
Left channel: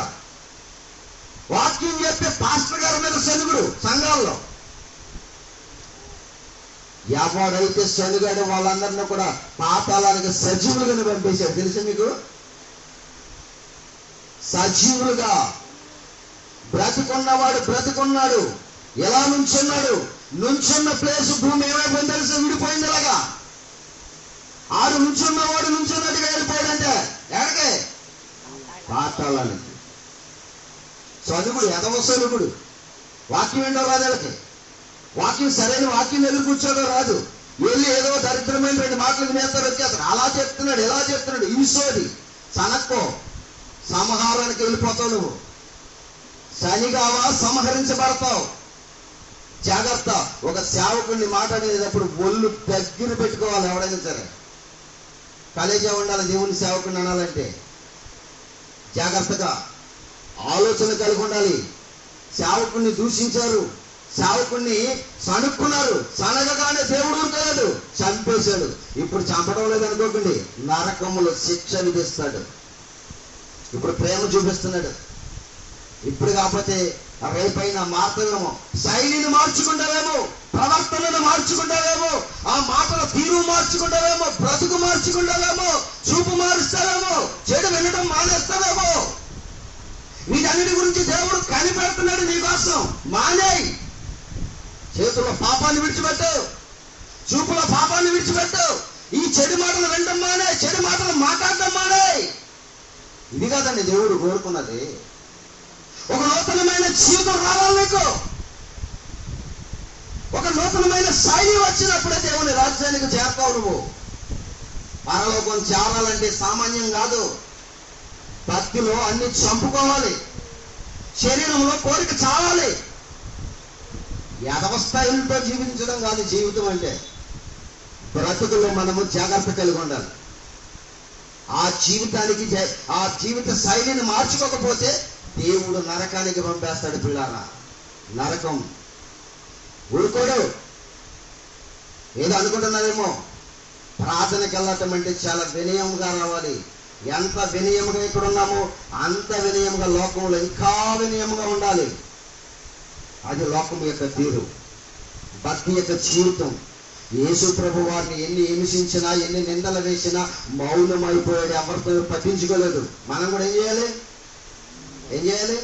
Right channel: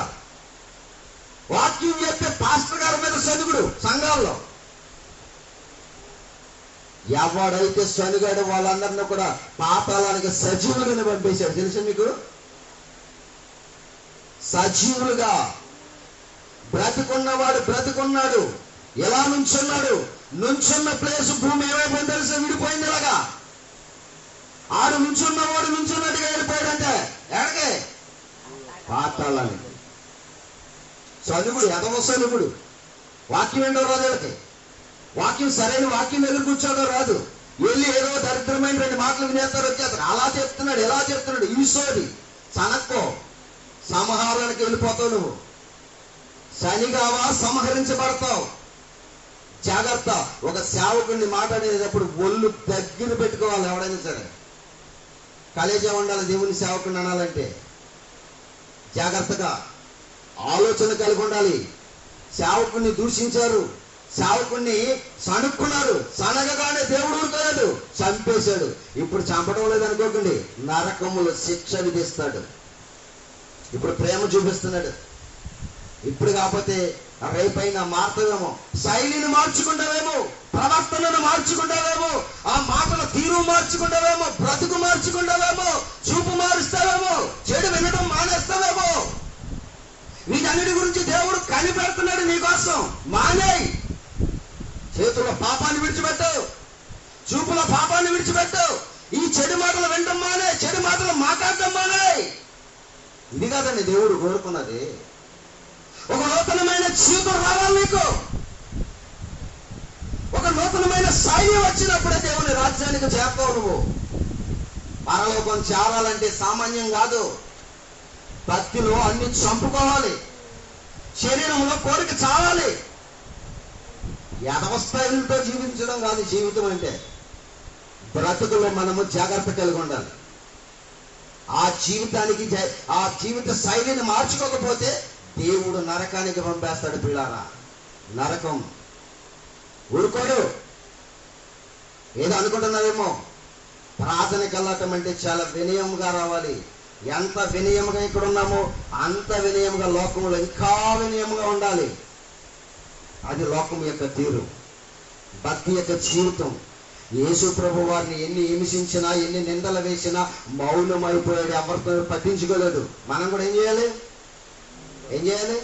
వాక్యం చెప్పే పాస్టర్ గారి మీద సనుగుడు. సంఘాల్లో ఎవడైతే సనుగాడు వాళ్ళందరినీ కూడా పాతాళానికి సజీవులుగా పంపేశాడు. తెలుసా మీకు? సజీవులుగా. బ్రతికున్నవాడు బ్రతికున్నాడు, ఎలా నుంచున్నాడు, నుంచున్న ప్లేస్ భూమి ఏమైపోయింది తెలుసా? విడిపోయింది. ఇలాగా ఆడు నుంచున్నవాడు నుంచున్నట్టుగా వెళ్ళిపోయాడంటే ఎక్కడికి? పాతాళానికి. సనుగుడు, ఎదవ సనుగుడు. వాక్యం ఏంటో రాదు వీళ్ళకి. వాక్యం సరైన వాక్యం దగ్గర కూర్చోదో రాదు. వెళ్ళి ఏదో దరిద్రమైన 2 మాటలు వినేస్తారు, వచ్చేస్తారు. అలా చెప్తున్నాడు, ఎలా చెప్తున్నాడు, ఈ సోది. సనక్కో, సంహారానికి వెళ్ళిపోతావు నువ్వు. శనిగావా సంహరించబడతావు. జాగ్రత్త. ఒక సేవకుడిని మాట్లాడేటప్పుడు ఒళ్ళు దగ్గర పెట్టుకోవాలి. ఎవడైనా సరే కలేజా ఉండాలి దేవుని సేవకుడిని అనాలంటే. జాగ్రత్తగా ఆలోచన కలిగి ఉండాలి. సేవకుడిని దూషించారు, సేవకుడిని సనుక్కున్నారు. సనగగానే దేవుడు ఊరుకోలేదు, చంపేశాడు. ఇప్పుడు చంపడం లేదనుకోకండి, నరకములో శిక్ష విధిస్తాడు. ఇప్పుడు ప్రేమ చూపిస్తున్నాడు. ఇప్పుడు కాకపోతే రేపైనా మారుతావేమో. శైలిని మార్చుకుంటావేమో, ప్రవర్తనను మార్చుకుంటావేమో, ఆ మాటల తీరు మార్చుకుంటావేమో, బ్రతుకు మార్చుకుంటావేమో, చూపు మారుస్తావేమో, చెడు వినడం మానేస్తావేమో. వీటన్నిటి గురించి దేవుడు కనిపెడుతున్నాడు నీకోసం. మానేయ్. చేతుల పాపాన్ని విడిచిపెట్టు, చూపుల పాపాన్ని విడిచిపెట్టు. ఈ చెడు మాటలు వినడం మానే, చెడు మాటలు మాట్లాడటం మానే. ఇది కాదండి దేవుడు కోరుకున్నది. ఒక నూతనమైన జీవితం రావాలి నీకు. ఒక నూతనమైన శైలి వచ్చినప్పుడే దేవుని రాజ్యానికి చేరుతావు నువ్వు. పరలోకం చేరాలంటే సామాన్యం కాదు. భక్తిలో అన్ని చంపుకోవాలి, శరీరంలో కోరిక చావాలి. యథవస్థాయిలతో జీవించడం కాదు జీవితం అంటే. బ్రతుకులో మనము జాగ్రత్త కలిగి ఉండాలి. ఆ జీవితానికి, ఆ జీవిత శైలిని మార్చుకోకపోతే దేవుడు నరకానికి పంపేస్తాడు. పిల్లారా, నరకం. ఊరుకోడు. ఏదో అనుకుంటున్నారేమో. ప్రార్థనకి వెళ్ళటం అంటే చాలా వినయంగా రావాలి. ఎంత వినయంగా ఇక్కడ ఉన్నామో అంత వినయంగా లోకంలో ఇంకా వినయంగా ఉండాలి. అది లోకం యొక్క తీరు, భక్తి యొక్క జీవితం. యేసు ప్రభు వారిని ఎన్ని హింసించినా, ఎన్ని నిందలు వేసినా మౌనమైపోయాడు. ఎవరితో పట్టించుకోలేదు. మనం కూడా ఏం చేయాలి?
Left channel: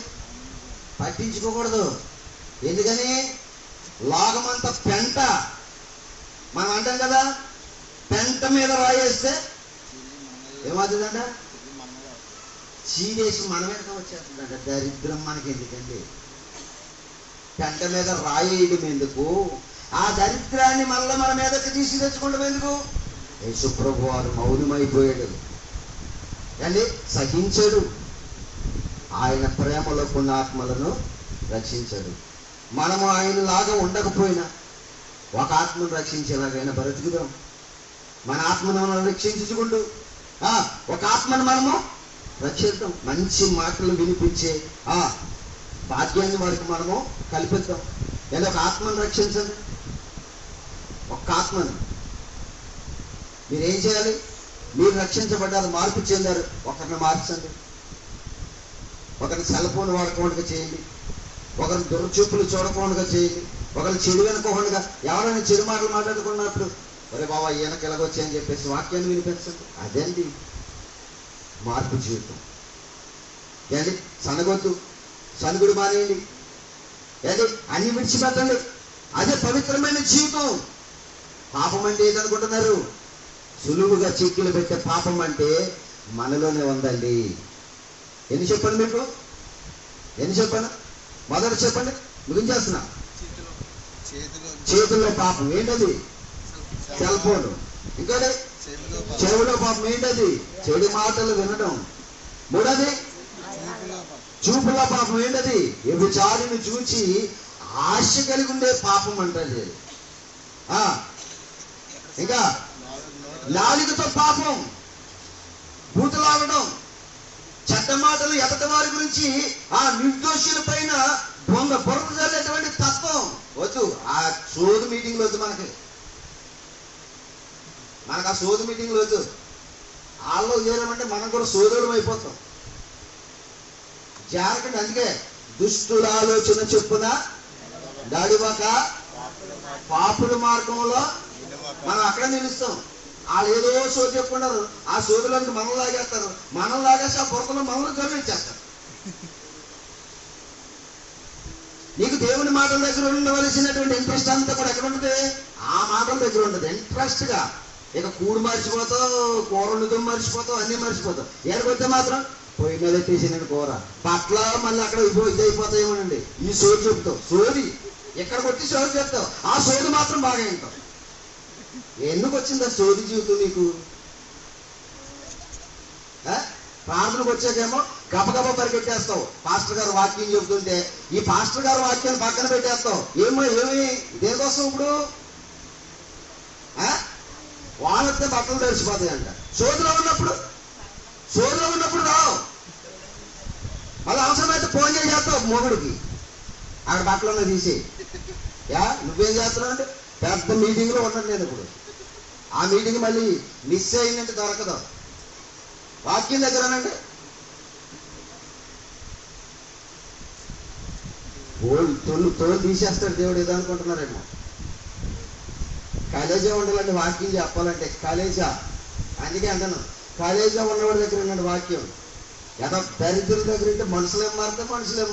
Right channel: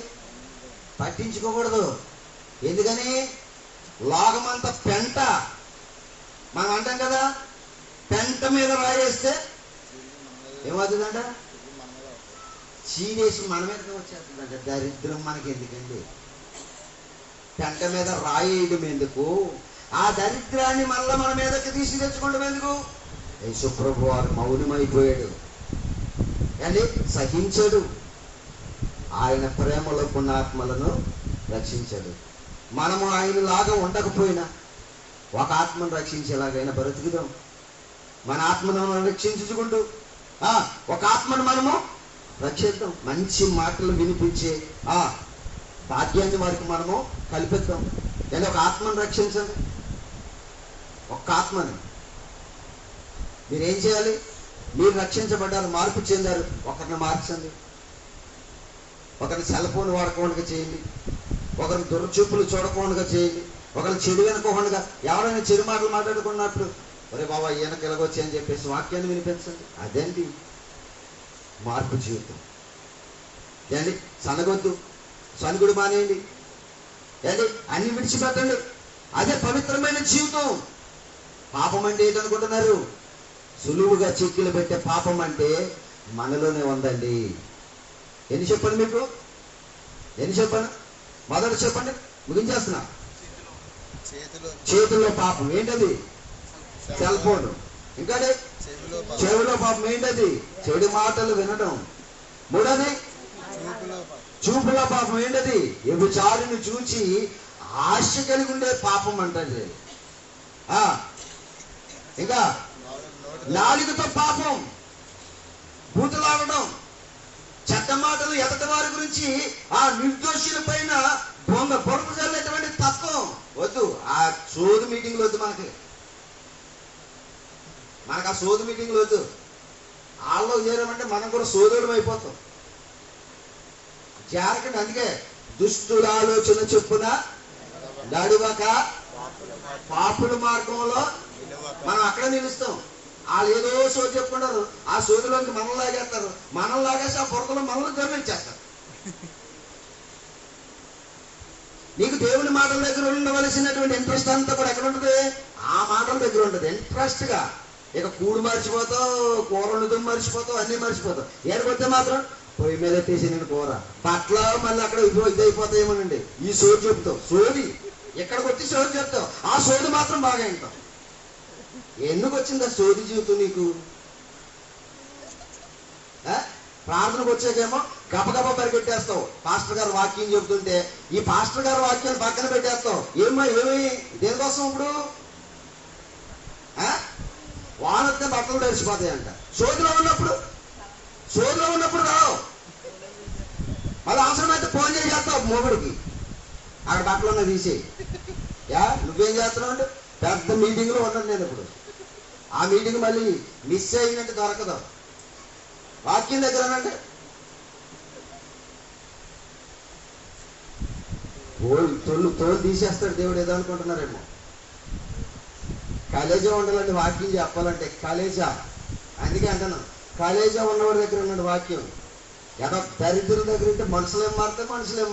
పట్టించుకోకూడదు. ఎందుకని? లోకమంతా పెంట. మనం అంటాం కదా, పెంట మీద రాయేస్తే ఏమవుతుందంట? చీడేసి మన మీదగా వచ్చేస్తుందంట. దరిద్రం మనకి ఎందుకండి? పెంట మీద రాయేయడం ఎందుకు? ఆ దరిద్రాన్ని మళ్ళీ మన మీదకి తీసి తెచ్చుకోవడం ఎందుకు? యేసు ప్రభు వారు మౌనమైపోయాడు అండి, సహించాడు. ఆయన ప్రేమలో పుణ్యాత్మలను రక్షించాడు. మనము ఆయనలాగా ఉండకపోయినా ఒక ఆత్మను రక్షించేలాగైనా బ్రతుకుదాం. మన ఆత్మను రక్షించుకుంటూ ఒక ఆత్మను మనము రక్షిద్దాం. మంచి మాటలు వినిపించే భాగ్యాన్ని వారికి మనము కల్పిద్దాం. లేదా ఒక ఆత్మను రక్షించండి. ఒక్క ఆత్మని మీరేం చేయాలి? మీరు రక్షించబడ్డారు, మార్పు చెందారు, ఒకరిని మార్చండి. ఒకరిని సెల్ ఫోన్ వాడకుండా చేయండి, ఒకరిని దురచూపులు చూడకుండా చేయండి, ఒకరిని చెడు వెనుకోకుండా. ఎవరైనా చెడు మాటలు మాట్లాడుకున్నప్పుడు ఒరే బాబా ఈయనకి ఎలాగొచ్చి అని చెప్పేసి వాక్యాన్ని వినిపించండి. అదండి మార్పు జీవితం. ఏండి సనగొద్దు, సనుగుడు మానేయండి, ఏంటి అన్ని విడిచిపెట్టండి. అదే పవిత్రమైన జీవితం. పాపం అంటే ఏదనుకుంటున్నారు? సులువుగా చిక్కులు పెట్టే పాపం అంటే మనలోనే ఉందండి. ఎన్ని చెప్పండి మీకు? ఎన్ని చెప్పండి? మొదట చెప్పండి, ముగించేస్తున్నా. చేతుల్లో పాపం ఏంటది? Cell phone. ఇంకా చెవులో పాపం ఏంటది? చెడు మాటలు వినడం. మూడోది చూపులో పాపం ఏంటది? వ్యభిచారిని చూచి ఆశ కలిగి ఉండే పాపం అంటది. ఇంకా నాలుగుతో పాపం, బూతులాగడం, చెడ్డ మాటలు, ఎదటి వారి గురించి నిర్దోషుల పైన బురద చల్లేటువంటి తత్వం వద్దు. ఆ సోదు మీటింగ్లు వద్దు మనకు ఆ సోదు మీటింగ్లు వద్దు. వాళ్ళు చేరామంటే మనం కూడా సోదరుడు అయిపోతాం. జాగ్రత్త. అందుకే దుష్టుల ఆలోచన చొప్పున నడువక పాపుల మార్గంలో మనం అక్కడ నిలుస్తాం. వాళ్ళు ఏదో సోది చెప్పుకున్నారు, ఆ సోదులోకి మనం లాగేస్తారు, మనం లాగేసి ఆ బురదలో మనల్ని గమనించేస్తారు. నీకు దేవుని మాటల దగ్గర ఉండవలసినటువంటి ఇంట్రెస్ట్ అంతా కూడా ఎక్కడ ఉంటుంది? ఆ మాటల దగ్గర ఉంటుంది ఇంట్రెస్ట్ గా. ఇక కూడు మర్చిపోతావు, కూర వండుతాం మర్చిపోతావు, అన్ని మర్చిపోతావు. ఎక్కడికొస్తే మాత్రం పొయ్యి మీద తీసిన కూర పట్ల మళ్ళీ అక్కడ ఇది అయిపోతాయేమోనండి. ఈ సోది చెప్తావు, సోది ఎక్కడికి వచ్చి సోది చెప్తావు, ఆ సోది మాత్రం బాగా వింటావు. ఎందుకు వచ్చింది ఆ సోది జీవితం నీకు? ప్రార్థనకు వచ్చాకేమో గబగబ పరిగెట్టేస్తావు. పాస్టర్ గారు వాక్యం చెబుతుంటే ఈ పాస్టర్ గారు వాక్యాన్ని పక్కన పెట్టేస్తావు. ఏమి దేనికోసం ఇప్పుడు? వానొస్తే బట్టలు తడిచిపోతాయంట. సోదిలో ఉన్నప్పుడు రావు. మళ్ళీ అవసరమైతే ఫోన్ చేసేస్తావు మొగుడికి, అక్కడ బట్టలు తీసి. నువ్వేం చేస్తున్నావు అంటే పెద్ద మీటింగ్ లో ఉన్నాను నేను ఇప్పుడు. ఆ మీటింగ్ మళ్ళీ మిస్ అయిందంటే దొరకదు. వాక్యం దగ్గరనండి తోలు తీసేస్తాడు దేవుడు. ఏదో అనుకుంటున్నారేమో. కాలేజా ఉండాలండి వాక్యం చెప్పాలంటే. కాలేజా అందుకే అంటాను, కాలేజా ఉన్నవాడి దగ్గర ఉన్నాడు వాక్యం. ఏదో దరిద్రుల దగ్గర ఉంటే మనుషులేం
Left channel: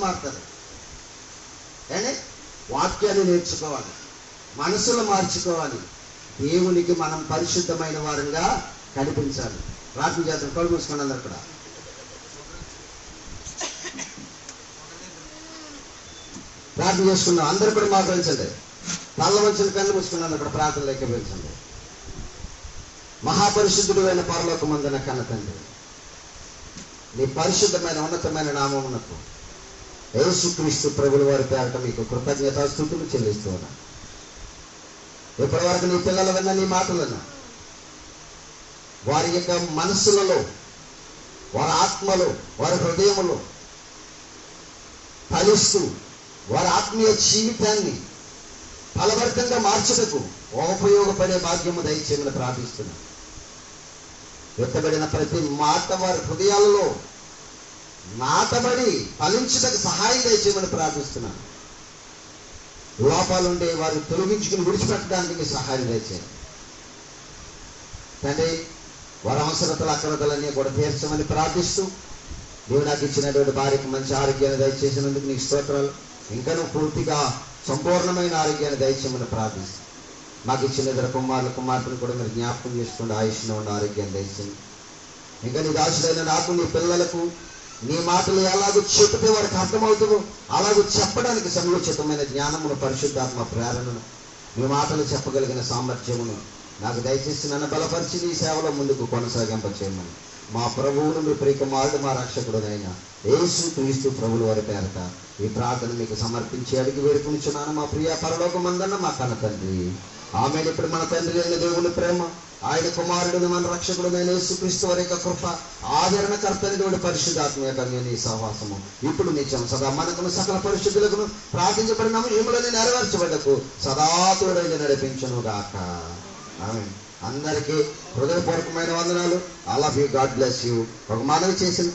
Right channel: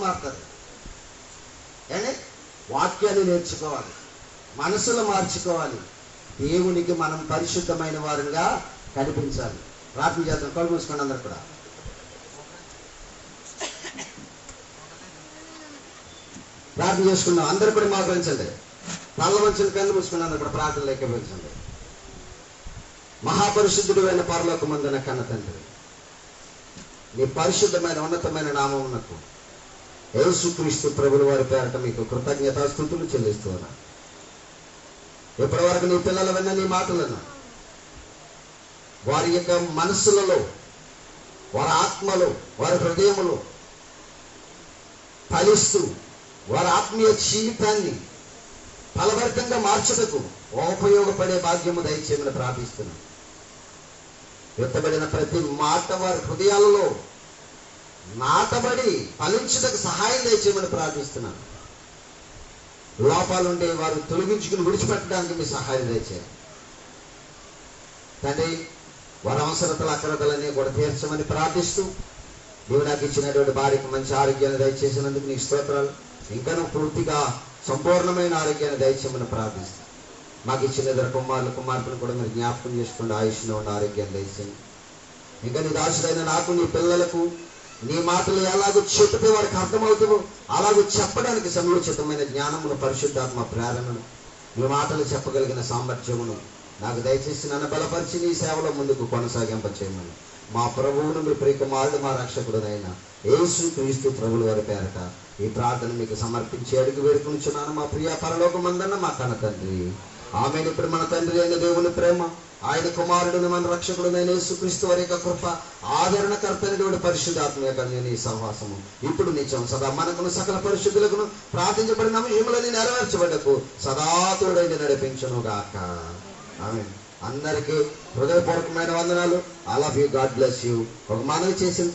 మారుతారు. కానీ వాక్యాన్ని నేర్చుకోవాలి, మనసులో మార్చుకోవాలి. దేవునికి మనం పరిశుద్ధమైన వారంగా కనిపించాలి. ప్రార్థన చేద్దాం. కళ్ళు మూసుకోండి అందరు కూడా. ప్రార్థన చేసుకున్నాం. అందరు కూడా మోకరించండి. పళ్ళ మంచులు కళ్ళు మూసుకుని అందరు కూడా ప్రార్థనలు ఎక్కించండి. మహాపరిశుద్ధుడు అయిన పరలోకమందున కన్న తండ్రి, నీ పరిశుద్ధమైన ఉన్నతమైన నామమునకు యేసుక్రీస్తు ప్రభుల వారి పేరట మీకు కృతజ్ఞతాస్తుతులు చెల్లిస్తున్నా. ఇప్పటి వరకు నీ పిల్లలు విన్న నీ మాటలను వారి యొక్క మనస్సులలో, వారి ఆత్మలో, వారి హృదయములో ఫలిస్తూ వారి ఆత్మీయ జీవితాన్ని ఫలభరితంగా మార్చుటకు ఉపయోగపడే భాగ్యము దయచేయమని ప్రార్థిస్తున్నాం. ఎత్తబడిన ప్రతి మాట వారి హృదయాలలో నాటబడి ఫలించుటకు సహాయం దయచేయమని ప్రార్థిస్తున్నాను. లోపాలుండే వారిని తొలగించుకుని విడిచిపెట్టడానికి మీ సహాయం దయచేయాలి తండ్రి. వారి అవసరతలు అక్రతలన్నీ కూడా తీర్చమని ప్రార్థిస్తూ, నీవు నాకు ఇచ్చినటువంటి భార్యకు మంచి ఆరోగ్యాన్ని దయచేసినందుకు నీకు స్తోత్రాలు. ఇంకనూ పూర్తిగా సంపూర్ణమైన ఆరోగ్యాన్ని దయచేయమని ప్రార్థిస్తాను. మాకు ఇచ్చిన ఇద్దరు కుమార్తెను కూడా మీరు జ్ఞాపకం చేసుకోండి. ఆయుష్లో ఉన్న ఆరోగ్యాన్ని దయచేయండి. ఇంకా నీ దాసుడైన నాకు, నీ పిల్లలకు నీ మాటలు ఎలాగో చెబితే వారికి అర్థమవుతామో అలాగూ చెప్పడానికి సముచితమైన జ్ఞానమును, పరిశుద్ధాత్మ ప్రేరణను, నీ మాటలు చెప్పగలిగిన సామర్థ్యమును నాకు దయచేసి నన్ను బలపరిచి నీ సేవలో ముందుకు కొనసాగింపచేయమని మా ప్రభువును, మీ ప్రియకుమారుడు, మా రక్షకుడునైనా యేసు క్రీస్తు ప్రభుల వారి పేరట ఈ ప్రార్థన మీకు సమర్పించి అడిగి వేడుకొనిచున్నాను మా ప్రియ పరలోకమందున్న మా కన్న తండ్రి. ఆమె ఇప్పుడు మన తండ్రి అయిన దేవుని ప్రేమ, ఆయన కుమారుడిని మన రక్షకుడునైన యేసుక్రీస్తు వారి యొక్క కృప, ఆదరణకర్తని దేవుడి పరిశుద్ధాత్మ యొక్క నీ సహవాసము ఇప్పుడు నిత్యం సదా మనకును సకల పరిశుద్ధులకు ప్రార్థించబడిన ఏములని నెరవేర్చబడకు సదా తోడైన నడిపించును గాక. ఆమేన్. అందరికీ హృదయపూర్వకమైన వందనాలు. I love you. God bless you. ఒక మనవి చేసిన